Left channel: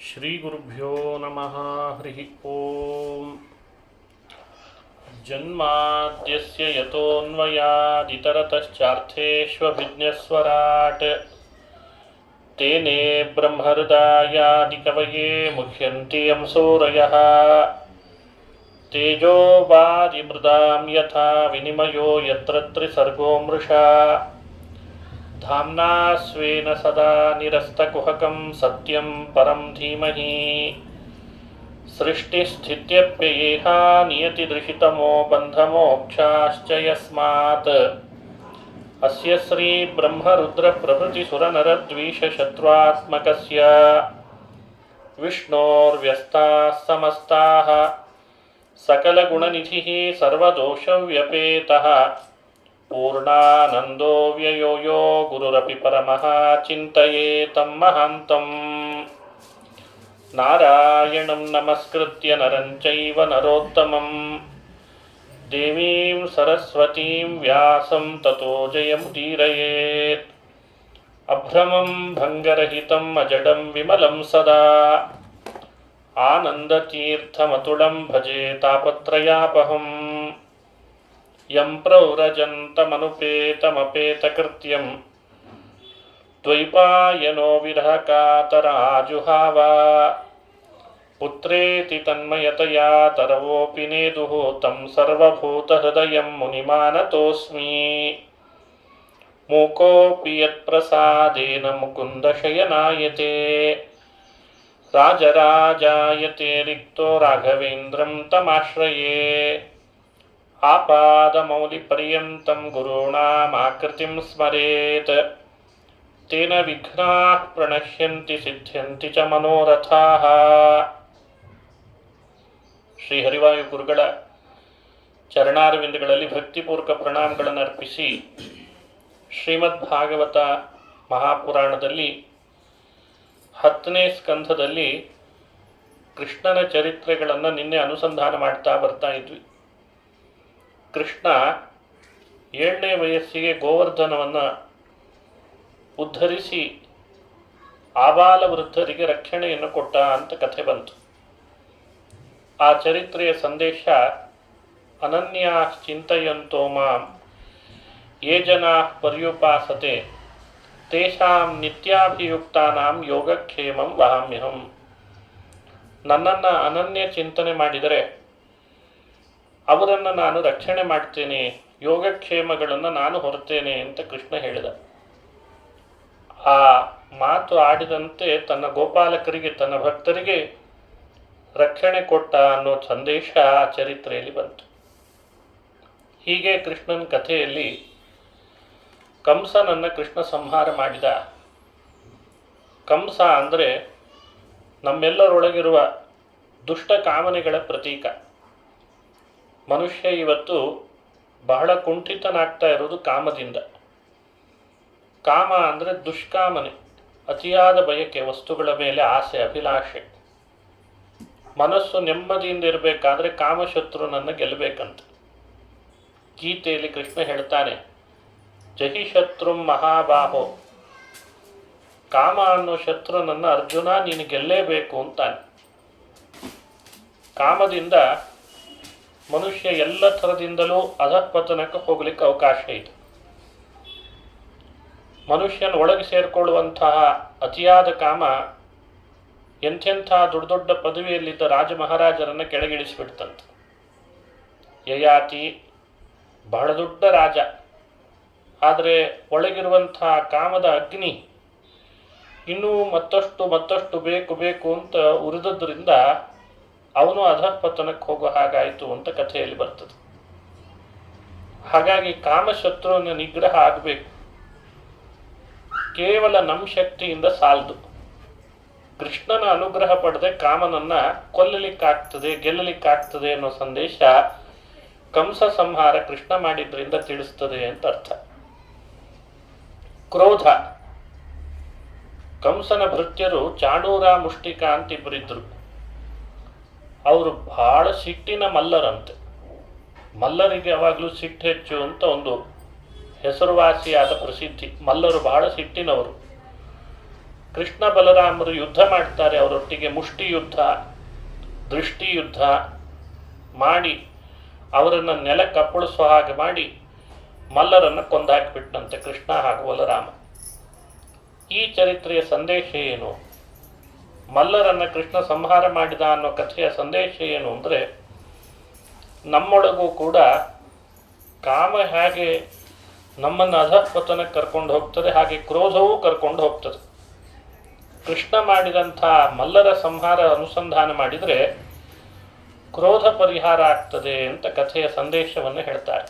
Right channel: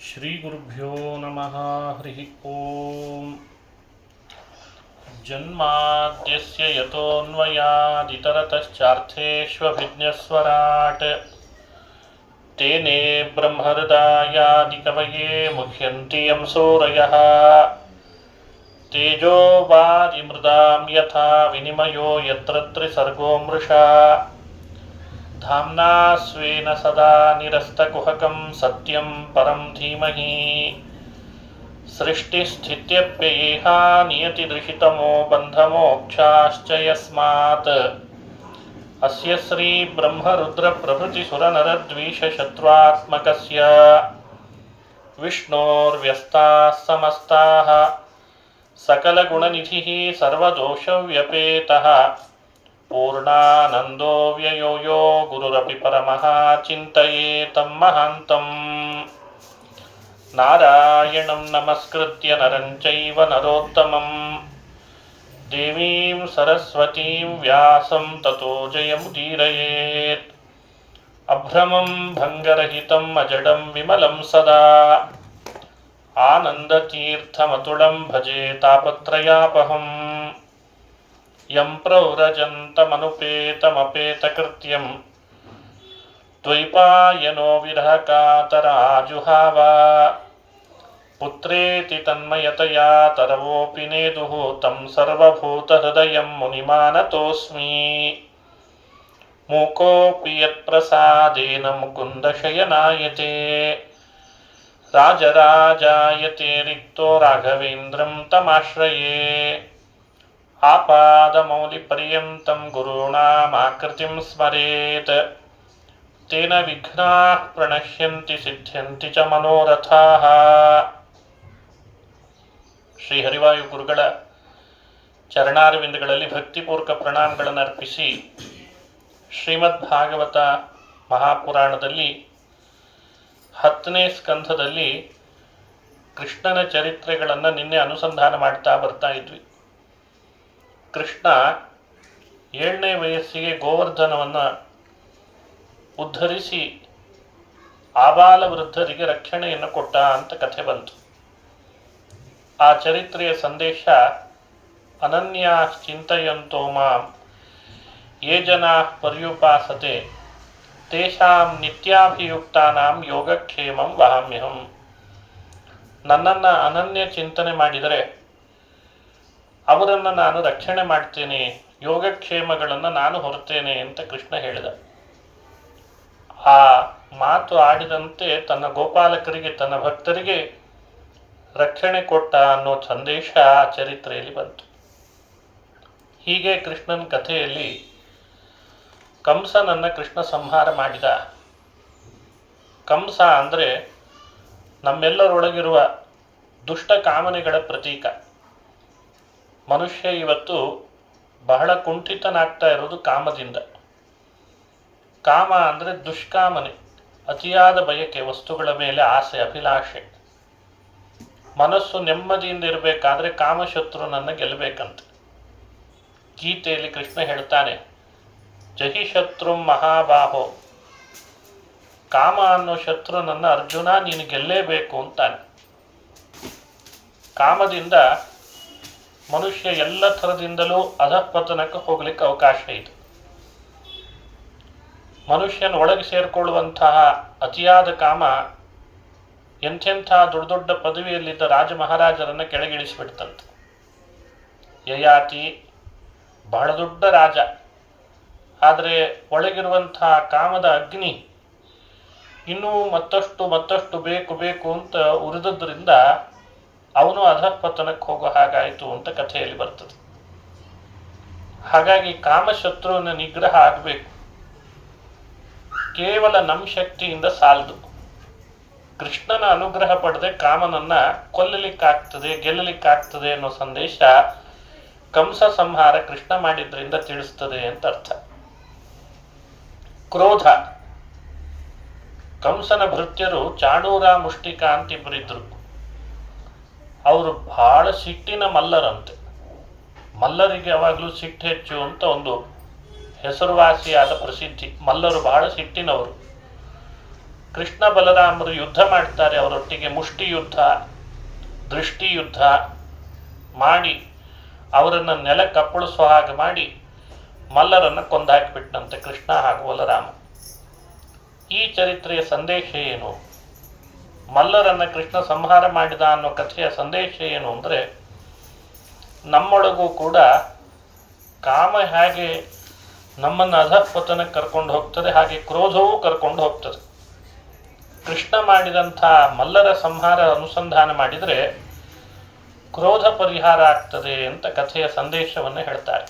ಶ್ರೀಗುರುಭ್ಯೋ ನಮಃ. ಹರಿ ಓಂ. ಜನ್ಮಾದ್ಯಸ್ಯ ಯತೋನ್ಮಯಾದಿತರತಶ್ಚಾರ್ಥೇಷ್ವಭಿಜ್ಞಸ್ವರಾಟ್ ತೇನೇ ಬ್ರಹ್ಮಹೃದಾಯಾದಿಕವಯೇ ಮುಹ್ಯಂತಿ ಯಂ ಸೂರಯಃ. ತೇಜೋ ವಾರಿಮೃದಾಂ ಯಥಾ ವಿನಿಮಯೋ ಯತ್ರ ತ್ರಿಸರ್ಗೋ ಮೃಷಾ. ಧಾಮ್ನಾ ಸ್ವೇನ ಸದಾ ನಿರಸ್ತಕುಹಕಂ ಸತ್ಯಂ ಪರಂ ಧೀಮಹಿ. ಸೃಷ್ಟಿಸ್ಥಿತ್ಯಪ್ಯಯೇಹಾ ನಿಯತಿದೃಹಿತಮೋ ಬಂಧಮೋಕ್ಷಾಶ್ಚ ಯಸ್ಮಾತ್. ಅಸ್ಯ ಶ್ರೀ ಬ್ರಹ್ಮರುದ್ರ ಪ್ರಭೃತಿ ಸುರನರದ್ವೀಷಶತ್ರುತ್ಮಕಸ್ಯ ವಿಷ್ಣೋರ್ವ್ಯಸ್ತಾಃ ಸಮಸ್ತಾಃ ಸಕಲಗುಣನಿಧಿಃ ಸರ್ವದೋಷವ್ಯಪೇತಃ ಪೂರ್ಣಾನಂದೋ ವ್ಯಯೋ ಯೋ ಗುರುರಪಿ ಪರಮಃ ಚಿಂತಯೇತಂ ಮಹಾಂತಂ. ನಾರಾಯಣಂ ನಮಸ್ಕೃತ್ಯ ನರಂ ಚೈವ ನರೋತ್ತಮಂ ದೇವೀಂ ಸರಸ್ವತೀಂ ವ್ಯಾಸಂ ತತೋ ಜಯಮುದೀರಯೇತ್. ಅಭ್ರಮಂ ಭಂಗರಹಿತಂ ಅಜಡಂ ವಿಮಲಂ ಸದಾ ಆನಂದತೀರ್ಥಮತುಳಂ ಭಜೆ ತಾಪತ್ರಯಾಪಹಂ. ಯಂ ಪ್ರವ್ರಜन्तಮನುಪೇತಮಪೇತಕೃತ್ಯಂ ದ್ವೈಪಾಯನೋ ವಿರಹಕಾತರಾಜುಹಾವ. ಪುತ್ರೇತಿ ತನ್ಮಯತಯಾ ತರವೋಪಿ ನೇದುಃ तं ಸರ್ವಭೂತಹೃದಯಂ ಮುನಿಮಾನತೋಸ್ಮಿ. ಮೂಕೋಪಿ ಯತ್ಪ್ರಸಾದೇನ ಮುಕುಂದಶಯನಾಯತೆ ರಾಜರಾಜಾಯತೆ ರಿಕ್ತೋ ರಾಘವೇಂದ್ರಂ ತಮಾಶ್ರಯೇ. ಆಪಾದಮೌಲಿಪರ್ಯಂತಂ ಗುರುಣಾಮಾಕೃತಿಂ ಸ್ಮರೇತ್ ತೇನ ವಿಘ್ನಾಃ ಪ್ರಣಶ್ಯಂತಿ ಸಿದ್ಧ್ಯಂತಿ ಚ ಮನೋರಥಾಃ. ಶ್ರೀ ಹರಿವಾಯು ಗುರುಗಳ ಚರಣಾರವಿಂದಗಳಲ್ಲಿ ಭಕ್ತಿಪೂರ್ವಕ ಪ್ರಣಾಮಗಳನ್ನು ಅರ್ಪಿಸಿ ಶ್ರೀಮದ್ ಭಾಗವತ ಮಹಾಪುರಾಣದಲ್ಲಿ 10ನೇ ಸ್ಕಂಧದಲ್ಲಿ ಕೃಷ್ಣನ ಚರಿತ್ರೆಗಳನ್ನು ನಿನ್ನೆ ಅನುಸಂಧಾನ ಮಾಡ್ತಾ ಬರ್ತಾ ಇದ್ವಿ. ಕೃಷ್ಣ 7ನೇ ವಯಸ್ಸಿಗೆ ಗೋವರ್ಧನವನ್ನು ಉದ್ಧರಿಸಿ ಆಬಾಲ ವೃದ್ಧರಿಗೆ ರಕ್ಷಣೆಯನ್ನು ಕೊಟ್ಟ ಅಂತ ಕಥೆ ಬಂತು. ಆ ಚರಿತ್ರೆಯ ಸಂದೇಶ ಅನನ್ಯಾ ಚಿಂತಯಂತೋ ಮಾಂ ಯೇ ಜನಾಃ ಪರ್ಯುಪಾಸತೆ ತೇಷಾಂ ನಿತ್ಯಾಭಿಯುಕ್ತಾನಾಂ ಯೋಗಕ್ಷೇಮಂ ವಹಾಮ್ಯಹಂ. ನನ್ನನ್ನು ಅನನ್ಯ ಚಿಂತನೆ ಮಾಡಿದರೆ ಅವರನ್ನು ನಾನು ರಕ್ಷಣೆ ಮಾಡ್ತೇನೆ, ಯೋಗಕ್ಷೇಮಗಳನ್ನು ನಾನು ಹೊರತೇನೆ ಅಂತ ಕೃಷ್ಣ ಹೇಳಿದ. ಆ ಮಾತು ಆಡಿದಂತೆ ತನ್ನ ಗೋಪಾಲಕರಿಗೆ, ತನ್ನ ಭಕ್ತರಿಗೆ ರಕ್ಷಣೆ ಕೊಟ್ಟ ಅನ್ನೋ ಸಂದೇಶ ಆ ಚರಿತ್ರೆಯಲ್ಲಿ ಬಂತು. ಹೀಗೆ ಕೃಷ್ಣನ ಕಥೆಯಲ್ಲಿ ಕಂಸನನ್ನು ಕೃಷ್ಣ ಸಂಹಾರ ಮಾಡಿದ. ಕಂಸ ಅಂದರೆ ನಮ್ಮೆಲ್ಲರೊಳಗಿರುವ ದುಷ್ಟ ಕಾಮನೆಗಳ ಪ್ರತೀಕ. ಮನುಷ್ಯ ಇವತ್ತು ಬಹಳ ಕುಂಠಿತನಾಗ್ತಾ ಇರೋದು ಕಾಮದಿಂದ. ಕಾಮ ಅಂದರೆ ದುಷ್ಕಾಮನೆ, ಅತಿಯಾದ ಬಯಕೆ, ವಸ್ತುಗಳ ಮೇಲೆ ಆಸೆ, ಅಭಿಲಾಷೆ. ಮನಸ್ಸು ನೆಮ್ಮದಿಯಿಂದ ಇರಬೇಕಾದ್ರೆ ಕಾಮಶತ್ರುನನ್ನು ಗೆಲ್ಲಬೇಕಂತ ಗೀತೆಯಲ್ಲಿ ಕೃಷ್ಣ ಹೇಳ್ತಾನೆ, ಜಹಿ ಶತ್ರು ಮಹಾಬಾಹೋ. ಕಾಮ ಅನ್ನೋ ಶತ್ರುನನ್ನು ಅರ್ಜುನ ನೀನು ಗೆಲ್ಲೇಬೇಕು ಅಂತಾನೆ. ಕಾಮದಿಂದ ಮನುಷ್ಯ ಎಲ್ಲ ಥರದಿಂದಲೂ ಅಧಃಪತನಕ್ಕೆ ಹೋಗ್ಲಿಕ್ಕೆ ಅವಕಾಶ ಇದೆ. ಮನುಷ್ಯನ ಒಳಗೆ ಸೇರಿಕೊಳ್ಳುವಂತಹ ಅತಿಯಾದ ಕಾಮ ಎಂಥೆಂಥ ದೊಡ್ಡ ದೊಡ್ಡ ಪದವಿಯಲ್ಲಿದ್ದ ರಾಜ ಮಹಾರಾಜರನ್ನು ಕೆಳಗಿಳಿಸಿಬಿಡ್ತಂತೆ. ಯಯಾತಿ ಬಹಳ ದೊಡ್ಡ ರಾಜ, ಆದರೆ ಒಳಗಿರುವಂತಹ ಕಾಮದ ಅಗ್ನಿ ಇನ್ನೂ ಮತ್ತಷ್ಟು ಬೇಕು ಬೇಕು ಅಂತ ಉರಿದದ್ರಿಂದ ಅವನು ಅಧಃಪತನಕ್ಕೆ ಹೋಗೋ ಹಾಗಾಯಿತು ಅಂತ ಕಥೆಯಲ್ಲಿ ಬರ್ತದೆ. ಹಾಗಾಗಿ ಕಾಮಶತ್ರುವಿನ ನಿಗ್ರಹ ಆಗಬೇಕು. ಕೇವಲ ನಮ್ಮ ಶಕ್ತಿಯಿಂದ ಸಾಲದು. ಕೃಷ್ಣನ ಅನುಗ್ರಹ ಪಡೆದೆ ಕಾಮನನ್ನ ಕೊಲ್ಲಲಿಕ್ಕಾಗ್ತದೆ, ಗೆಲ್ಲಲಿಕ್ಕಾಗ್ತದೆ ಅನ್ನೋ ಸಂದೇಶ ಕಂಸ ಸಂಹಾರ ಕೃಷ್ಣ ಮಾಡಿದ್ರಿಂದ ತಿಳಿಸ್ತದೆ ಅಂತ ಅರ್ಥ. ಕ್ರೋಧ. ಕಂಸನ ಭೃತ್ಯರು ಚಾಣೂರ ಮುಷ್ಟಿಕ ಅಂತ ಇಬ್ಬರಿದ್ರು. ಅವರು ಬಹಳ ಸಿಟ್ಟಿನ ಮಲ್ಲರಂತೆ. ಮಲ್ಲರಿಗೆ ಯಾವಾಗಲೂ ಸಿಟ್ಟು ಹೆಚ್ಚು ಅಂತ ಒಂದು ಹೆಸರುವಾಸಿಯಾದ ಪ್ರಸಿದ್ಧಿ. ಮಲ್ಲರು ಬಹಳ ಸಿಟ್ಟಿನವರು. ಕೃಷ್ಣ ಬಲರಾಮರು ಯುದ್ಧ ಮಾಡ್ತಾರೆ, ಅವರೊಟ್ಟಿಗೆ ಮುಷ್ಟಿ ಯುದ್ಧ, ದೃಷ್ಟಿ ಯುದ್ಧ ಮಾಡಿ ಅವರನ್ನು ನೆಲಕ್ಕಪ್ಪಳಿಸುವ ಹಾಗೆ ಮಾಡಿ ಮಲ್ಲರನ್ನು ಕೊಂದಾಕಿಬಿಟ್ಟಂತೆ ಕೃಷ್ಣ ಹಾಗೂ ಬಲರಾಮ. ಈ ಚರಿತ್ರೆಯ ಸಂದೇಶ ಏನು? ಮಲ್ಲರನ್ನು ಕೃಷ್ಣ ಸಂಹಾರ ಮಾಡಿದ ಅನ್ನೋ ಕಥೆಯ ಸಂದೇಶ ಏನು ಅಂದರೆ, ನಮ್ಮೊಳಗೂ ಕೂಡ ಕಾಮ ಹೇಗೆ ನಮ್ಮನ್ನು ಅಧಃಪತನಕ್ಕೆ ಕರ್ಕೊಂಡು ಹೋಗ್ತದೆ, ಹಾಗೆ ಕ್ರೋಧವೂ ಕರ್ಕೊಂಡು ಹೋಗ್ತದೆ. ಕೃಷ್ಣ ಮಾಡಿದಂಥ ಮಲ್ಲರ ಸಂಹಾರ ಅನುಸಂಧಾನ ಮಾಡಿದರೆ ಕ್ರೋಧ ಪರಿಹಾರ ಆಗ್ತದೆ ಅಂತ ಕಥೆಯ ಸಂದೇಶವನ್ನು ಹೇಳ್ತಾರೆ.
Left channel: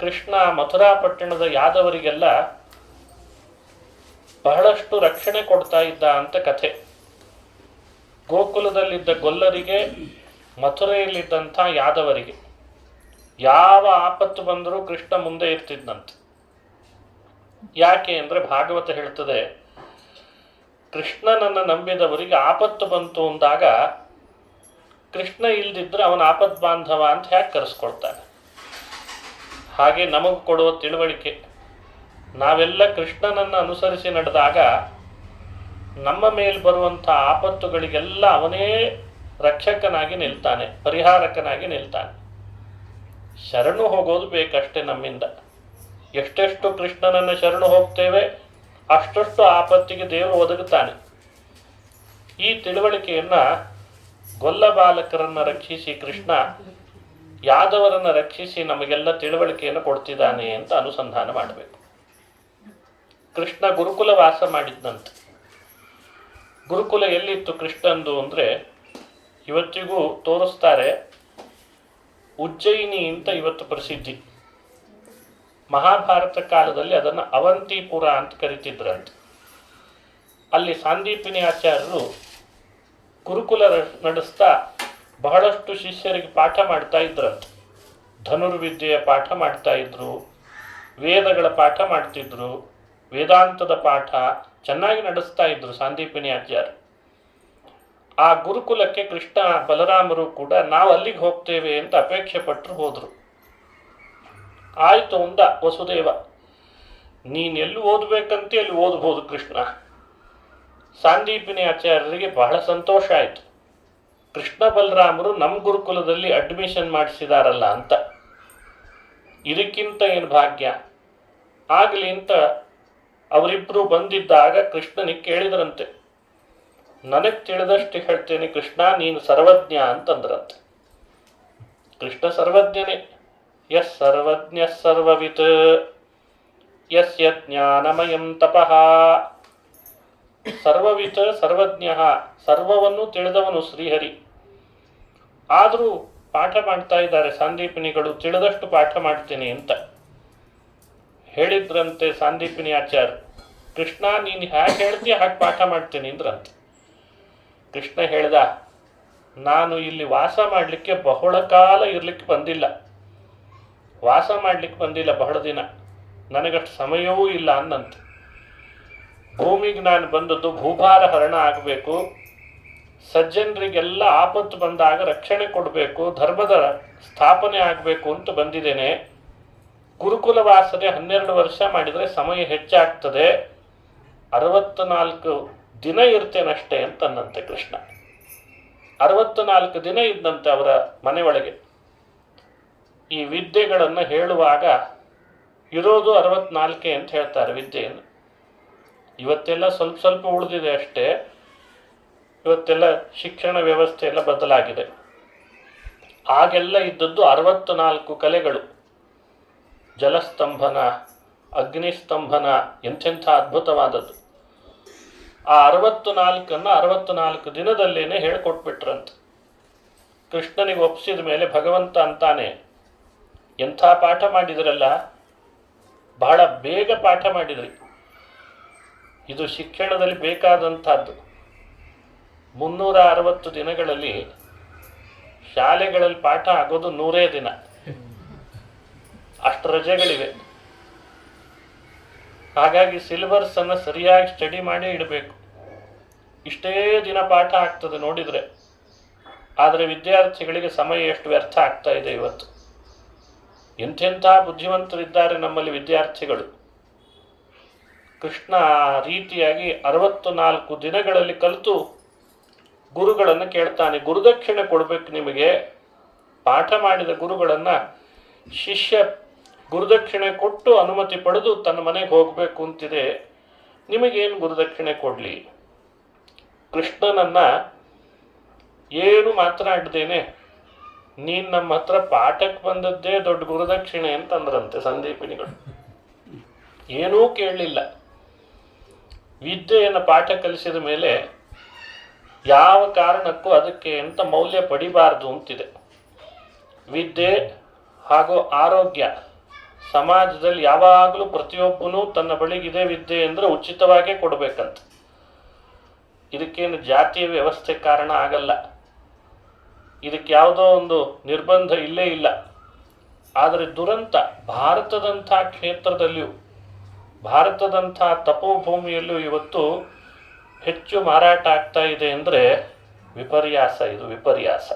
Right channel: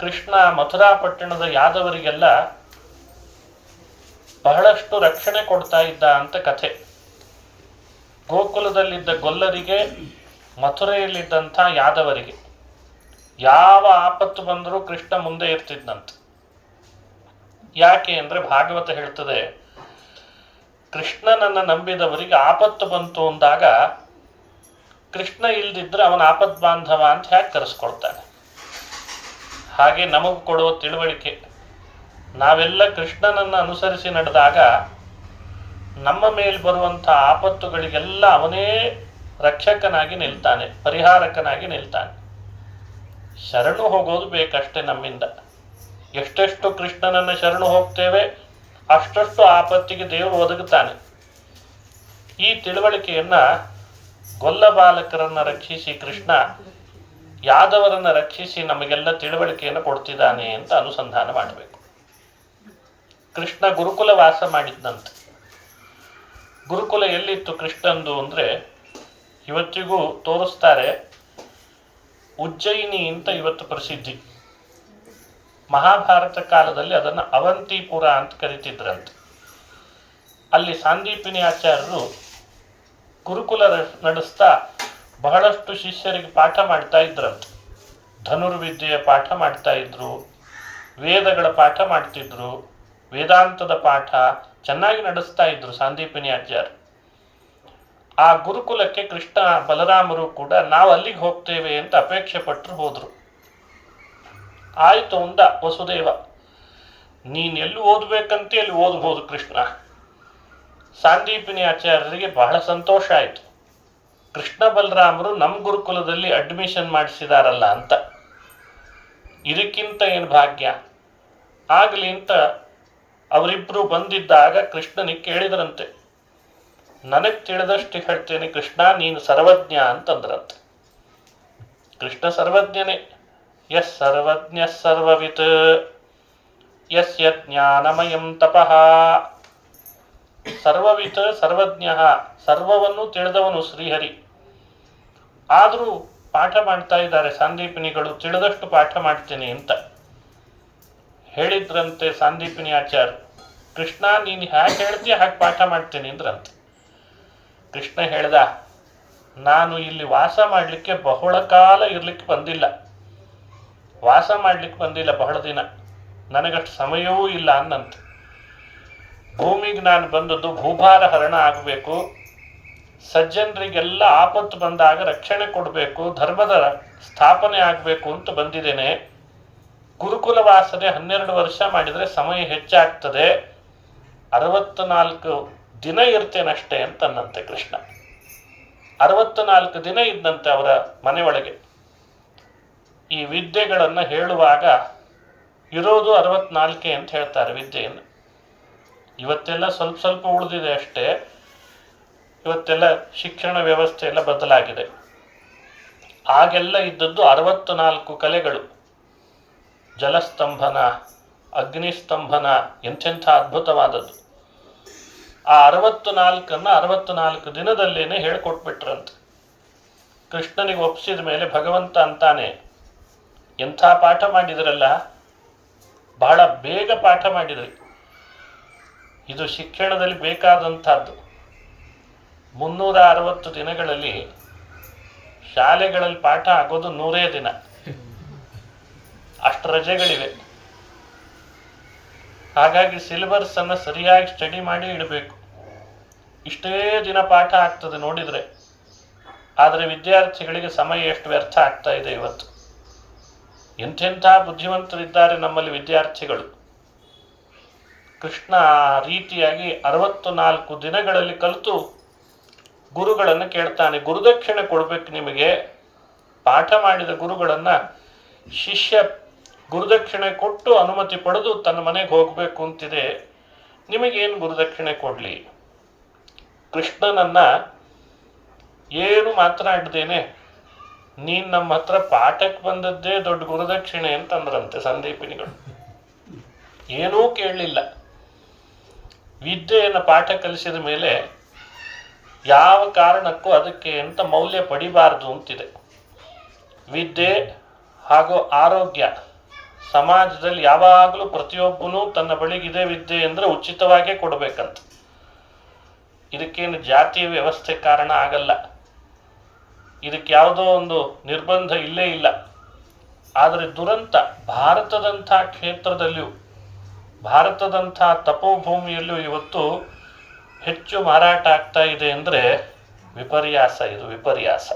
ಕೃಷ್ಣ ಮಥುರಾ ಪಟ್ಟಣದ ಯಾದವರಿಗೆಲ್ಲ ಬಹಳಷ್ಟು ರಕ್ಷಣೆ ಕೊಡ್ತಾ ಇದ್ದ ಅಂತ ಕಥೆ. ಗೋಕುಲದಲ್ಲಿದ್ದ ಗೊಲ್ಲರಿಗೆ, ಮಥುರೆಯಲ್ಲಿದ್ದಂಥ ಯಾದವರಿಗೆ ಯಾವ ಆಪತ್ತು ಬಂದರೂ ಕೃಷ್ಣ ಮುಂದೆ ಇರ್ತಿದ್ದಂತೆ. ಯಾಕೆ ಅಂದರೆ ಭಾಗವತ ಹೇಳ್ತದೆ, ಕೃಷ್ಣನನ್ನು ನಂಬಿದವರಿಗೆ ಆಪತ್ತು ಬಂತು ಅಂದಾಗ ಕೃಷ್ಣ ಇಲ್ದಿದ್ರೆ ಅವನ ಆಪತ್ ಬಾಂಧವ ಅಂತ ಹೇಗೆ ಕರೆಸ್ಕೊಳ್ತಾನೆ. ಹಾಗೆ ನಮಗೆ ಕೊಡುವ ತಿಳುವಳಿಕೆ, ನಾವೆಲ್ಲ ಕೃಷ್ಣನನ್ನು ಅನುಸರಿಸಿ ನಡೆದಾಗ ನಮ್ಮ ಮೇಲೆ ಬರುವಂಥ ಆಪತ್ತುಗಳಿಗೆಲ್ಲ ಅವನೇ ರಕ್ಷಕನಾಗಿ ನಿಲ್ತಾನೆ, ಪರಿಹಾರಕನಾಗಿ ನಿಲ್ತಾನೆ. ಶರಣು ಹೋಗೋದು ಬೇಕಷ್ಟೇ ನಮ್ಮಿಂದ. ಎಷ್ಟೆಷ್ಟು ಕೃಷ್ಣನನ್ನು ಶರಣು ಹೋಗ್ತೇವೆ ಅಷ್ಟಷ್ಟು ಆಪತ್ತಿಗೆ ದೇವರು ಒದಗುತ್ತಾನೆ. ಈ ತಿಳುವಳಿಕೆಯನ್ನು ಗೊಲ್ಲ ಬಾಲಕರನ್ನು ರಕ್ಷಿಸಿ ಕೃಷ್ಣ ಯಾದವರನ್ನು ರಕ್ಷಿಸಿ ನಮಗೆಲ್ಲ ತಿಳುವಳಿಕೆಯನ್ನು ಕೊಡ್ತಿದ್ದಾನೆ ಅಂತ ಅನುಸಂಧಾನ ಮಾಡಬೇಕು. ಕೃಷ್ಣ ಗುರುಕುಲ ವಾಸ ಮಾಡಿದ್ದಂತೆ. ಗುರುಕುಲ ಎಲ್ಲಿತ್ತು ಕೃಷ್ಣಂದು ಅಂದರೆ ಇವತ್ತಿಗೂ ತೋರಿಸ್ತಾರೆ. ಉಜ್ಜಯಿನಿ ಅಂತ ಇವತ್ತು ಪ್ರಸಿದ್ಧಿ. ಮಹಾಭಾರತ ಕಾಲದಲ್ಲಿ ಅದನ್ನು ಅವಂತಿಪುರ ಅಂತ ಕರಿತಿದ್ರಂತೆ. ಅಲ್ಲಿ ಸಾಂದೀಪಿನಿ ಆಚಾರ್ಯರು ಗುರುಕುಲ ನಡೆಸ್ತಾ ಬಹಳಷ್ಟು ಶಿಷ್ಯರಿಗೆ ಪಾಠ ಮಾಡ್ತಾ ಇದ್ರಂತೆ. ಧನುರ್ವಿದ್ಯೆಯ ಪಾಠ ಮಾಡ್ತಾ ಇದ್ರು, ವೇದಗಳ ಪಾಠ ಮಾಡ್ತಿದ್ರು, ವೇದಾಂತದ ಪಾಠ ಚೆನ್ನಾಗಿ ನಡೆಸ್ತಾ ಇದ್ರು ಸಾಂದೀಪಿನಿ ಆಚಾರ್ಯ. ಆ ಗುರುಕುಲಕ್ಕೆ ಕೃಷ್ಣ ಬಲರಾಮರು ಕೂಡ ನಾವು ಅಲ್ಲಿಗೆ ಹೋಗ್ತೇವೆ ಅಂತ ಅಪೇಕ್ಷೆ ಪಟ್ಟರು, ಹೋದರು. ಆಯಿತು ಅಂದ ವಸುದೇವ, ನೀನು ಎಲ್ಲಿ ಓದಬೇಕಂತ ಅಲ್ಲಿ ಓದ್ಬೋದು ಕೃಷ್ಣ. ಸಾಂದೀಪಿನಿ ಆಚಾರ್ಯರಿಗೆ ಬಹಳ ಸಂತೋಷ ಆಯಿತು, ಕೃಷ್ಣ ಬಲರಾಮರು ನಮ್ಮ ಗುರುಕುಲದಲ್ಲಿ ಅಡ್ಮಿಷನ್ ಮಾಡಿಸಿದಾರಲ್ಲ ಅಂತ. ಇದಕ್ಕಿಂತ ಏನು ಭಾಗ್ಯ ಆಗಲಿ ಅಂತ ಅವರಿಬ್ಬರು ಬಂದಿದ್ದಾಗ ಕೃಷ್ಣನಿಗೆ ಕೇಳಿದ್ರಂತೆ. ನನಗೆ ತಿಳಿದಷ್ಟು ಹೇಳ್ತೇನೆ ಕೃಷ್ಣ, ನೀನು ಸರ್ವಜ್ಞ ಅಂತಂದ್ರಂತೆ. ಕೃಷ್ಣ ಸರ್ವಜ್ಞನೇ. ಯಸ್ ಸರ್ವಜ್ಞ ಸರ್ವವಿತ್ ಯಸ್ಯ ಜ್ಞಾನಮಯಂ ತಪಃ. ಸರ್ವವಿತ್ ಸರ್ವಜ್ಞ, ಸರ್ವವನ್ನು ತಿಳಿದವನು ಶ್ರೀಹರಿ. ಆದರೂ ಪಾಠ ಮಾಡ್ತಾ ಇದ್ದಾರೆ ಸಾಂದೀಪಿನಿಗಳು, ತಿಳಿದಷ್ಟು ಪಾಠ ಮಾಡ್ತೀನಿ ಅಂತ ಹೇಳಿದ್ರಂತೆ ಸಾಂದೀಪಿನಿ ಆಚಾರ್ಯ. ಕೃಷ್ಣ ನೀನು ಹೇಗೆ ಹೇಳ್ತೀಯ ಹಾಗೆ ಪಾಠ ಮಾಡ್ತೀನಿ ಅಂದ್ರಂತೆ. ಕೃಷ್ಣ ಹೇಳ್ದ, ನಾನು ಇಲ್ಲಿ ವಾಸ ಮಾಡಲಿಕ್ಕೆ ಬಹಳ ಕಾಲ ಇರಲಿಕ್ಕೆ ಬಂದಿಲ್ಲ, ವಾಸ ಮಾಡಲಿಕ್ಕೆ ಬಂದಿಲ್ಲ ಬಹಳ ದಿನ, ನನಗಷ್ಟು ಸಮಯವೂ ಇಲ್ಲ ಅನ್ನಂತೆ. ಭೂಮಿಗೆ ನಾನು ಬಂದದ್ದು ಭೂಭಾರ ಹರಣ ಆಗಬೇಕು, ಸಜ್ಜನರಿಗೆಲ್ಲ ಆಪತ್ತು ಬಂದಾಗ ರಕ್ಷಣೆ ಕೊಡಬೇಕು, ಧರ್ಮದ ಸ್ಥಾಪನೆ ಆಗಬೇಕು ಅಂತ ಬಂದಿದ್ದೇನೆ. ಗುರುಕುಲ ವಾಸನೆ 12 ವರ್ಷ ಮಾಡಿದರೆ ಸಮಯ ಹೆಚ್ಚಾಗ್ತದೆ, 64 ದಿನ ಇರ್ತೇನಷ್ಟೇ ಅಂತನ್ನಂತೆ ಕೃಷ್ಣ. 64 ದಿನ ಇದ್ದಂತೆ ಅವರ ಮನೆಯೊಳಗೆ. ಈ ವಿದ್ಯೆಗಳನ್ನು ಹೇಳುವಾಗ ಇರೋದು 64 ಅಂತ ಹೇಳ್ತಾರೆ ವಿದ್ಯೆಯನ್ನು. ಇವತ್ತೆಲ್ಲ ಸ್ವಲ್ಪ ಸ್ವಲ್ಪ ಉಳಿದಿದೆ ಅಷ್ಟೇ. ಇವತ್ತೆಲ್ಲ ಶಿಕ್ಷಣ ವ್ಯವಸ್ಥೆ ಎಲ್ಲ ಬದಲಾಗಿದೆ. ಆಗೆಲ್ಲ ಇದ್ದದ್ದು 64 ಕಲೆಗಳು. ಜಲಸ್ತಂಭನ, ಅಗ್ನಿಸ್ತಂಭನ, ಎಂಥೆಂಥ ಅದ್ಭುತವಾದದ್ದು. ಆ 64 64 ದಿನದಲ್ಲೇನೆ ಹೇಳ್ಕೊಟ್ಬಿಟ್ರಂತೆ. ಕೃಷ್ಣನಿಗೆ ಒಪ್ಪಿಸಿದ ಮೇಲೆ ಭಗವಂತ ಅಂತಾನೆ, ಎಂಥ ಪಾಠ ಮಾಡಿದ್ರಲ್ಲ, ಬಹಳ ಬೇಗ ಪಾಠ ಮಾಡಿದ್ರಿ. ಇದು ಶಿಕ್ಷಣದಲ್ಲಿ ಬೇಕಾದಂಥದ್ದು. 360 ದಿನಗಳಲ್ಲಿ ಶಾಲೆಗಳಲ್ಲಿ ಪಾಠ ಆಗೋದು 100 ದಿನ, ಅಷ್ಟು ರಜೆಗಳಿವೆ. ಹಾಗಾಗಿ ಸಿಲೆಬಸ್ಸನ್ನು ಸರಿಯಾಗಿ ಸ್ಟಡಿ ಮಾಡಿ ಇಡಬೇಕು. ಇಷ್ಟೇ ದಿನ ಪಾಠ ಆಗ್ತದೆ ನೋಡಿದರೆ. ಆದರೆ ವಿದ್ಯಾರ್ಥಿಗಳಿಗೆ ಸಮಯ ಎಷ್ಟು ವ್ಯರ್ಥ ಆಗ್ತಾ ಇದೆ ಇವತ್ತು. ಎಂಥೆಂಥ ಬುದ್ಧಿವಂತರಿದ್ದಾರೆ ನಮ್ಮಲ್ಲಿ ವಿದ್ಯಾರ್ಥಿಗಳು. ಕೃಷ್ಣ ಆ ರೀತಿಯಾಗಿ 64 ದಿನಗಳಲ್ಲಿ ಕಲಿತು ಗುರುಗಳನ್ನು ಕೇಳ್ತಾನೆ. ಗುರುದಕ್ಷಿಣೆ ಕೊಡಬೇಕು ನಿಮಗೆ. ಪಾಠ ಮಾಡಿದ ಗುರುಗಳನ್ನು ಶಿಷ್ಯ ಗುರುದಕ್ಷಿಣೆ ಕೊಟ್ಟು ಅನುಮತಿ ಪಡೆದು ತನ್ನ ಮನೆಗೆ ಹೋಗಬೇಕು ಅಂತಿದೆ. ನಿಮಗೇನು ಗುರುದಕ್ಷಿಣೆ ಕೊಡಲಿ? ಕೃಷ್ಣನನ್ನು ಏನು ಮಾತನಾಡ್ದೇನೆ ನೀನು ನಮ್ಮ ಹತ್ರ ಪಾಠಕ್ಕೆ ಬಂದದ್ದೇ ದೊಡ್ಡ ಗುರುದಕ್ಷಿಣೆ ಅಂತಂದ್ರಂತೆ ಸಂದೀಪಿನಿಗಳು. ಏನೂ ಕೇಳಲಿಲ್ಲ. ವಿದ್ಯೆಯನ್ನು ಪಾಠ ಕಲಿಸಿದ ಮೇಲೆ ಯಾವ ಕಾರಣಕ್ಕೂ ಅದಕ್ಕೆ ಅಂತ ಮೌಲ್ಯ ಪಡಿಬಾರ್ದು ಅಂತಿದೆ. ವಿದ್ಯೆ ಹಾಗೂ ಆರೋಗ್ಯ ಸಮಾಜದಲ್ಲಿ ಯಾವಾಗಲೂ ಪ್ರತಿಯೊಬ್ಬನೂ ತನ್ನ ಬಳಿಗಿದೆ ವಿದ್ಯೆ ಅಂದರೆ ಉಚಿತವಾಗೇ ಕೊಡಬೇಕಂತ. ಇದಕ್ಕೇನು ಜಾತಿಯ ವ್ಯವಸ್ಥೆ ಕಾರಣ ಆಗಲ್ಲ. ಇದಕ್ಕೆ ಯಾವುದೋ ಒಂದು ನಿರ್ಬಂಧ ಇಲ್ಲೇ ಇಲ್ಲ. ಆದರೆ ದುರಂತ ಭಾರತದಂಥ ಕ್ಷೇತ್ರದಲ್ಲಿಯೂ, ಭಾರತದಂಥ ತಪೋಭೂಮಿಯಲ್ಲೂ ಇವತ್ತು ಹೆಚ್ಚು ಮಾರಾಟ ಆಗ್ತಾ ಇದೆ ಅಂದರೆ ವಿಪರ್ಯಾಸ. ಇದು ವಿಪರ್ಯಾಸ.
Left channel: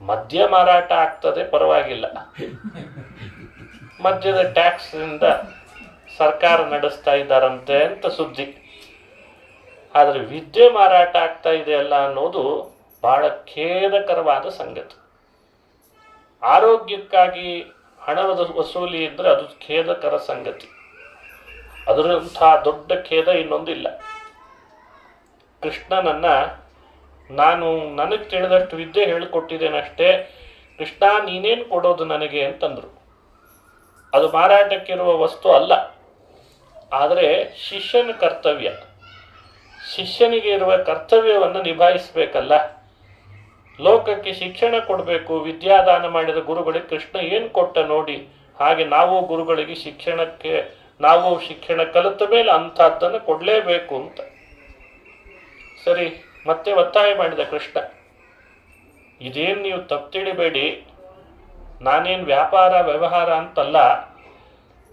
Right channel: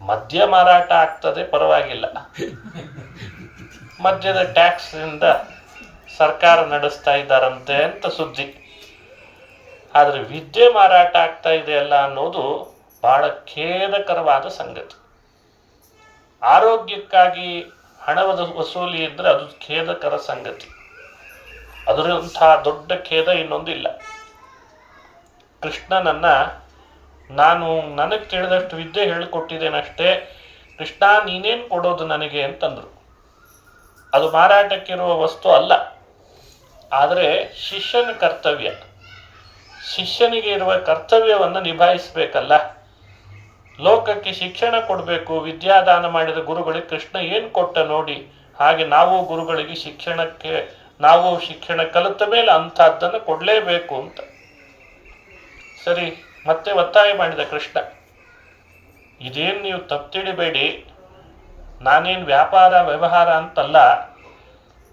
ಮದ್ಯ ಮಾರಾಟ ಆಗ್ತದೆ, ಪರವಾಗಿಲ್ಲ. ಮದ್ಯದ ಟ್ಯಾಕ್ಸ್ನಿಂದ ಸರ್ಕಾರ ನಡೆಸ್ತಾ ಇದ್ದಾರಂತೆ ಅಂತ ಸುದ್ದಿ. ಆದರೆ ವಿದ್ಯೆ ಮಾರಾಟ ಆಗ್ತಾ ಇದೆಯಲ್ಲ ಅನ್ನೋದು ಬಹಳ ಖೇದಕರವಾದ ಸಂಗತಿ. ಆರೋಗ್ಯಕ್ಕಾಗಿ ಹಣದ ವಸೂಲಿ ಇದ್ದರೆ ಅದು ಖೇದಕರ ಸಂಗತಿ. ಅದರಂಥ ದೊಡ್ಡ ಖೇದ ಇನ್ನೊಂದಿಲ್ಲ. ಕೃಷ್ಣನನ್ನು ನಾನು ನನಗೆ ತಿಳಿದಷ್ಟು ವಿದ್ಯೆ ಹೇಳಿಕೊಟ್ಟಿದ್ದೇನಷ್ಟೇ, ಕೃಷ್ಣ ನೀನೇನು ಕೊಡೋದು ನನಗೆ ಅಂತಂದರು. ಅದು ಮಾರಾಟಕ್ಕಿರುವ ವಸ್ತು ಅಲ್ಲ. ಆದರೆ ಶಿಷ್ಯನ ಕರ್ತವ್ಯ, ಶಿಷ್ಯನಿಗೆ ಇರುವ ಕರ್ತವ್ಯವನ್ನು ನಿಭಾಯಿಸಬೇಕಲ್ಲ. ಲೋಕಕ್ಕೆ ಶಿಕ್ಷಣ ಕೊಡಬೇಕು. ವಿದ್ಯಾದಾನ ಮಾಡಿದ ಗುರುಗಳಿಗೆ ಕೃಷ್ಣ ಏನು ಕೊಟ್ಟ ನೋಡಿ, ಹಾಗೆ ನಾವು ಗುರುಗಳಿಗೆ ನಾವು ಶಿಕ್ಷಣ ಕಲಿತ ಮೇಲೆ ಅಂಥದ್ದನ್ನು ಕೊಡಲೇಬೇಕು ಅಂತ. ಸರಿ, ಮತ್ತೆ ಒತ್ತಾಯ ಮಾಡಿದ ಕೃಷ್ಣ, ಇದೇನು ನೀವು ತಪ್ಪು ತಿಳಿಬೇಡಿ, ನಾನೇನು ವ್ಯಾಪಾರ ವ್ಯವಹಾರ ಅಂತಲ್ಲ,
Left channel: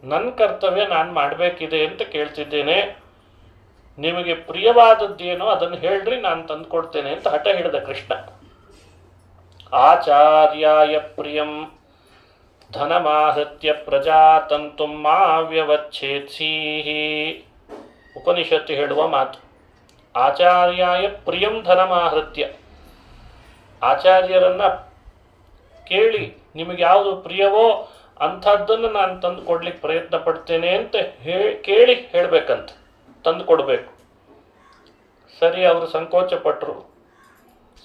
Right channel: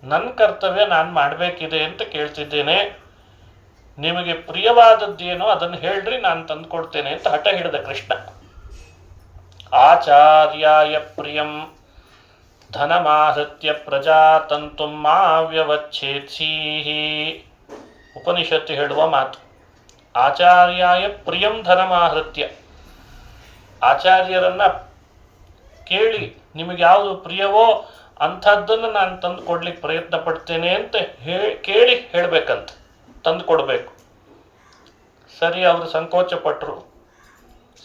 ನನ್ನ ಕರ್ತವ್ಯ ನಾನು ಮಾಡಬೇಕಿದೆ ಅಂತ ಕೇಳ್ತಿದ್ದೇನೆ. ನಿಮಗೆ ಪ್ರಿಯವಾದದ್ದೇನೋ ಅದನ್ನು ಹೇಳ್ರಿ, ನಾನು ತಂದುಕೊಡ್ತೇನೆ ಅಂತ ಹಠ ಹಿಡಿದ ಕೃಷ್ಣ. ಆಚಾರ್ಯಾಯ ಪ್ರಿಯಂ ಧನಮಾಹೃತ್ಯ ಪ್ರಜಾತಂತು ಮಾ ವ್ಯವಚ್ಛೇತ್ಸೀಹಿ. ಉಪನಿಷತ್ತು ಹೇಳುವ ಮಾತು. ಆಚಾರ್ಯಾಯ ಪ್ರಿಯಂ ಧನಮಾಹೃತ್ಯ. ಆಚಾರ್ಯರನ್ನ ಕೇಳಿ ನಿಮಗೆ ಯಾವುದು ಪ್ರಿಯವೋ ಅಂಥದ್ದನ್ನು ನಾನು ತಂದು ಕೊಡ್ಲಿಕ್ಕೆ ಪ್ರಯತ್ನ ಪಡ್ತೇನೆ ಅಂತ ಕೇಳಿ ಹೇಳಬೇಕಂತ, ತಂದು ಕೊಡಬೇಕು. ಸರಿ, ಅವರು ಸಂಕೋಚ ಪಟ್ಟರು.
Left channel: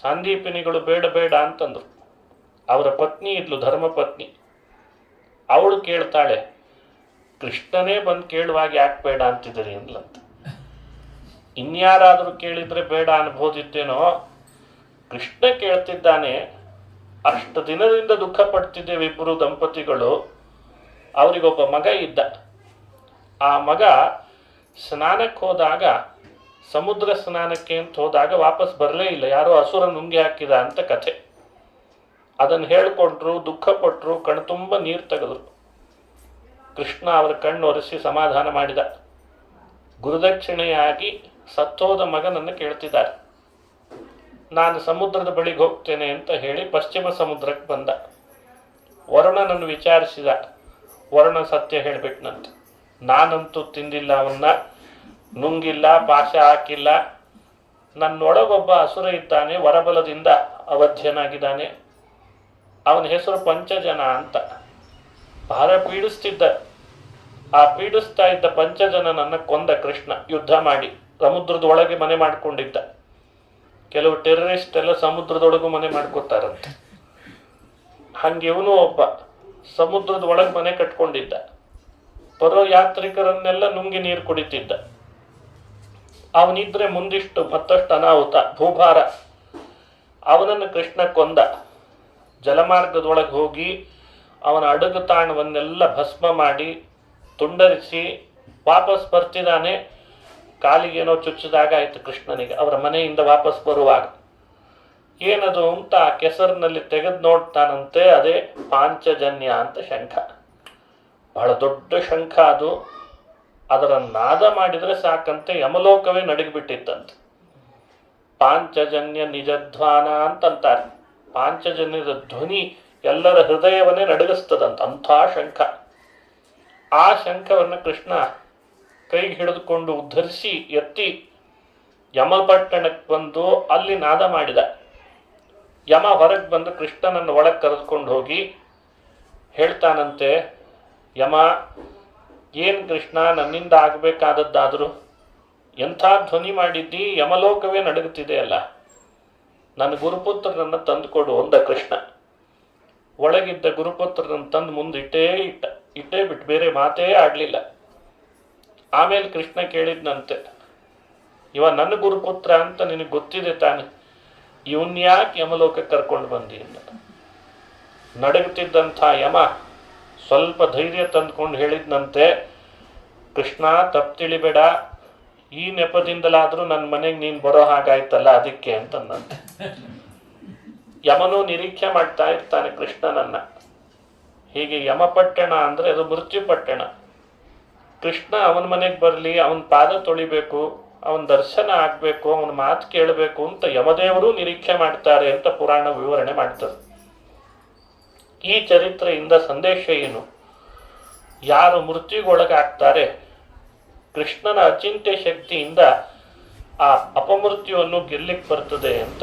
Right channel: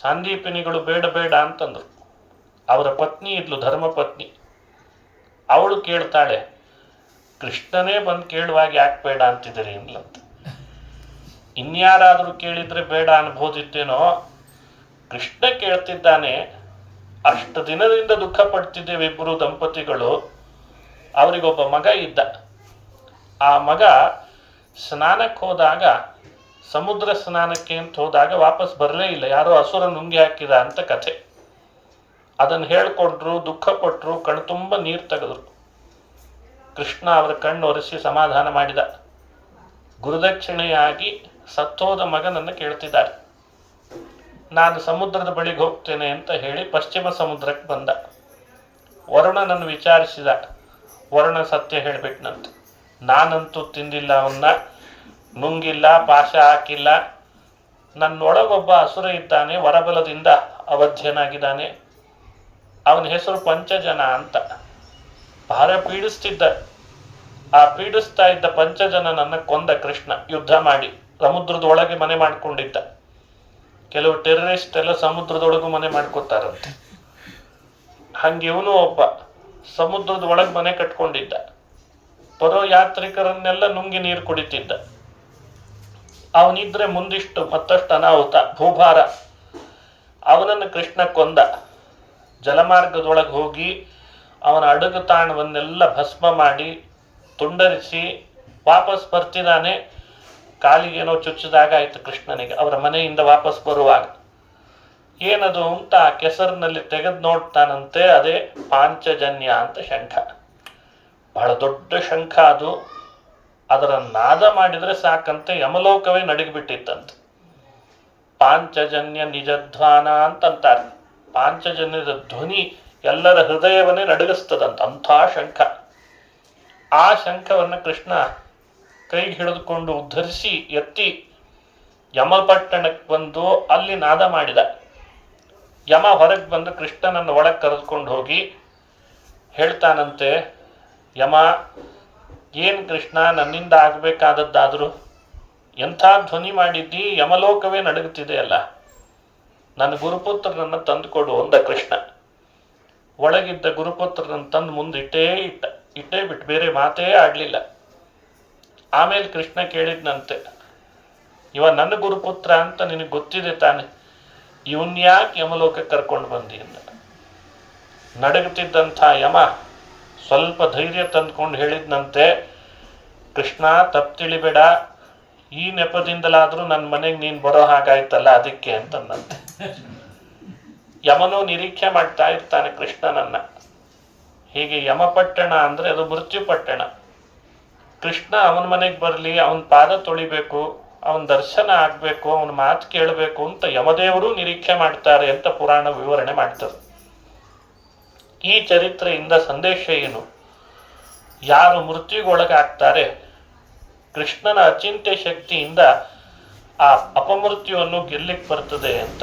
ಸಂದೀಪಿನಿಗಳು ಬೇಡ ಬೇಡ ಅಂತಂದರು. ಅವರ ಪತ್ನಿ ಇದ್ಲು, ಧರ್ಮಪತ್ನಿ. ಅವಳು ಕೇಳ್ತಾಳೆ, ಕೃಷ್ಣನೇ ಬಂದು ಕೇಳುವಾಗ ಯಾಕೆ ಬೇಡ ಅಂತಿದ್ದೀರಿ ಅಂತ. ಇನ್ಯಾರಾದರೂ ಕೇಳಿದರೆ ಬೇಡ ಅನ್ಬೋದಿತ್ತೇನೋ, ಕೃಷ್ಣ ಕೇಳ್ತಿದ್ದಾನೆ. ಅಷ್ಟು ದಿನದಿಂದ ದುಃಖ ಪಡ್ತಿದ್ದೇವೆ ಇಬ್ಬರು ದಂಪತಿಗಳು. ಅವರಿಗೊಬ್ಬ ಮಗ ಇದ್ದ. ಆ ಮಗ ಸ್ನಾನಕ್ಕೆ ಹೋದಾಗ, ಸಮುದ್ರ ಸ್ನಾನಕ್ಕೆ ಅಂತ ಹೋದಾಗ ವಾಪಸ್ ಬರಲೇ ಇಲ್ಲ. ಯಾರೋ ಅಸುರ ನುಂಗಿ ಹಾಕಿದ ಅಂತ ಕಥೆ. ಅದನ್ನು ಹೇಳ್ಕೊಂಡ್ರು, ದುಃಖ ಪಟ್ಟರು, ಕಣ್ಣು ತುಂಬ ನೀರು ತೆಗೆದ್ರು. ಕೃಷ್ಣ ಅವರ ಕಣ್ಣು ಒರೆಸಿ ಸಮಾಧಾನ ಮಾಡಿದ. ಗುರುದಕ್ಷಿಣೆಯಾಗಿ ಸತ್ತೋದ ಮಗನನ್ನು ಕೇಳ್ತಿದ್ದಾರೆ. ನಾನು ಸಮುದ್ರದ ಬಳಿಗೆ ಹೋಗ್ತೇನೆ ಅಂತ ಹೇಳಿ ಪಶ್ಚಿಮ ಸಮುದ್ರಕ್ಕೆ ಬಂದ. ವರುಣನನ್ನು ವಿಚಾರಿಸಿದ. ವರುಣ ಸತ್ಯ ಹೇಳಿಬಿಟ್ನಂತ. ನಾನಂತೂ ತಿಂದಿಲ್ಲ, ಅವನ್ನ ನುಂಗಿಲ್ಲ, ಪಾಶ ಹಾಕಿಲ್ಲ. ನನ್ನೊಳಗೊಬ್ಬ ಅಸುರ ಇದ್ದಾನೆ, ವರಬಲದಿಂದ ಅವಧ್ಯನಾಗಿದ್ದಾನೆ. ಅವನ ಹೆಸರು ಪಂಚಜನ ಅಂತ. ಬಹಳ ಪೀಡಿಸ್ತಿದ್ದ. ಆ ಪೀಡಿಸ್ತಾ ಇದ್ದ ಪಂಚಜನನನ್ನು ಕೊಂದ ಕೃಷ್ಣ ಯುದ್ಧ ಮಾಡಿ. ಸಮುದ್ರದ ಒಳಗೆ ಮನೆ ಮಾಡ್ಕೊಂಡಿದ್ದ. ಕೆಲವು ಟೆರರಿಸ್ಟ್ ಎಲ್ಲ ಸಮುದ್ರದೊಳಗೂ ಮನೆ ಮಾಡ್ಕೊತಾರಂತೆ. ಹಂಗೆ ಇವನು ಒಬ್ಬ ಸಮುದ್ರದ ಒಳಗೆ ಮನೆ ಕಟ್ಕೊಂಡಿದ್ದ. ಬರೋ ಯಾತ್ರಿಕರನ್ನೆಲ್ಲ ನುಂಗಿ ನೀರು ಕುಡಿತಿದ್ದ. ಅವನಿದ್ರೆ ಮುಂದಿಷ್ಟು ಮತ್ತಷ್ಟು ಅನಾಹುತ, ಭೂಭಾರ. ಅವನನ್ನು ಕೃಷ್ಣ ಕೊಂದ. ಜಲಮಾರ್ಗದೊಳಗೆ ಹೋಗಿ ಅವನ ಅಡಗು ತಾಣವನ್ನೆಲ್ಲ ಭಸ್ಮ ಮಾಡಿ ತುಂಡರಿಸಿ ವಾಪಸ್ ಬರ್ತಿದ್ದಾನೆ. ಕಾಲಿಗೇನೋ ಚುಚ್ಚಿದಾಗ ಆಯಿತು ಕೃಷ್ಣನಿಗೆ. ಅವರ ಮನೆಯಿಂದ ವಾಪಸ್ ಬರುವಾಗ ಏನದು ಅಂತ ಆ ಕೆಸರಿನಲ್ಲಿ ತೆಗೆದು ನೋಡ್ತಾನಂತೆ. ಅದೇ ಪಾಂಚಜನ್ಯ ಅಂತ ಶಂಖ. ಬಹಳ ದೊಡ್ಡ ಶಂಖ ಅದು. ಅದರ ನಾದ ಮಾಡಿದರೆ ಸಾಕಂತೆ ಯಮಲೋಕವೇ ನಡಗಿಬಿಟ್ಟಿತ್ತಂತೆ. ಪಾಂಚಜನ್ಯ ನಿಜಧ್ವಾನ ಅಂತಂತಾರೆ. ಪಾಂಚಜನ್ಯದ ಧ್ವನಿ ಎಲ್ಲರ ಹೃದಯವನ್ನೇ ನಡಗಿಸ್ತದಂತ, ಅಂಥ ಶಂಖ. ಆ ಶಂಖವನ್ನು ಕೃಷ್ಣ ಕೈಗೆ ಹಿಡಿದುಕೊಂಡು ಉದ್ಧರಿಸಿ ಎತ್ತಿ ಯಮಪಟ್ಟಣಕ್ಕೆ ಬಂದು ಅಲ್ಲಿ ನಾದ ಮಾಡಿದ. ಯಮ ಹೊರಗೆ ಬಂದು ಕೃಷ್ಣನನ್ನು ಒಳಗೆ ಕರೆದುಕೊಂಡು ಹೋಗಿ ಹೇಳ್ತಾನಂತೆ, ಯಮ, ಏನು ಕೃಷ್ಣ ನನ್ನಿಂದ ಆಗಬೇಕಾದದ್ದಾದರೂ ಎಂಥ ಧ್ವನಿ ಮಾಡಿದ್ದಿ, ಯಮಲೋಕವೇ ನಡುಗುತ್ತಿದೆ ಅಲ್ಲ, ನನ್ನ ಗುರುಪುತ್ರನನ್ನು ತಂದುಕೊಡು ಅಂದ ಕೃಷ್ಣ. ಒಳಗಿದ್ದ ಗುರುಪುತ್ರನನ್ನು ತಂದು ಇಟ್ಟೇ ಬಿಟ್ಟು ಬೇರೆ ಮಾತೇ ಆಡಲಿಲ್ಲ. ಆಮೇಲೆ ಕೃಷ್ಣ ಕೇಳಿದ್ನಂತೆ, ಇವ ನನ್ನ ಗುರುಪುತ್ರ ಅಂತ ನಿನಗೆ ಗೊತ್ತಿದೆ ತಾನೆ, ಇವನ್ಯಾಕೆ ಯಮಲೋಕಕ್ಕೆ ಕರ್ಕೊಂಡು ಬಂದಿ ಅಂತ. ನಡಗುತ್ತಿದ್ದಂಥ ಯಮ ಸ್ವಲ್ಪ ಧೈರ್ಯ ತಂದುಕೊಂಡು ಹೇಳಿದ್ನಂತೆ, ಕೃಷ್ಣ ತಪ್ಪು ತಿಳಿಬೇಡ, ಈ ನೆಪದಿಂದಲಾದರೂ ನನ್ನ ಮನೆಗೆ ನೀನು ಬರೋ ಹಾಗಾಯ್ತಲ್ಲ ಅದಕ್ಕೆ ಅಂತಂದಂತೆ. ಯಮನು ನಿರೀಕ್ಷೆ ಮಾಡ್ತಾ ಇರ್ತಾನೆ ಕೃಷ್ಣನನ್ನ. ಹೀಗೆ ಯಮಪಟ್ಟಣ ಅಂದರೆ ಅದು ಮೃತ್ಯುಪಟ್ಟಣ. ಕೃಷ್ಣ ಅವನ ಮನೆಗೆ ಬರಲಿ, ಅವನ ಪಾದ ತೊಳಿಬೇಕು, ಅವನ ದರ್ಶನ ಆಗಬೇಕು, ಅವನ ಮಾತು ಕೇಳಬೇಕು ಅಂತ ಯಮದೇವರು ನಿರೀಕ್ಷೆ ಮಾಡ್ತಾರೆ ಅಂತ ಪುರಾಣ ವಿವರಣೆ ಮಾಡ್ತಾರೆ. ಈ ಚರಿತ್ರೆಯಿಂದ ಸಂದೇಶ ಏನು? ಯಾರು ಮೃತ್ಯುಗೊಳಗಾಗ್ತಾರೆ, ಕೃಷ್ಣನ ಅಚಿಂತ್ಯ ಶಕ್ತಿಯಿಂದ ಆ ಅಪಮೃತ್ಯುವನ್ನು ಗೆಲ್ಲಿಕ್ಕೆ ಬರ್ತದೆ ಅಂತ.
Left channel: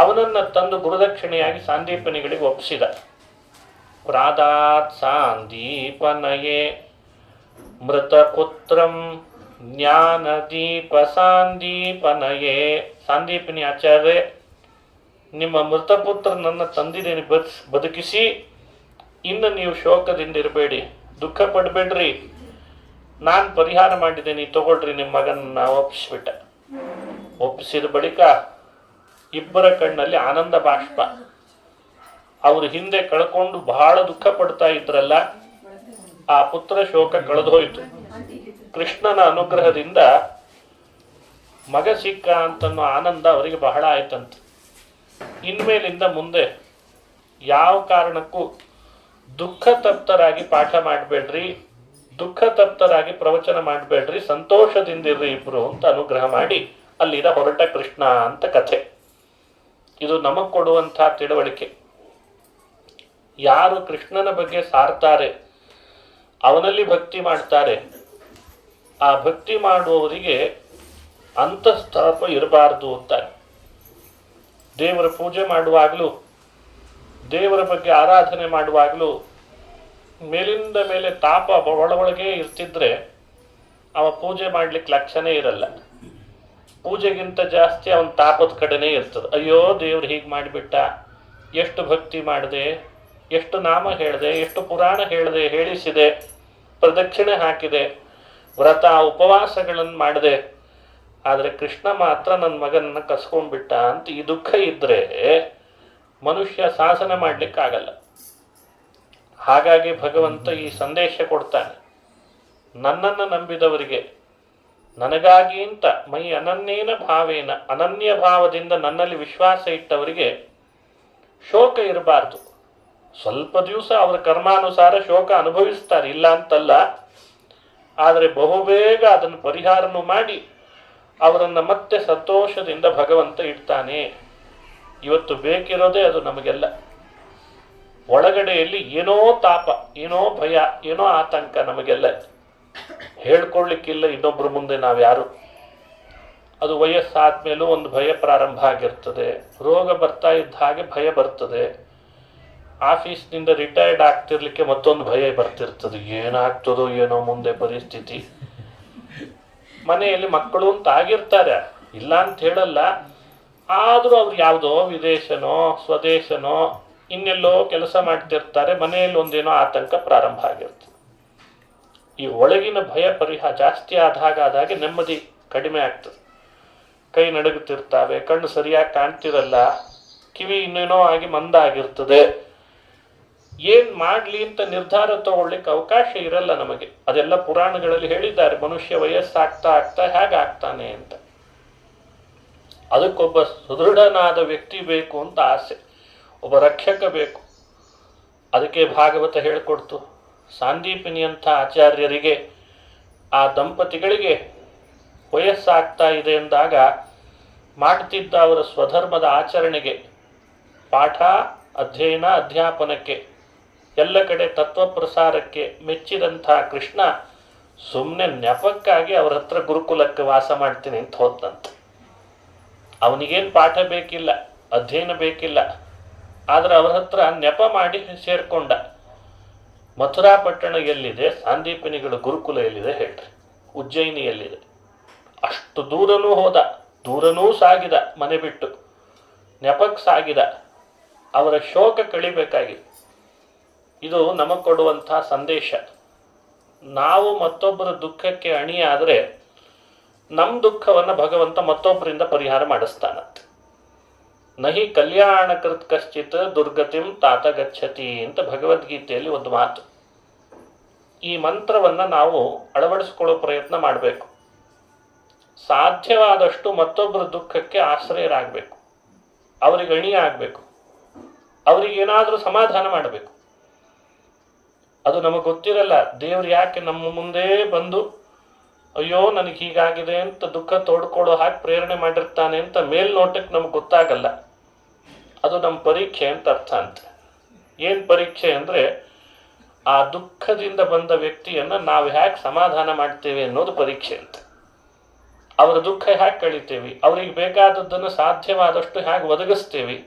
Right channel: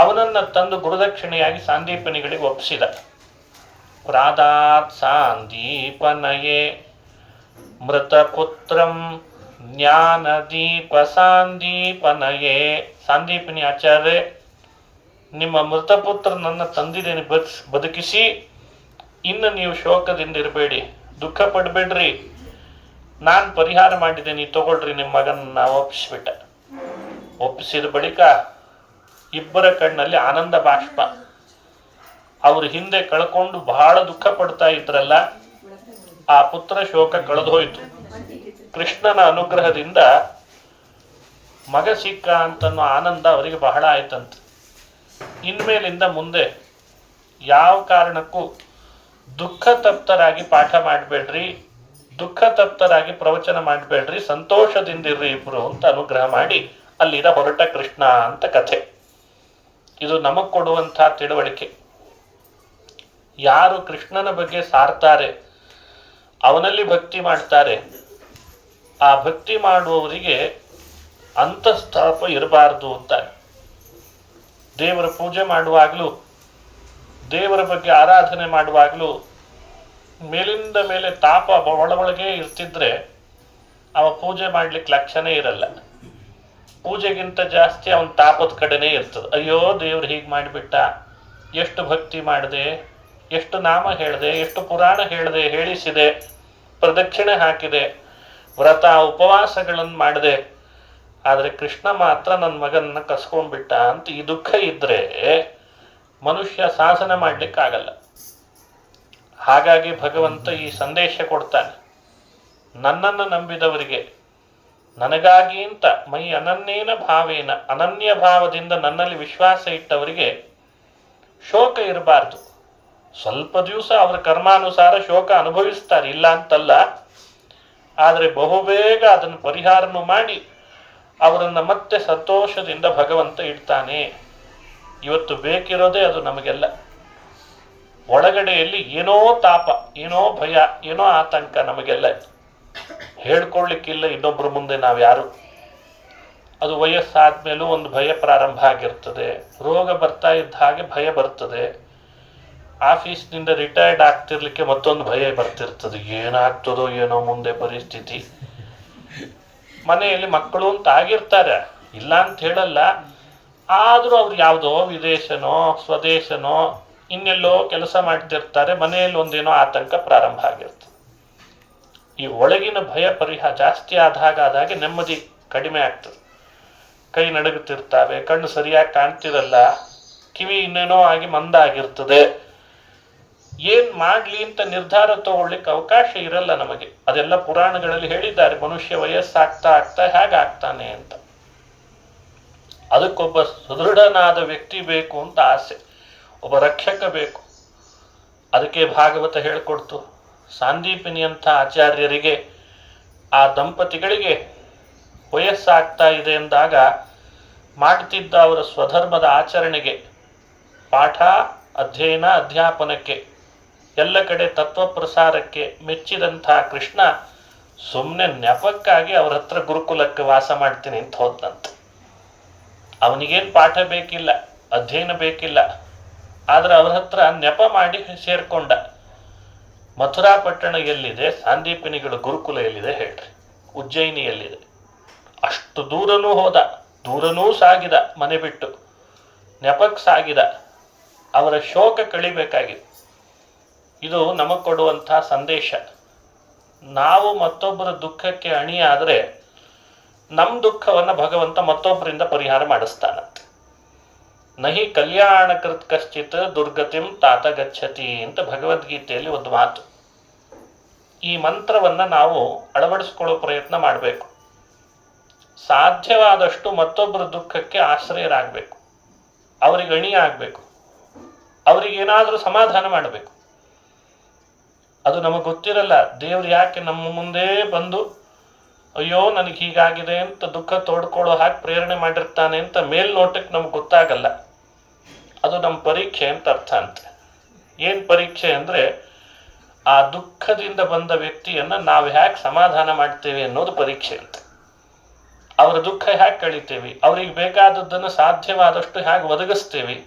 ಅವನನ್ನು ತಂದು ಗುರುದಕ್ಷಿಣೆಯಾಗಿ ಸಾಂದೀಪನಿಗಳಿಗೆ ಒಪ್ಪಿಸಿದ. ಪ್ರಾದಾತ್ ಸಾಂದೀಪನಯೇ ಮೃತಪುತ್ರಂ ಜ್ಞಾನದೀಪ ಸಾಂದೀಪನಯೇ. ಸಾಂದೀಪನಿ ಆಚಾರ್ಯ, ನಿಮ್ಮ ಮೃತಪುತ್ರನನ್ನು ತಂದಿದ್ದೇನೆ ಬದುಕಿಸಿ, ಇನ್ನು ನೀವು ಶೋಕದಿಂದ ಇರಬೇಡಿ, ದುಃಖ ಪಡಬೇಡ್ರಿ, ನಾನು ಪರಿಹಾರ ಮಾಡಿದ್ದೇನೆ, ತಗೊಳ್ರಿ ನಿಮ್ಮ ಮಗನ ಒಪ್ಪಿಸ್ಬಿಟ್ಟ. ಒಪ್ಪಿಸಿದ ಬಳಿಕ ಇಬ್ಬರ ಕಣ್ಣಲ್ಲಿ ಆನಂದ ಬಾಷ್ಪ. ಅವರು ಹಿಂದೆ ಕಳ್ಕೊಂಡು ಬಹಳ ದುಃಖ ಪಡ್ತಾ ಇದ್ರಲ್ಲ, ಆ ಪುತ್ರ ಶೋಕ ಕಳೆದು ಹೋಯಿತು. ಕೃಷ್ಣನ ಅನುಗ್ರಹದಿಂದ ಮಗ ಸಿಕ್ಕ ಅಂತನ್ನೋ ಆನಂದ ಅವರಿಗೆ ಬಹಳ ಆಯ್ತಂತ. ಇನ್ಮೇಲಿಂದ ಮುಂದೆ ಯಾವ ಕಾರಣಕ್ಕೂ ದುಃಖ ತಪ್ತರಾಗಿ ಪಾಠ ಮಾಡಬೇಡ್ರಿ, ದುಃಖ ತಪ್ತರಾಗಿ ಪ್ರವಚನ ಮಾಡಬೇಡ್ರಿ, ಸಂತೋಷದಿಂದಿರ್ರಿ ಇಬ್ರು ಅಂತ ಅನುಗ್ರಹ ಮಾಡಿ ಅಲ್ಲಿಂದ ಹೊರಟ ಕೃಷ್ಣ ಅಂತ ಕಥೆ. ಇದು ನಮಗೆ ಕೊಡುವಂಥ ತಿಳುವಳಿಕೆ. ಯಾರು ಕೃಷ್ಣನ ಬಗ್ಗೆ ಸಾರ್ತಾರೆ, ಅವನಲ್ಲಿ ಭಕ್ತಿ ಮಾಡ್ತಾರೆ, ಆ ಭಕ್ತಿ ಮಾಡುವವರಿಗೆ ಅಂತಸ್ತಾಪ ಇರಬಾರ್ದು ಅಂತಾರೆ. ದೇವರ ಪೂಜೆ ಮಾಡುವಾಗಲೂ, ದೇವರ ಬಗ್ಗೆ ಆರಾಧನೆ ಮಾಡುವಾಗಲೂ ಮೇಲಿಂದ ಮೇಲೆ ತಾಪ ಒಳಗೆ ಇರ್ತಿದ್ರೆ ಅವ ಪೂಜೆ ಮಾಡ್ಲಿಕ್ಕೆ ಲಕ್ಷಣೇ ಇರಲ್ಲ. ಪೂಜೆಗಿಂತ ಜಾಸ್ತಿ ಅವನ ತಾಪದ ಕಡೆನೇ ಇರ್ತದೆ. ಅಯ್ಯೋ ದೇವ್ರು ಹೀಗೆ ಮಾಡಿಬಿಟ್ಟ, ಎಷ್ಟು ಭಕ್ತಿ ಮಾಡಿದೆ, ಎಷ್ಟು ನಾಮ ಹೇಳಿದೆ, ಎಷ್ಟು ಪುರಾಣ ಹೇಳಿದೆ, ಹೇಳಿಸಿದೆ, ಪ್ರದಕ್ಷಿಣೆ ಹಾಕಿದೆ, ವ್ರತ ಉಪವಾಸಗಳನ್ನು ಮಾಡಿದೆ, ಆದರೆ ಕೃಷ್ಣ ಮಾತ್ರ ನನ್ನ ಮಗನನ್ನ ಕಸ್ಕೊಂಡ್ಬಿಟ್ಟ ಅಂತ ಈ ದುಃಖ ಇದ್ರೆ ಮನುಷ್ಯ ಸಾಧನೆ ಮಾಡ್ಲಿಕ್ಕಾಗಲ್ಲ. ಹಾಗಾಗಿ ಭಗವಂತ ಈ ಸಂದೇಶ ಕೊಡ್ತಾನೆ, ನನ್ನನ್ನು ನಂಬಿದವರಿಗೆ, ನನಗಾಗಿ ಅಂತ ಮೈ ಅನನ್ಯೇನ ಭಾವೇನ, ಅನನ್ಯ ಭಾವದಿಂದ ನನ್ನಲ್ಲಿ ವಿಶ್ವಾಸ ಇಟ್ಟವರಿಗೆ ಶೋಕ ಇರಬಾರ್ದು. ಸ್ವಲ್ಪ ದಿವಸ ಅವರ ಕರ್ಮಾನುಸಾರ ಶೋಕ ಅನುಭವಿಸ್ತಾರೆ, ಇಲ್ಲ ಅಂತಲ್ಲ, ಆದರೆ ಬಹುಬೇಗ ಅದನ್ನು ಪರಿಹಾರನೂ ಮಾಡಿ ಅವರನ್ನು ಮತ್ತೆ ಸಂತೋಷದಿಂದ ಭಗವಂತ ಇಡ್ತಾನೆ. ಇವತ್ತು ಬೇಕಿರೋದೇ ಅದು ನಮಗೆಲ್ಲ. ಒಳಗಡೆಯಲ್ಲಿ ಏನೋ ತಾಪ, ಏನೋ ಭಯ, ಏನೋ ಆತಂಕ ನಮಗೆಲ್ಲ. ಹೇಳ್ಕೊಳ್ಳಿಕ್ಕಿಲ್ಲ ಇನ್ನೊಬ್ಬರ ಮುಂದೆ ನಾವು ಯಾರು. ಅದು ವಯಸ್ಸಾದ್ಮೇಲೂ ಒಂದು ಭಯ ಪ್ರಾರಂಭ ಆಗಿರ್ತದೆ. ರೋಗ ಬರ್ತಾ ಇದ್ದ ಹಾಗೆ ಭಯ ಬರ್ತದೆ. ಆಫೀಸ್ನಿಂದ ರಿಟೈರ್ಡ್ ಆಗ್ತಿರ್ಲಿಕ್ಕೆ ಮತ್ತೊಂದು ಭಯ ಬರ್ತಿರ್ತದೆ, ಏನಾಗ್ತದೋ ಏನೋ ಮುಂದೆ ಪರಿಸ್ಥಿತಿ. ಮನೆಯಲ್ಲಿ ಮಕ್ಕಳು ಅಂತ ಆಗಿರ್ತಾರೆ, ಇಲ್ಲ ಅಂತ ಹೇಳಲ್ಲ, ಆದರೂ ಅವ್ರು ಯಾವುದೋ ವಿದೇಶನೋ ಸ್ವದೇಶನೋ ಇನ್ನೆಲ್ಲೋ ಕೆಲಸ ಮಾಡ್ತಿರ್ತಾರೆ, ಮನೆಯಲ್ಲಿ ಒಂದೇನೋ ಆತಂಕ ಪ್ರಾರಂಭ ಆಗಿರ್ತದೆ. ಈ ಒಳಗಿನ ಭಯ ಜಾಸ್ತಿ ಆದಾಗೆ ನೆಮ್ಮದಿ ಕಡಿಮೆ ಆಗ್ತದೆ. ಕೈ ನಡುಗುತ್ತಿರ್ತಾವೆ, ಕಣ್ಣು ಸರಿಯಾಗಿ ಕಾಣ್ತಿರಲ್ಲ, ಕಿವಿ ಇನ್ನೇನೋ ಆಗಿ ಮಂದ ಆಗಿರ್ತದೆ. ಏನ್ ಮಾಡ್ಲಿ ಅಂತ ನಿರ್ಧಾರ ತಗೊಳ್ಳಿಕ್ಕೆ ಅವಕಾಶ ಇರಲ್ಲ ನಮಗೆ. ಅದೆಲ್ಲ ಪುರಾಣಗಳಲ್ಲಿ ಹೇಳಿದ್ದಾರೆ, ಮನುಷ್ಯ ವಯಸ್ಸಾಗ್ತಾ ಆಗ್ತಾ ಹೇಗಾಗ್ತಾನೆ ಅಂತ. ಅದಕ್ಕೊಬ್ಬ ಸುದೃಢನಾದ ವ್ಯಕ್ತಿ ಬೇಕು ಅಂತ ಆಸೆ, ಒಬ್ಬ ರಕ್ಷಕ ಬೇಕು. ಅದಕ್ಕೆ ಭಾಗವತ ಹೇಳಿಕೊಡ್ತು. ಸಾಂದೀಪಿನಿಯಂಥ ಆಚಾರ್ಯರಿಗೆ, ಆ ದಂಪತಿಗಳಿಗೆ ವಯಸ್ಸಾಗ್ತಾ ಇದೆ ಎಂದಾಗ ಮಾಡ್ತಿದ್ದ ಅವರ ಸ್ವಧರ್ಮದ ಆಚರಣೆಗೆ, ಪಾಠ ಅಧ್ಯಯನ ಅಧ್ಯಾಪನಕ್ಕೆ, ಎಲ್ಲ ಕಡೆ ತತ್ವ ಪ್ರಸಾರಕ್ಕೆ ಮೆಚ್ಚಿದಂಥ ಕೃಷ್ಣ ಸುಮ್ಮನೆ ನೆಪಕ್ಕಾಗಿ ಅವ್ರ ಹತ್ರ ಗುರುಕುಲಕ್ಕೆ ವಾಸ ಮಾಡ್ತೀನಿ ಅಂತ ಹೋದ್ನಂತೆ. ಅವನಿಗೇನು ಪಾಠ ಬೇಕಿಲ್ಲ, ಅಧ್ಯಯನ ಬೇಕಿಲ್ಲ, ಆದ್ರೆ ಅವ್ರ ಹತ್ರ ನೆಪ ಮಾಡಿ ಸೇರ್ಕೊಂಡ. ಮಥುರಾ ಪಟ್ಟಣ ಎಲ್ಲಿದೆ? ಸಾಂದೀಪನಿಗಳ ಗುರುಕುಲ ಎಲ್ಲಿದೆ ಹೇಳ್ರಿ? ಉಜ್ಜಯಿನಿಯಲ್ಲಿದೆ. ಅಷ್ಟು ದೂರನೂ ಹೋದ, ದೂರನೂ ಸಾಗಿದ, ಮನೆ ಬಿಟ್ಟು ನೆಪಕ್ಕೆ ಸಾಗಿದ. ಅವರ ಶೋಕ ಕಳಿಬೇಕಾಗಿದೆ. ಇದು ನಮಗೆ ಕೊಡುವಂಥ ಸಂದೇಶ. ನಾವು ಮತ್ತೊಬ್ಬರ ದುಃಖಕ್ಕೆ ಅಣಿಯಾದರೆ ನಮ್ಮ ದುಃಖವನ್ನು ಭಗವಂತ ಮತ್ತೊಬ್ಬರಿಂದ ಪರಿಹಾರ ಮಾಡಿಸ್ತಾನಂತೆ. ನಹಿ ಕಲ್ಯಾಣ ಕೃತ್ ಕಶ್ಚಿತ್ ದುರ್ಗತಿಂ ತಾತ ಗಚ್ಚತಿ ಅಂತ ಭಗವದ್ಗೀತೆಯಲ್ಲಿ ಒಂದು ಮಾತು. ಈ ಮಂತ್ರವನ್ನು ನಾವು ಅಳವಡಿಸ್ಕೊಳ್ಳೋ ಪ್ರಯತ್ನ ಮಾಡಬೇಕು. ಸಾಧ್ಯವಾದಷ್ಟು ಮತ್ತೊಬ್ಬರ ದುಃಖಕ್ಕೆ ಆಶ್ರಯರಾಗಬೇಕು, ಅವರಿಗೆ ಅಣಿಯಾಗಬೇಕು, ಅವರಿಗೇನಾದರೂ ಸಮಾಧಾನ ಮಾಡಬೇಕು. ಅದು ನಮಗೆ ಗೊತ್ತಿರಲ್ಲ. ದೇವ್ರು ಯಾಕೆ ನಮ್ಮ ಮುಂದೆ ಬಂದು ಅಯ್ಯೋ ನನಗೆ ಹೀಗಾಗಿದೆ ಅಂತ ದುಃಖ ತೋಡ್ಕೊಳ್ಳೋ ಹಾಗೆ ಪ್ರೇರಣೆ ಮಾಡಿರ್ತಾನೆ ಅಂತ ಮೇಲ್ನೋಟಕ್ಕೆ ನಮ್ಗೆ ಗೊತ್ತಾಗಲ್ಲ. ಅದು ನಮ್ಮ ಪರೀಕ್ಷೆ ಅಂತ ಅರ್ಥ ಅಂತೆ. ಏನು ಪರೀಕ್ಷೆ ಅಂದರೆ ಆ ದುಃಖದಿಂದ ಬಂದ ವ್ಯಕ್ತಿಯನ್ನು ನಾವು ಹೇಗೆ ಸಮಾಧಾನ ಮಾಡ್ತೇವೆ ಅನ್ನೋದು ಪರೀಕ್ಷೆ ಅಂತ. ಅವರ ದುಃಖ ಹೇಗೆ ಕಳಿತೇವೆ, ಅವ್ರಿಗೆ ಬೇಕಾದದ್ದನ್ನು ಸಾಧ್ಯವಾದಷ್ಟು ಹೇಗೆ ಒದಗಿಸ್ತೇವೆ.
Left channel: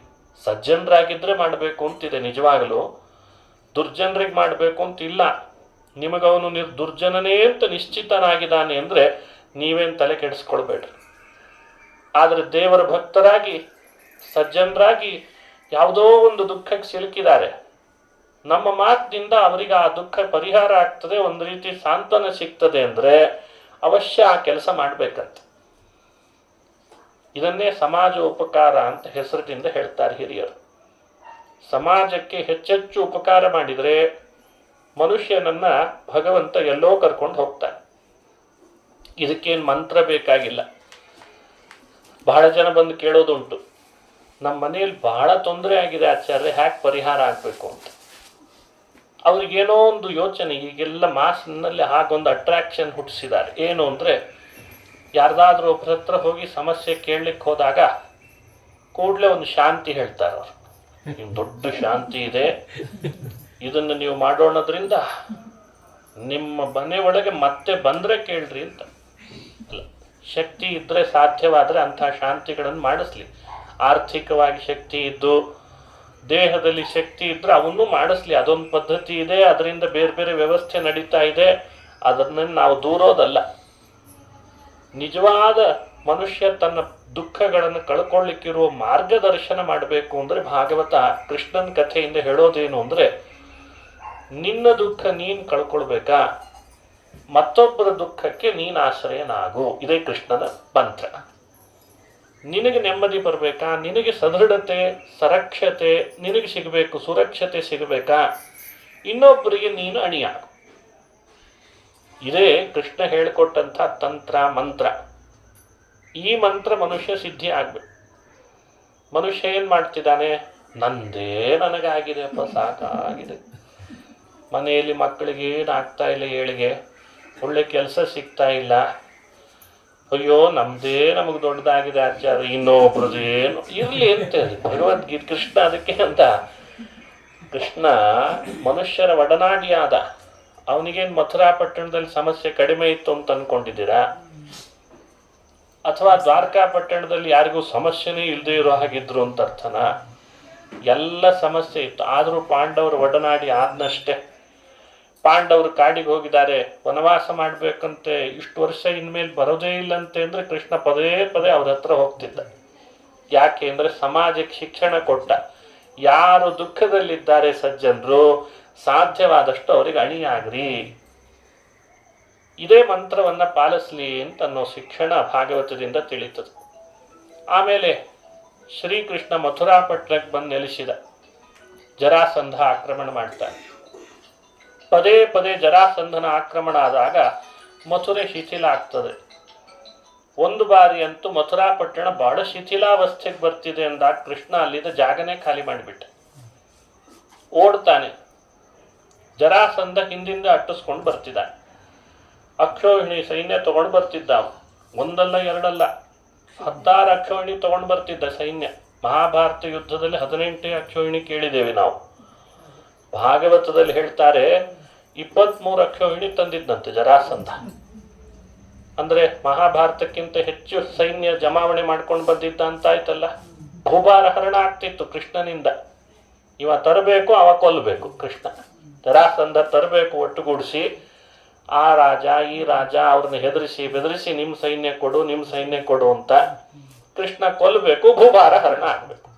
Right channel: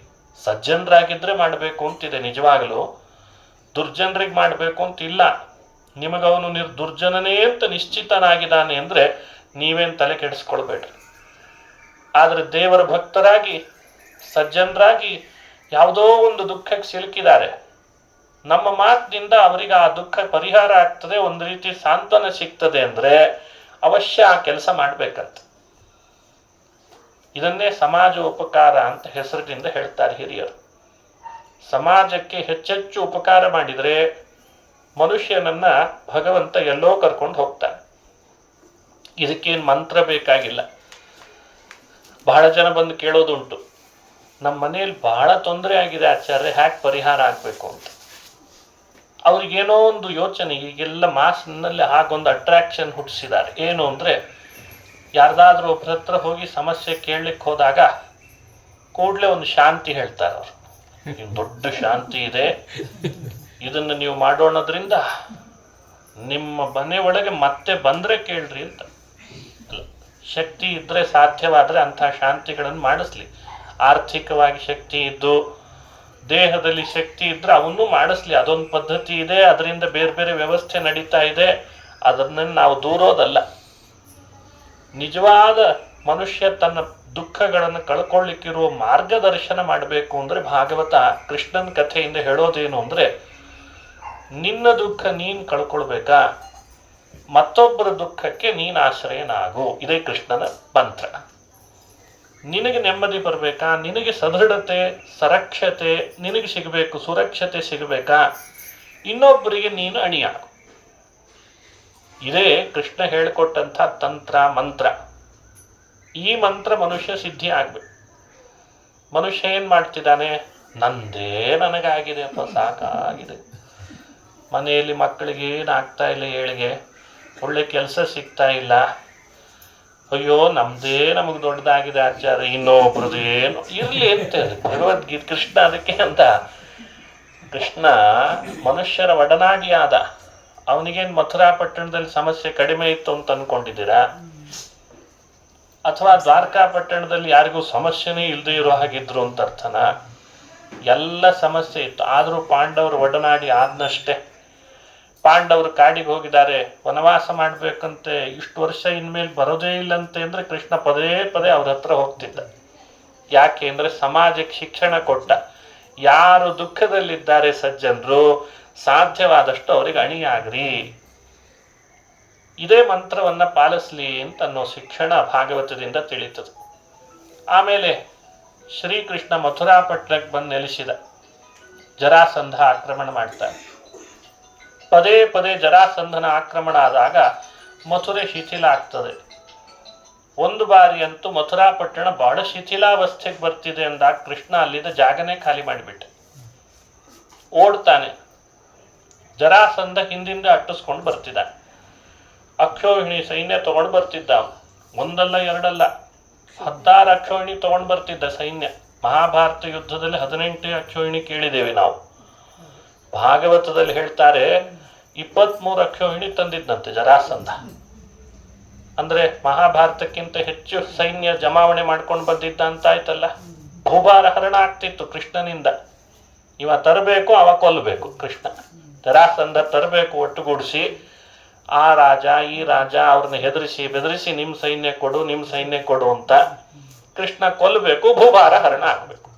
ಸಜ್ಜನರಾಗಿದ್ದರೆ ಮಾಡಬೇಕು ಅಂತಿದೆ ನಿಜವಾಗಲೂ, ದುರ್ಜನರಿಗೆ ಮಾಡಬೇಕು ಅಂತಿಲ್ಲ. ನಿಮಗವನು ದುರ್ಜನನೇ ಅಂತ ನಿಶ್ಚಿತನಾಗಿದ್ದಾನೆ ಅಂದರೆ ನೀವೇನು ತಲೆ ಕೆಡಿಸ್ಕೊಳ್ಬೇಡ್ರಿ. ಆದರೆ ದೇವರ ಭಕ್ತರಾಗಿ ಸಜ್ಜನರಾಗಿ ಯಾವುದೋ ಒಂದು ದುಃಖಕ್ಕೆ ಸಿಲುಕಿದ್ದಾರೆ, ನಮ್ಮ ಮಾತಿನಿಂದ ಅವರಿಗೆ ಆ ದುಃಖ ಪರಿಹಾರ ಆಗ್ತದೆ, ಒಂದು ರೀತಿ ಸಾಂತ್ವನ ಸಿಗ್ತದೆ ಅಂದರೆ ಅವಶ್ಯ ಆ ಕೆಲಸ ಮಾಡಬೇಕಂತ. ಇದನ್ನೇ ಸಮಾಜ ಉಪಕಾರ ಅಂತ ಹೆಸರಿನಿಂದ ಹೇಳ್ತಾರೆ ಹಿರಿಯರು. ಸಮಾಜಕ್ಕೆ ಹೆಚ್ಚೆಚ್ಚು ಉಪಕಾರ ಮಾಡಿದರೆ ಮನುಷ್ಯನನ್ನ ಭಗವಂತ ಎಲ್ಲೋ ಕರ್ಕೊಂಡು ಹೋಗ್ತಾನೆ. ಇದಕ್ಕೇನು ಮಂತ್ರ ಬೇಕಾಗಿಲ್ಲ. ಬಹಳ ಜನ ಬಂದು ಕೇಳೋದುಂಟು, ನಮ್ಮ ಮನೆಯಲ್ಲಿ ಬಹಳ ತೊಂದರೆ ಆಗಿದೆ ಆಚಾರ್ಯ, ಹ್ಯಾಕ್ ಪರಿಹಾರ ಆಗಬೇಕು ಅಂತ. ಅವ್ರಿಗೇನೋ ಒಂದು ಯೋಚನೆ. ಈಗೆಲ್ಲ ಮಾಸ್ನಲ್ಲಿ ಹಾಗೊಂದು ಅಟ್ರಾಕ್ಷನ್ ಹುಟ್ಟಿಸಿದ್ದಾರೆ. ಏನು ಅಂದರೆ ಯಾರ್ದಾದ್ರೂ ಒಬ್ಬರ ಹತ್ರ ಹೋಗಿ ಸಮಸ್ಯೆ ಕೇಳಲಿಕ್ಕೆ ಹೋದಾಗ ಕೂಡಲೇ ಒಂದು ಶಾಂತಿ ಹೇಳ್ತಾರೆ ಅವರು. ದೊಡ್ಡ ಶಾಂತಿ ಇದೆ, ಇದನ್ನು ನೀವು ಮಾಡೋಣದ್ರಿಂದ ನಿಮ್ಮ ಮನೆ ಒಳಗೆ ಮತ್ತೆ ಬಂದರೆ ಕೇಳ್ರಿ ಅಂತ. ಅಲ್ಲ, ಶಕ್ತಿ ಇದ್ದರೆ ಸಾಧ್ಯವಾದರೆ ಅಂಥ ಶಾಂತಿಗಳನ್ನು ಮಾಡಿಸ್ಲಿ. ಆರ್ಥಿಕವಾಗಿ ಶಕ್ತಿ ಇದ್ದು ದೇಹದಲ್ಲಿ ಶಕ್ತಿ ಇದ್ದರೆ ಅವನ್ನೂ ಮಾಡಿಸ್ಲಿ. ಅದೊಂದು ಪದ್ಧತಿ ಇದೆ, ಅದರಿಂದ ಬೇರೆ ಬೇರೆ ವ್ಯವಸ್ಥೆ ನಡೀತಾ ಇದೆ. ಅದನ್ನು ನಾವು ದೂರೋದಲ್ಲ. ನಿಜವಾದ ಮನುಷ್ಯ ತನ್ನ ದುಃಖಗಳನ್ನು ಕಳ್ಕೊಳ್ಳಿಕ್ಕಿರುವ ಮಾರ್ಗದರ್ಶನ ಮಾಡಬೇಕು ಅಂದರೆ ಭಾಗವತ ಕೃಷ್ಣನ ಕಥೆಯಿಂದ ಹೇಳೋದೇನು ಅಂದರೆ, ನಿನ್ನ ದುಃಖ ನೀನು ಕಳ್ಕೊಳ್ಬೇಕಾ, ಮತ್ತೊಬ್ಬರ ದುಃಖಕ್ಕೆ ನೀನು ಆಶ್ರಯನಾಗು. ಇದೇ ಕೃಷ್ಣನ ಮಂತ್ರ. ನಿನಗೆ ನೆಮ್ಮದಿ ಬರಬೇಕಾ, ನಿನಗೆ ಸದೃಢತೆ ಸರಕ್ಷತೆ ನಿನಗೆ ಸಿಗಬೇಕು, ಸುರಕ್ಷತೆ ಸಿಗಬೇಕಾ, ಇನ್ನೊಬ್ಬರಿಗೆ ನೀನು ಅಣಿಯಾಗು. ಇದೇ ಕೃಷ್ಣ ಹೇಳಿಕೊಟ್ಟಂಥ ತಂತ್ರ ಮಂತ್ರ. ಈ ಮಂತ್ರ ಮನುಷ್ಯ ಸಿದ್ಧಿ ಆಗ್ಬೇಕು. ಮನುಷ್ಯ ಏನು ಮಾಡ್ತಿದ್ದಾನೆ, ನಂದೇ ನನಗಾಗಿದೆ ಅಪ್ಪ, ಸಾಕಾಗಿದೆ, ಮನೆಯಲ್ಲಿ ಮಕ್ಕಳಿಗೆ ಏನಾಗ್ತಾ ಇಲ್ಲ, ಏಳಿಗೆ ಒಳ್ಳೆ ಕೆಲಸ ಸಿಗ್ತಾ ಇಲ್ಲ, ಅಯ್ಯೋ ನಮ್ದೇ ನಮಗೆ ದೊಡ್ಡದಾಗಿದೆ ಆಚಾರ್ಯ, ಇನ್ನೊಬ್ರದ್ದು ಏನು ಇರಲಿ ಅಂತ ಹೇಳಿ ಭಗವದ್ಗೀತೆ ಕೃಷ್ಣ ಅದಕ್ಕೆ ಅಂತ. ಕೃಷ್ಣ ಮನುಷ್ಯರ ಒಡನಾಡಿಯಾದ. ಅವನಿಗೇನು ಮಥುರಾ ಪಟ್ಟಣದಲ್ಲಿ ಸಮಸ್ಯೆ ಕಡಿಮೆ ಇತ್ತು ಅಂತ ಅಂದ್ಕೊಂಡಿದ್ದೀರಾ? ಅಥವಾ ದ್ವಾರಕಾ ಪಟ್ಟಣದಲ್ಲಿ ಯಾರಿಗೂ ಸಮಸ್ಯೆನೇ ಇಲ್ಲದೆ ಇರೋ ಹಾಗಿದ್ರು ಅಂತ ಅರ್ಥನ? ಎಲ್ಲ ಸಮಸ್ಯೆ ಇತ್ತು, ಆದರೂ ಪಾಂಡವರು ಒಡನಾಡಿ ಆದ್ನಷ್ಟೇ. ಪಾಂಡವರು ಕಾಡಿಗೆ ಹೋಗಿದ್ದಾರೆ, ವನವಾಸ ಮಾಡಬೇಕಂತೆ, ಇಷ್ಟು ವರ್ಷ ಇನ್ಮೇಲೆ ಬರೋದೇ ಇಲ್ಲಂತೆ ಅಂದರೆ ಕೃಷ್ಣ ಪದೇ ಪದೇ ಅವ್ರ ಹತ್ರ ಹೋಗ್ತಿದ್ದ. ಯಾಕೆ ಅಂದರೆ ಸಮಾಜಕ್ಕೆ ಶಿಕ್ಷಣ ಕೊಟ್ಟ. ಯಾರು ದುಃಖದಲ್ಲಿದ್ದಾರೆ ಸಜ್ಜನರು, ಸಾಧ್ಯವಾದಷ್ಟು ಅವರಿಗೆ ಅಣಿಯಾಗ್ರಿ, ಇದೇ ಮಂತ್ರವನ್ನು ಪಾಲಿಸ್ಲಿ ಅಂತ ಅನ್ನೋ ಶಿಕ್ಷಣ ಭಾಗವತದಿಂದ ತಿಳಿತದೆ. ಆಮೇಲೆ ಶ್ರೀಕೃಷ್ಣ ಮಥುರಾ ಪಟ್ಟಣಕ್ಕೆ ಬಂದು ನೆಲೆಸಿದ. ಜರಾಸಂಧ ಆಕ್ರಮಣ ಮಾಡ್ತಾನೆ. ಪದೇ ಪದೇ ಜರಾಸಂಧನ ಆಕ್ರಮಣ ಆದಾಗ ಮಥುರೆ ಶಿಥಿಲ ಆಗ್ತದೆ. ಒಂದು ಬಾರಿ ಅಂತೂ ಮಥುರಾ ಪಟ್ಟಣ ಬಹಳ ಶಿಥಿಲಾವಸ್ಥೆಗೆ ಬರ್ತಿದೆ ಅಂದಾಗ ಕೃಷ್ಣ ಅಲ್ಲಿದ್ದ ಜಾಗನೇ ಖಾಲಿ ಮಾಡಿಬಿಟ್ಟೆ. ಓಡ್ತಾನೆ. ಜರಾಸಂಧ ಹಿಂದಿಂದ ಅಟ್ಟಿಸ್ಕೊಂಡು ಬರ್ತಿದ್ದಾನೆ. ಅಕ್ಷೋಹಿಣಿ ಸೈನ್ಯ ತಗೊಂಡು ಬರ್ತಿದ್ದ. ಒಂದಲ್ಲ ಎರಡಲ್ಲ 16 ಅಕ್ಷೋಹಿಣಿ ತಗೊಂಡು ಬರ್ತಿದ್ದ ಸೈನ್ಯ. ಮಹಾಭಾರತ ಯುದ್ಧದಲ್ಲಿ 18 ಅಕ್ಷೋಹಿಣಿ ಕೇಳಿದ್ದೇವೆ ನಾವು. ಭಾಗವತದಲ್ಲಿ ಹೇಳ್ತಾರೆ, 23 ಅಕ್ಷೋಹಿಣಿ ತಂದಿದ್ದಂತೆ ಜರಾಸಂಧ. ಅಂದ್ರೆ ಮಹಾಭಾರತಕ್ಕಿಂತ ಹೆಚ್ಚು ಸೈನ್ಯ ಜಮಾವಣೆ ಮಾಡ್ಕೊಂಡು ಬಂದಿದ್ದ ಅಂತ ಆಯ್ತಲ್ಲ. ಭೂಭಾರ ಹರಣ ಆಗ್ತಿತ್ತು ಕೃಷ್ಣನಿಂದ. ಇವ ತರಬೇಕು, ಅವ ಕೊಲ್ಲಬೇಕು. ಕೃಷ್ಣ ಜರಾಸಂಧ ತರಬೇಕು, ಒಟ್ಟುಗೂಡಿಸಿ ಆ ರಾಜ ಈ ರಾಜ ಅವ್ರನ್ನ ಹೆದರಿಸಿ ಬೆದರಿಸಿ ನಿಮ್ಮ ಸೈನ್ಯ ಕೊಡು ನಿಮ್ಮ ಸೈನ್ಯ ಕೊಡು ಅಂತ. ಕೃಷ್ಣ ಕೊಲ್ಲಬೇಕು, ಭೂಭಾರ ಹರಣ ಆಗ್ಬೇಕು.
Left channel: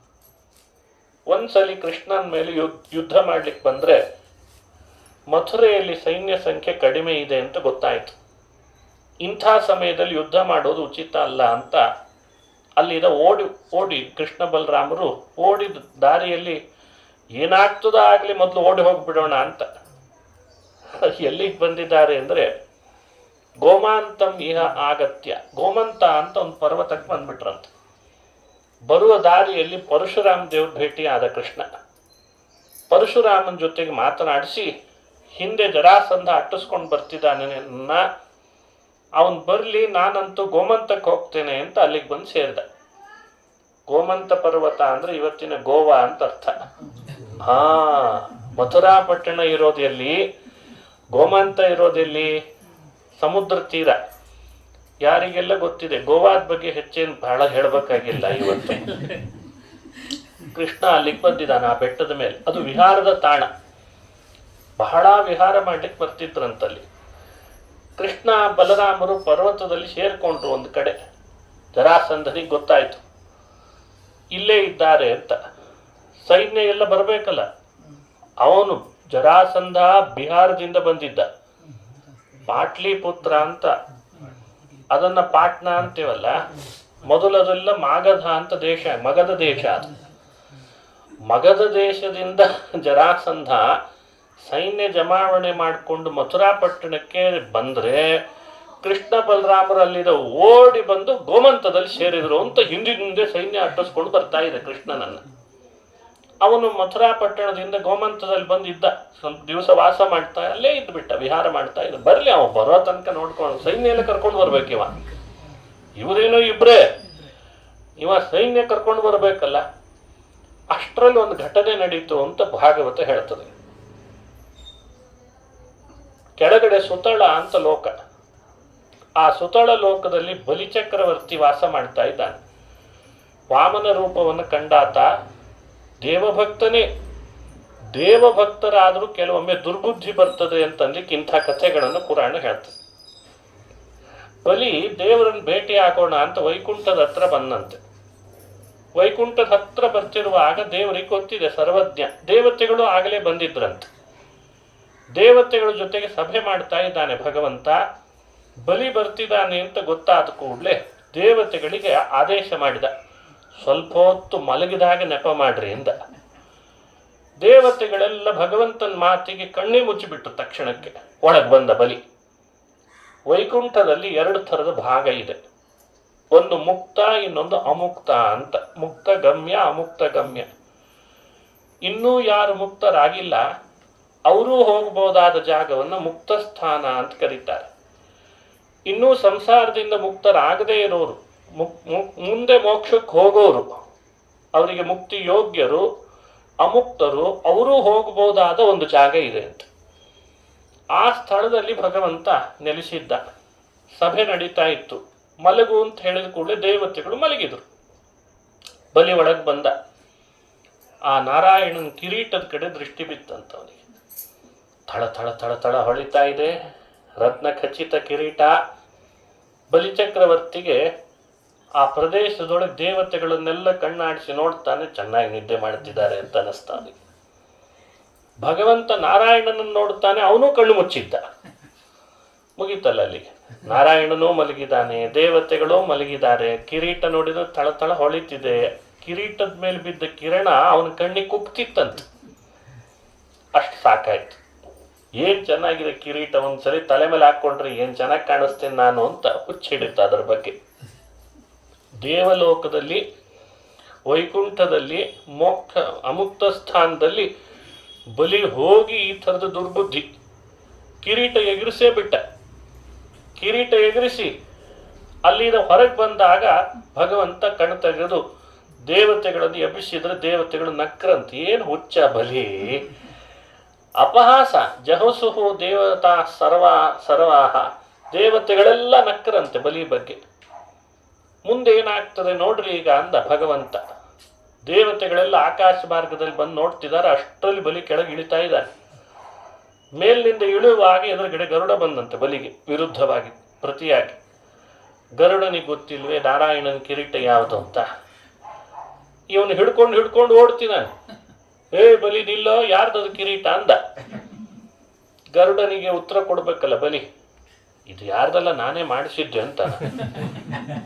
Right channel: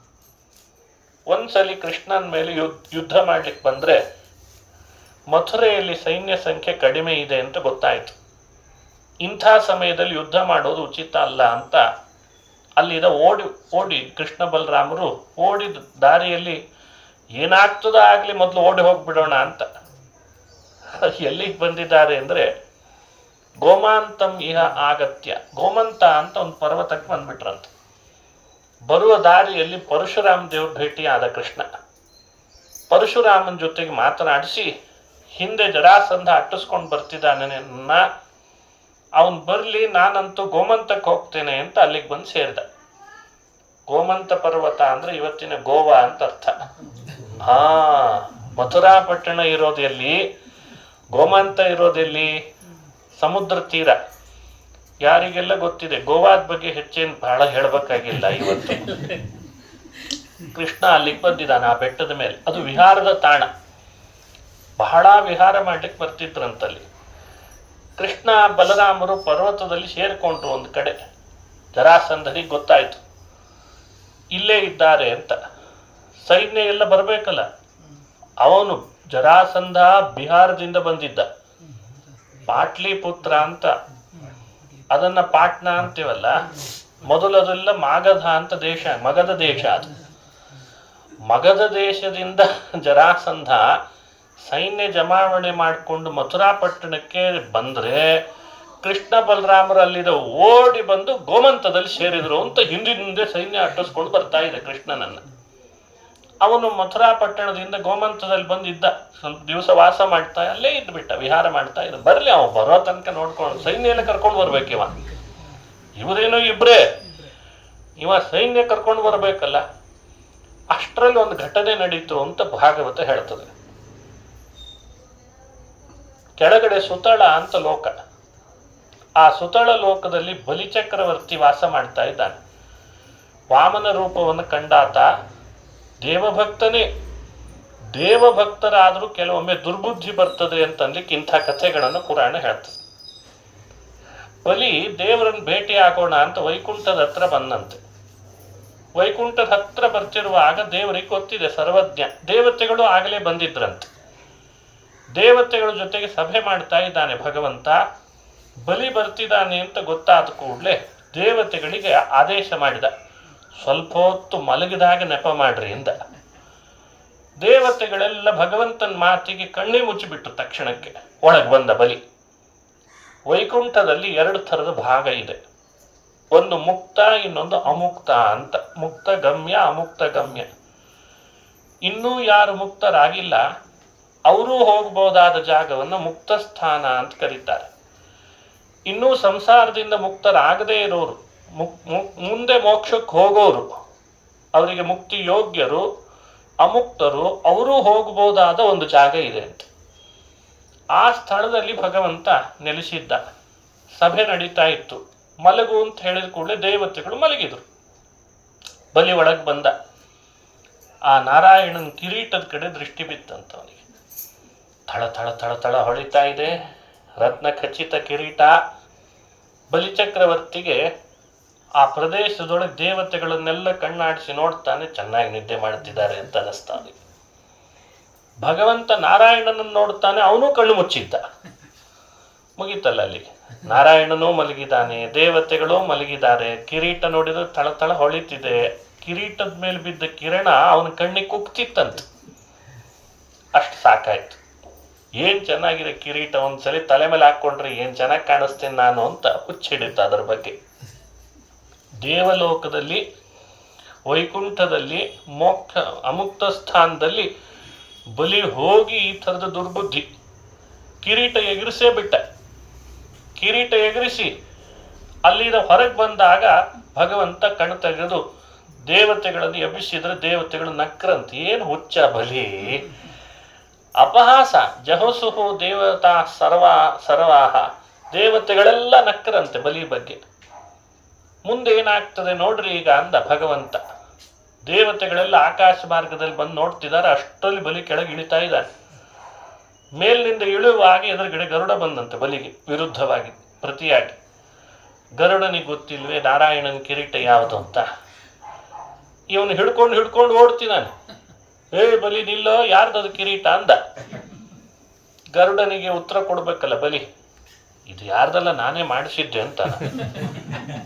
ಒಂದ್ಸಲಿ ಕೃಷ್ಣನ ಮೇಲೆ ಯುದ್ಧ ಮಾಡ್ಲಿಕ್ಕೆ ಬಂದ್ರೆ ಮಥುರೆಯಲ್ಲಿ ಸೈನ್ಯ ಸಂಖ್ಯೆ ಕಡಿಮೆ ಇದೆ ಅಂತ ಗೊತ್ತಾಯ್ತು. ಇಂಥ ಸಮಯದಲ್ಲಿ ಯುದ್ಧ ಮಾಡೋದು ಉಚಿತ ಅಲ್ಲ ಅಂತ ಅಲ್ಲಿಂದ ಓಡಿ ಕೃಷ್ಣ ಬಲರಾಮರು ಓಡಿದ ದಾರಿಯಲ್ಲಿ ಏನಾಗ್ತದ ಆಗ್ಲಿ ಮೊದಲು ಓಡಿ ಹೋಗ್ಬಿಡೋಣ ಅಂತ ಎಲ್ಲಿಗೆ ಬಂದಿದ್ದಾರೆ ಅಂದ್ರೆ ಗೋಮಾಂತಂ ಇಹ ಆಗತ್ಯ, ಗೋಮಂತ ಅಂತ ಒಂದು ಪರ್ವತಕ್ಕೆ ಬಂದ್ಬಿಟ್ರಂತೆ. ಬರುವ ದಾರಿಯಲ್ಲಿ ಪರಶುರಾಮ ದೇವ್ರ ಭೇಟಿ ಆದ ಕೃಷ್ಣ. ಪರಶುರಾಮನ ಜೊತೆಗೆ ಮಾತನಾಡಿಸಿ ಹಿಂದೆ ಜರಾಸಂಧ ಅಟ್ಟಿಸ್ಕೊಂಡು ಬರ್ತಿದ್ದಾನೆ, ಅವನ್ ಬರ್ಲಿ, ನಾನಂತೂ ಗೋಮಂತಕ್ಕೆ ಹೋಗ್ತೇನೆ ಅಂತ ಅಲ್ಲಿಗೆ ಬಂದು ಸೇರಿದ. ಗೋಮಂತ ಪರ್ವತ ಅಂದ್ರೆ ಇವತ್ತಿನ ಗೋವಾ ಅಂತ ಅರ್ಥ. ಮಥುರಾ ಪಟ್ಟಣ ಇರೋದೆಲ್ಲಿ, ಗೋಮಂತ ಇರೋದೆಲ್ಲಿ, ಸಮುದ್ರ ತೀರ. ಯಾರಿಗೆಲ್ಲ ಗೊತ್ತಿದೆ. ಗೋವಾದ ಬಗ್ಗೆ ಹೆಚ್ಚೇನು ಬಹಳ ಹೇಳ್ಬೇಕಾಗಿಲ್ಲ. ಇವತ್ತು ಕೃಷ್ಣ ಅಲ್ಲಿಗೆ ಬಂದಿದ್ದಾನೆ ಆ ಬೆಟ್ಟದ ಮೇಲೆ. ಅದು ವಿಹಾರದ ತಾಣ. ಬಹಳ ವಿಹಾರ ಮಾಡ್ಲಿಕ್ಕೆ ಬರ್ತಿದ್ರಂತಲ್ಲಿ. ಕೃಷ್ಣ ಬಲರಾಮರು ಪರ್ವತದಲ್ಲಿ ಸೇರ್ಕೊಂಡ್ರು ಒಂದು ಕಡೆ. ಜರಾಸಂಧನಿಗೆ ಗೊತ್ತಾಯ್ತು ಇಲ್ಲೇ ಇದ್ದಾರೆ ಅಂತ. ಸೈನ್ಯ ಎಲ್ಲ ಬರಬೇಕಲ್ಲ. ಅವನು ಜರಾಸಂಧ ಬಿಹಾರದಿಂದ ಬಂದಿದ್ದ. ಪಾಟ್ಲಿಪುತ್ರ ಅಂತ, ಅದನ್ನ ಪಾಟ್ನಾ ಅಂತೀವಲ್ಲ, ಮೊದಲದೆಲ್ಲ ಮಾಗಧ ಅಂತ ದೇಶ, ಮಗಧ ದೇಶ. ಅದು ಮಗಧ ದೇಶದಿಂದ ಜರಾಸಂಧ ಸೈನ್ಯ ಜಮಾವಣೆ ಮಾಡಿಕೊಂಡು ಮಥುರಾ ಪಟ್ಟಣಕ್ಕೆ ಬಂದ್ರೆ ಕೃಷ್ಣ ಬಲರಾಮರು ಅಲ್ಲಿದ ಓಡಿ ಬಂದು ಗೋಮಂತದಲ್ಲಿ ಸೇರಿದ್ರು ಅಂತ ಹಿಂದೆ ಸೈನ್ಯ ಅಟ್ಟಿಸ್ಕೊಂಡು ಬರ್ತಾ ಇದೆ ಕೃಷ್ಣನನ್ನ. ಅವನು ಮಥುರಾ ಪಟ್ಟಣದಿಂದ ಗೋಮಂತದಲ್ಲಿ ಬಂದಿದ್ದ. ಸ್ವಲ್ಪ ದಿವಸ ವಾಸ ಮಾಡ್ತಾ ಅಲ್ಲೇ ಇದ್ಬಿಟ್ಟ, ವಿಹಾರ ಮಾಡ್ತಾ ಇದ್ದ. ಬರ್ಲಿ ಅವ ಬರೋ ತನಕ ನೋಡ್ಕೊಂಡು ಸೈನ್ಯ ಎಲ್ಲ ಕರ್ಕೊಂಡು ಬರ್ಬೇಕು. ಇವರೇನೋ ಇಬ್ರೇ, ಇವ ಸೈನ್ಯ ಕರ್ಕೊಂಡು ಬರ್ಬೇಕಲ್ಲ. ಅಷ್ಟರಲ್ಲಿ ಒಂದು ಘಟನೆ ನಡೀತು ಅಂತ ಭಾಗವತ ಹೇಳ್ತದೆ. ಕೆಳಗಡೆ ಸುತಳ ಅಂತ ಲೋಕ. ಆ ಸುತಳ ಲೋಕದಲ್ಲಿ ಬಲಿಚಕ್ರವರ್ತಿ ವಾಸ ಮಾಡ್ತಾ ಇದ್ದಾನೆ. ವಾಮನ ರೂಪವನ್ನು ಕಂಡಾತ ದೇವಭಕ್ತನೇ. ದೇವಭಕ್ತರಾದರೂ ಕೆಲವೊಮ್ಮೆ ದುರ್ಬುದ್ಧಿ ಬರ್ತದೆ ಅಂತಂದಕ್ಕೆ ಇಂಥ ಕಥೆಗಳನ್ನು ಪುರಾಣ ಹೇಳ್ತದೆ. ಬಲಿ ದೇವರನ್ನು ಭೇಟಿ ಆಗೋಣ ಅಂತ ವೈಕುಂಠದ ಹತ್ರ ಬಂದಂತೆ. ವೈಕುಂಠದ ಹತ್ರ ಬರ್ತಿರುವಾಗ ದೇವರಿಗೆ ಗೊತ್ತಿದೆ, ಸರ್ವಜ್ಞ. ದೇವತೆಗಳು ಆಗಲೇ ಬಂದಿದ್ರಂತೆ. ದೇವತೆಗಳ ಜೊತೆಗೆ ಸಭೆ ಮಾಡ್ತಾ ಇದ್ದಾನೆ ಭಗವಂತ. ಬಲಿ ಬರ್ತಿದ್ದಾನೆ ಅಂತ ಗೊತ್ತಾದ ಕೂಡಲೇ ದೇವತೆಗಳಿಗೆ ಆದೇಶ ಮಾಡಿದ, ಸ್ವಲ್ಪ ಹೊತ್ತು ಮಲಗಿದಾಗ ನೆಪ ಮಾಡ್ರಿ ಎಂದ. ದೇವತೆಗಳೆಲ್ಲ ಭಗವಂತನ ಮಾತಿಗೆ ಕಣ್ಣೇ ಮುಚ್ಚಿಬಿಟ್ರು. ತಕ್ಷಣಕ್ಕೆ ಒಳಗೆ ಬಂದ ಬಲಿ. ವೈಕುಂಠದಲ್ಲಿ 2 ಥರದ ಭಾಗ ಇದೆ. ಒಂದು ಮುಕ್ತ, ಇನ್ನೊಂದು ಅಮುಕ್ತ ಅಂತ. ಮುಕ್ತ ಗಮ್ಯ, ಅಮುಕ್ತ ಗಮ್ಯ. ಇನ್ನೂ ಯಾರು ಮುಕ್ತರಾಗಿಲ್ಲ ಅವರೂ ಹೋಗಬಹುದಾದ ಜಾಗವನ್ನು ಮುಕ್ತ ಸ್ಥಾನ ಅಂತ ಕರೀತಾರೆ. ಇನ್ನೂ ಸಂಸಾರದಿಂದ ಮುಕ್ತರಾಗದೇ ಇರೋರು, ಮುಂದೆ ಮೋಕ್ಷಕ್ಕೆ ಹೋಗೋರು, ಅವರಿಗೆ ಮುಕ್ತಿ ಯೋಗ್ಯರು, ಅಮುಕ್ತರು, ಅವರೂ ಹೋಗಬಹುದಾದ ಒಂದು ಜಾಗ ಇದೆ ಅಂತ. ಆ ಸ್ಥಳದಲ್ಲಿ ಭಗವಂತ ನೆಲೆಸಿದ್ದ. ಸಭೆ ನಡೀತಾ ಇತ್ತು. ಮಲಗು ಅಂತ ಹೇಳಿದ ಕೂಡಲೇ ದೇವತೆಗಳು ಮಲಗಿದ್ರು. ಬಲಿ ಒಳಗೆ ಬಂದ. ಆ ನಾರಾಯಣನ ಕಿರೀಟದ ಕಡೆ ದೃಷ್ಟಿ ಬಿತ್ತಂತವನಿಗೆ. ಥಳ ಥಳ ಥಳ ಥಳ ಹೊಳಿತಾ ಇದೆ, ರತ್ನ ಖಚಿತ ಕಿರೀಟ. ಬಲಿಚಕ್ರವರ್ತಿಗೆ ಆ ಪ್ರದೇಶದೊಳಗೆ ದೇವತೆಗಳನ್ನೆಲ್ಲ ಕಣ್ಣಾಡಿಸಿ ನೋಡ್ತಾನೆ. ಚೆನ್ನಾಗಿ ನಿದ್ದೆ ಮಾಡ್ತಿದ್ದಾರೆ ಅಂತ ಅನಿಸ್ತಾನೆ. ಭಗವಂತ ನಾರಾಯಣನನ್ನು ನೋಡ್ತಾನೆ, ಅವನು ಕಣ್ಣು ಮುಚ್ಚಿದ್ದ. ಮುಗೀತಲ್ಲ ಅಲ್ಲಿ. ನಾರಾಯಣನೂ ಮಲಗಿದ್ದಾನೆ, ದೇವತೆಗಳು ಮಲಗಿದ್ದಾರೆ. ಕಿರೀಟ ನೋಡಿದ್ರೆ ಥಳ ಥಳ ಹೊಳಿತಿದೆ. ಕಿರೀಟದ ಮೇಲೆ ಬಿದ್ದ ಕಿರಣ ಅವನ ಕಣ್ಣಿಗೆ ಕುಗ್ತಿತ್ತಂತೆ. ಅಷ್ಟು ಸಾಕಾಯ್ತು. ಏನ್ ಚೆನ್ನಾಗಿದೆ ಕಿರೀಟ, ಒಂದ್ಸರಿ ತಲೆ ಮೇಲೆ ಹಾಕೊಂಡ್ರೆ ಏನ್ ಚೆನ್ನಾಗಿ ಕಾಣಿಸ್ತೇನೆ ನಾನು ಅಂತ ಹುಚ್ಚಿಡಿತ ಅದರ ಬಗ್ಗೆ. ದೇವಲೋಕದಲ್ಲಿ, ವೈಕುಂಠದಲ್ಲಿ, ಮೋಕ್ಷ ಅಮುಕ್ತ ಸ್ಥಾನದಲ್ಲಿ ಬಲಿ ಹೋಗಿ ಈ ಥರದ ದುರ್ಬುದ್ಧಿ. ಕಿರೀಟ ಎಗರಿಸೇ ಬಿಟ್ಟ. ಕಿರೀಟ ಎಗರಿಸಿ ಅಲ್ಲಿಂದ ಹೊರಗೆ ಬಂದಾಗ ಭಗವಂತ ಕಣ್ಣು ತೆಗೆದು ದೇವತೆಗಳನ್ನು ಎಬ್ಬಿಸಿದ್ರೆ ದೇವತೆಗಳು ನಕ್ರಂತ. ಏನು ಹುಚ್ಚ ಬಲಿ, ಅಪಹಾಸ ಜಹಸುಹು ದೇವತಾ ಸರ್ವಾಹ, ದೇವತೆಗಳೆಲ್ಲ ನಕ್ಕರಂತೆ ಬಲಿ ಬಗ್ಗೆ. ಮುಂದೆ ಏನಾಗ್ತದೆ ನೋಡ್ರಿ ಈಗ ಅಂದ ಭಗವಂತ. ದೇವತೆಗಳೆಲ್ಲ ಆಕಾಶ ಮಾರ್ಗದಲ್ಲಿ ಬಂದು ನೋಡ್ತಿದ್ದಾರೆ, ಅಷ್ಟರಲ್ಲಿ ಬಲಿ ಕೆಳಗೆ ಇಳಿತಾ ಇದ್ದಾನೆ. ಮೇಲಿನಿಂದ ಇಳುವಾಗ ಎದುರುಗಡೆ ಗರುಡ ಬಂದಂತೆ ಬಲಿಗೆ ವಿರುದ್ಧವಾಗಿ ಪ್ರತಿಯಾಗಿ. ಗರುಡನಿಗೆ ಗೊತ್ತಿಲ್ವೇ ನಾರಾಯಣನ ಕಿರೀಟ ಯಾವುದು ಅಂತ. ಇವನು ಹಿಡ್ಕೊಂಡು ಓಡ್ತೀನಾನೆ. ಬಲಿ ನಿಲ್ಲೋ, ಯಾರ್ದದು ಕಿರೀಟ ಅಂದ. ಗರುಡನಿಗೆ ಉತ್ತರ ಕೊಡ್ಬೇಕಲ್ಲ ಬಲಿ, ಇದು ಯಾರ್ದಲ್ಲ ನಾನೇ ಮಾಡಿಸಿದ್ದೆ ಅಂತ.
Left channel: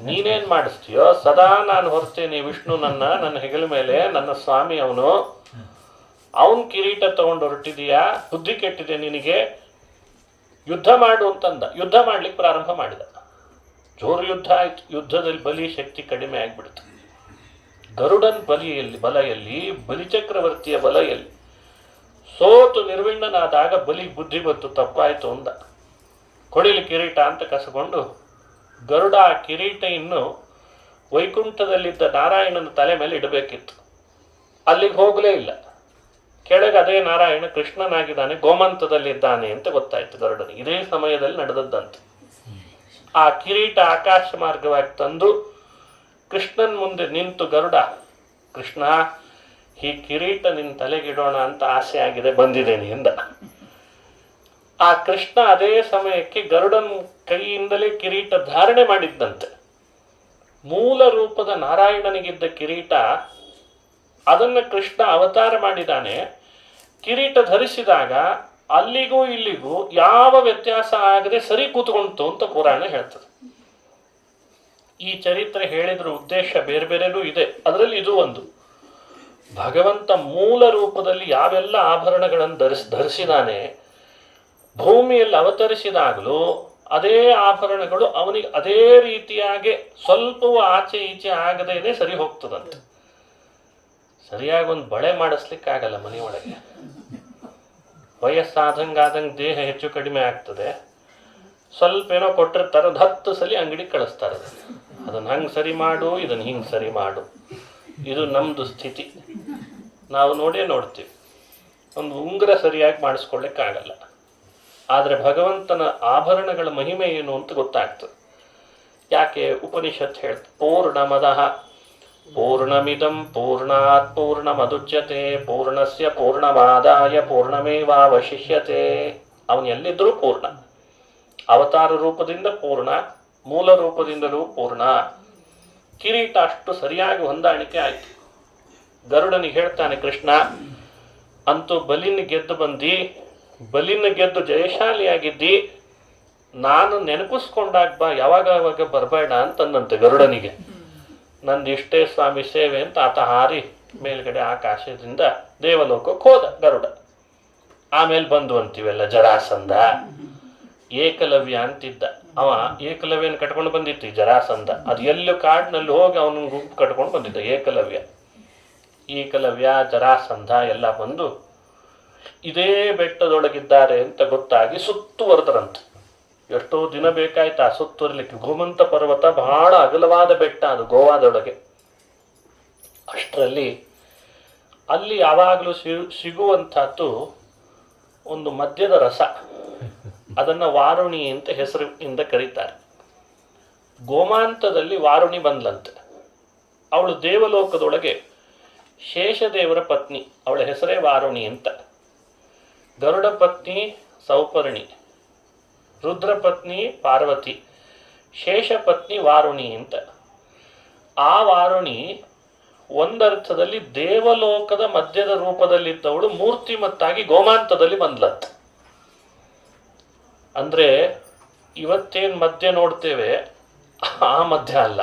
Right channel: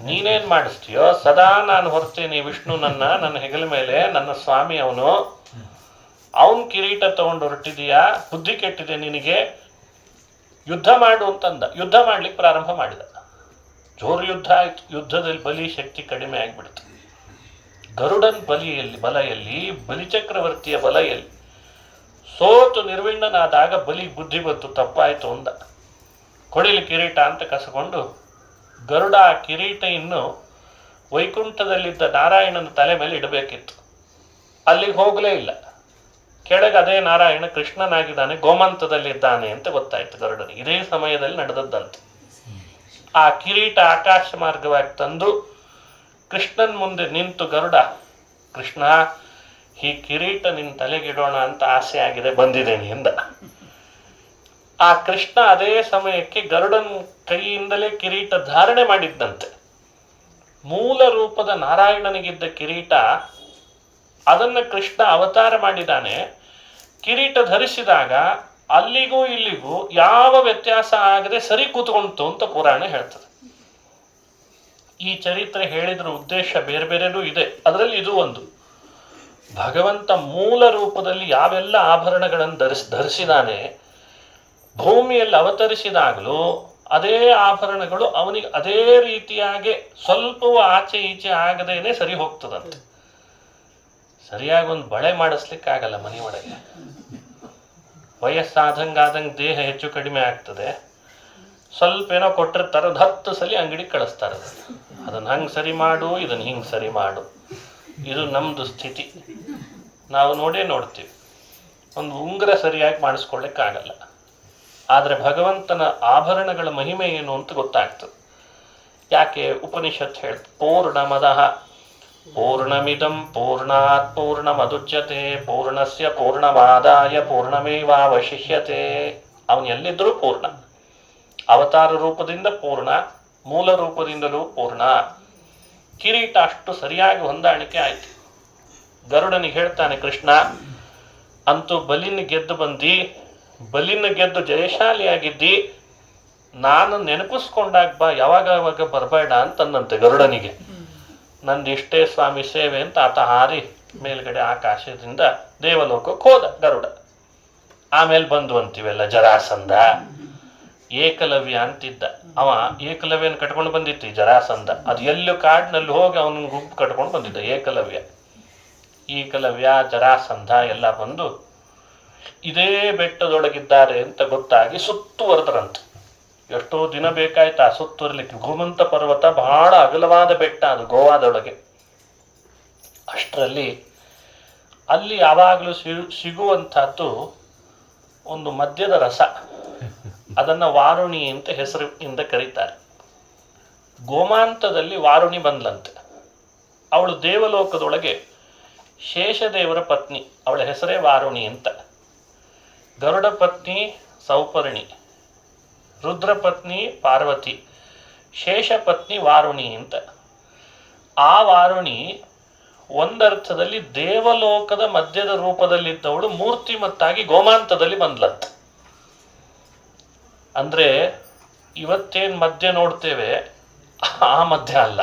ನೀನೇನ್ ಮಾಡಿಸ್ತೀಯೋ, ಸದಾ ನಾನು ಹೊರ್ತೇನೆ ವಿಷ್ಣು ನನ್ನ ಹೆಗಲ ಮೇಲೆ, ನನ್ನ ಸ್ವಾಮಿ ಅವನು, ಅವನ್ ಕಿರೀಟ ತಗೊಂಡು ಹೊರಟಿದೀಯಾ, ಬುದ್ಧಿ ಕೆಟ್ಟಿದೆ ನಿನಗೆ, ಯುದ್ಧ ಮಾಡು ಅಂತಂದ. ಯುದ್ಧ ಮಾಡ್ಲಿಕ್ಕೆ ಪ್ರಾರಂಭ ಮಾಡಿದ. ಜೋರು ಯುದ್ಧ ಆಯ್ತು. ಯುದ್ಧದಲ್ಲಿ ಬಲಿ ಶಕ್ತಿ ಕಡಿಮೆ ಆಗ್ಬಿಡ್ತು. ಗರುಡನ್ ಬಲೆಯಲ್ಲಿ ಬಲಿಚಕ್ರವರ್ತಿಯ ಬಲೆಯಲ್ಲಿ ಸೋತು ನಿರ್ವಿಣ್ಣನಾದಾಗ ಬಲಿಗೆ ಬುದ್ಧಿ ಬಂತು, ತಪ್ಪಾಯ್ತು ಅಂದ. ಕೊಡಿಲಿ ಕಿರೀಟ ಅಂತ ಕಸಕೊಂಡು ಗರುಡ ಆ ಕಿರೀಟ ಇನ್ನು ವೈಕುಂಠದಲ್ಲಿದ್ದ ನಾರಾಯಣನ ತಲೆ ಮೇಲೆ ಇಡಬೇಕಿತ್ತು. ಅಲ್ಲಿಗೆ ಹೋಗಲೇ ಇಲ್ಲ. ಕೆಳಗೆ ಅದೇ ನಾರಾಯಣ ಕೃಷ್ಣನಾಗಿದ್ದಾನೆ, ಗೋಮಂತದಲ್ಲಿದ್ದಾನೆ ಅಂತ ಗೊತ್ತಾಯ್ತು ಗರುಡನಿಗೆ. ಇದೇ ಸಮಯದಲ್ಲಿ ನಡೆದದ್ದಂತೆ. ಆ ಕಿರೀಟ ಆಕಾಶ ಮಾರ್ಗವಾಗಿ ತಂದು ಕೃಷ್ಣನ್ ಮುಂದೆ ನಿಂತು ಗರುಡ, ಕೃಷ್ಣ ಈ ಕಿರೀಟ ನಿನ್ನ ತಲೆಗಿಡೋಣ ಅಂತ ಆಸೆ ಆಗಿದೆ, ಬಂದಿದ್ದೇನೆ ಎಂದ. ಆ ಕೃಷ್ಣ ಅದೇ ಸಮಯಕ್ಕೆ ಗರುಡನ್ ಕೈಯಿಂದಲೇ ಕಿರೀಟ ಧಾರಣೆ ಮಾಡಿದ್ದಂತೆ. ಮೂಲ ರೂಪದ ನಾರಾಯಣನಿಗಿದ್ದ ಕಿರೀಟ, ಅದನ್ನು ಕೃಷ್ಣ ಅವತಾರ ಮಾಡಿದ್ದಾನೆ. ಕಿರೀಟ ಧರಿಸಿದಾಗ ಅಲ್ಲಿಗೂ ಇಲ್ಲಿಗೂ ಯಾವ ವ್ಯತ್ಯಾಸ ಆಗದೆ ಸರಿ ಕೂತ್ಕೊಂತು ಅಂತ ಪುರಾಣ ಹೇಳ್ತದೆ. ಈ ಚರಿತ್ರೆ ಹೇಳಿದ್ರ ಉದ್ದೇಶ ಬೇರೆ ಬೇರೆನೂ ಇದೆ. ಅದರಲ್ಲಿ ಇದು ಒಂದು. ಭಗವಂತ ಮೂಲ ರೂಪದಲ್ಲಿ ಯಾವೆಲ್ಲ ಆಭರಣಗಳನ್ನು ಧರಿಸಿದಾನೆ, ಭೂಮಿಯಲ್ಲಿ ಅವತರಿಸಿದಾಗಲೂ ಅದೇ ಆಭರಣಗಳು ಅವನಿಗೆ ಅದೇ ರೀತಿಯಾಗಿ ಸ್ವಲ್ಪವೂ ಆಚೆ ಈಚೆ ಆಗದೇನೆ ಸರಿ ಹೋಗ್ತದಂತೆ. ಸರಿಯಾಗಿ ಒಂದು ಬಳೆ ಮಾಡಿಸ್ಲಿಕ್ಕಾಗಲ್ಲ ಮನೆಯೊಳಗೆ. ವಯಸ್ಸಾದಂಗಾದಂಗೆ ದೇಹ ಹೆಚ್ಚು ಕಡಿಮೆ ಆಗ್ತದೆ. ಸ್ವಲ್ಪ ಏನೋ ಕೊಟ್ಟಿರ್ತಾರೆ, 10 ಸಲ ಅಂಗಡಿ ಕಳಿಸ್ತಾರೆ. ಅದನ್ನು ಹಂಗೆ ಸರಿ ಮಾಡು, ಇದನ್ನು ಹಿಂಗೆ ಸರಿ ಮಾಡು. ಇದು ನಮ್ಮದು ಸ್ಥಿತಿ. ನಾವು ನೋಡ್ತೀವಿ. ಒಂದು ಉಂಗುರ ಸರಿಯಾಗಿ ಮಾಡಿಸ್ಕೊಳ್ಳಿಕ್ಕಾಗಲ್ಲ. ಆದರೆ ಭಗವಂತನ ಆಭರಣಗಳ ಮಹಿಮೆ ಏನು ಅಂತ ಗೊತ್ತಾಗ್ತದೆ. ಯಾಕೆ ಉಪನಿಷತ್ ಹೇಳ್ತದೆ, ಪೂರ್ಣಮದಃ ಪೂರ್ಣಮಿದಂ ಪೂರ್ಣಾತ್ ಪೂರ್ಣಮದುಚ್ಯತೆ ಪೂರ್ಣಸ್ಯ ಪೂರ್ಣಮಾದಾಯ ಪೂರ್ಣಮೇವಾವಶಿಷ್ಯತೆ. ಅವನು ಎಲ್ಲಿದ್ದರೂ ಪೂರ್ಣ. ಅವತಾರ ರೂಪದಿಂದ ಪೂರ್ಣ, ಮೂಲ ರೂಪದಿಂದಲೂ ಪೂರ್ಣ. ಕಿರೀಟ ಅಷ್ಟು ಸರಿಯಾಗಿ ಹೊಂದಾಣಿಕೆ ಆಯಿತು. ಗರುಡನಿಗೆ ಹೇಳ್ತಾನೆ ಕೃಷ್ಣ, ಅಂತೂ ಬಲಿನ ಗೆದ್ದು ಬಂದು ಜಯಶಾಲಿಯಾಗಿದ್ದಿ, ನಾನು ನೆನಪಿಸ್ಕೊಂಡಾಗ ಬಾ, ಯಾವಾಗ ಬರಬೇಡ ಅಂತಂದಂತೆ ಗರುಡನಿಗೆ. ನಂದು ಇಷ್ಟೇ ಸ್ವಾಮಿ ಸೇವೆ ಅಂತ ಆತ ಹಾರಿ ಮೇಲ್ಗಡೆ ಆಕಾಶದಿಂದ ದೇವಲೋಕಕ್ಕೆ ಹೋದ ಗರುಡ. ಆಮೇಲೆ ಬಂದು ಅಂತೀವೆಲ್ಲ ಜರಾಸಂಧ, ಏಕಲವ್ಯ ಅಂತಿದ್ದ. ಅವ ಏಕಲವ್ಯನ ಕಟ್ಕೊಂಡು ಬಂದಿತ್ತು ಜರಾಸಂಧ. ಅದು ಎಲ್ಲೂ ಕಾಡಿನಲ್ಲಿ ಹೋಗಿ ಅವನ ಗುಂಪು ಕಟ್ಕೊಂಡು ಬಂದಿದ್ದ ಏಕಲವ್ಯ ಜರಾಸಂಧ ಎಲ್ಲ ಬಂದು ಇದೇ ಬೆಟ್ಟದೊಳಗಿದ್ದಾರೆ ಅಂತ ಗೊತ್ತಾಗಿ ಸುತ್ತುವರೆದ್ರಂತೆ. ಎಷ್ಟೋ ದಿನ ಬೇಕಾಯ್ತು ಆ ಸುತ್ತುವರಲಿಕ್ಕೆ. ಗೋಮಂತ ಪರ್ವತ ಬಹಳ ಅಗಲವಾದ ಬೆಟ್ಟ, ಅದು ಗೋವಾದೊಳಗೆ. ಅಷ್ಟರಲ್ಲಿ ಅಲ್ಲಿ ಯಾವಾಗಲೂ ಸಿಗುವಂಥದ್ದು ಒಂದು ಮದ್ಯದ ರಸ. ಅದನ್ನು ವಾರುಣಿ ಅಂತ ಹೆಸರಿನಿಂದ ಕರೀತಾರೆ. ಗೋಮಾಂತದಲ್ಲಿ ವಾರುಣಿ ಬಂದ್ಲಂತೆ. ಅವಳು ದೇವಲೋಕದೊಳಗೆ ಶೇಷದೇವರ ಪತ್ನಿ, ಅವಳ ಹೆಸರೇ ವಾರುಣಿ ಅಂತ. ಗರುಡ ಪತ್ನಿ ಸೌಪರ್ಣಿ, ರುದ್ರ ಪತ್ನಿ ಪಾರ್ವತಿ, ಶೇಷ ಪತ್ನಿ ವಾರುಣಿ ಅಂತ. ಆ ವಾರುಣಿ ಒಂದರ್ಥದಲ್ಲಿ ದೇವಲೋಕದ ಮಧ್ಯದ ರೂಪದಲ್ಲಿದ್ದವಳು ಮೂರ್ತಿಮತ್ತಾಗಿ ಗೋಮಾಂತದಲ್ಲಿ ಬಂದ್ಲಂತ. ಅಂದ್ರೆ ಇವತ್ತೇನ್ ಮಧ್ಯ ನೋಡ್ತೇವೆ ಆ ಮಧ್ಯ ಅಲ್ಲ.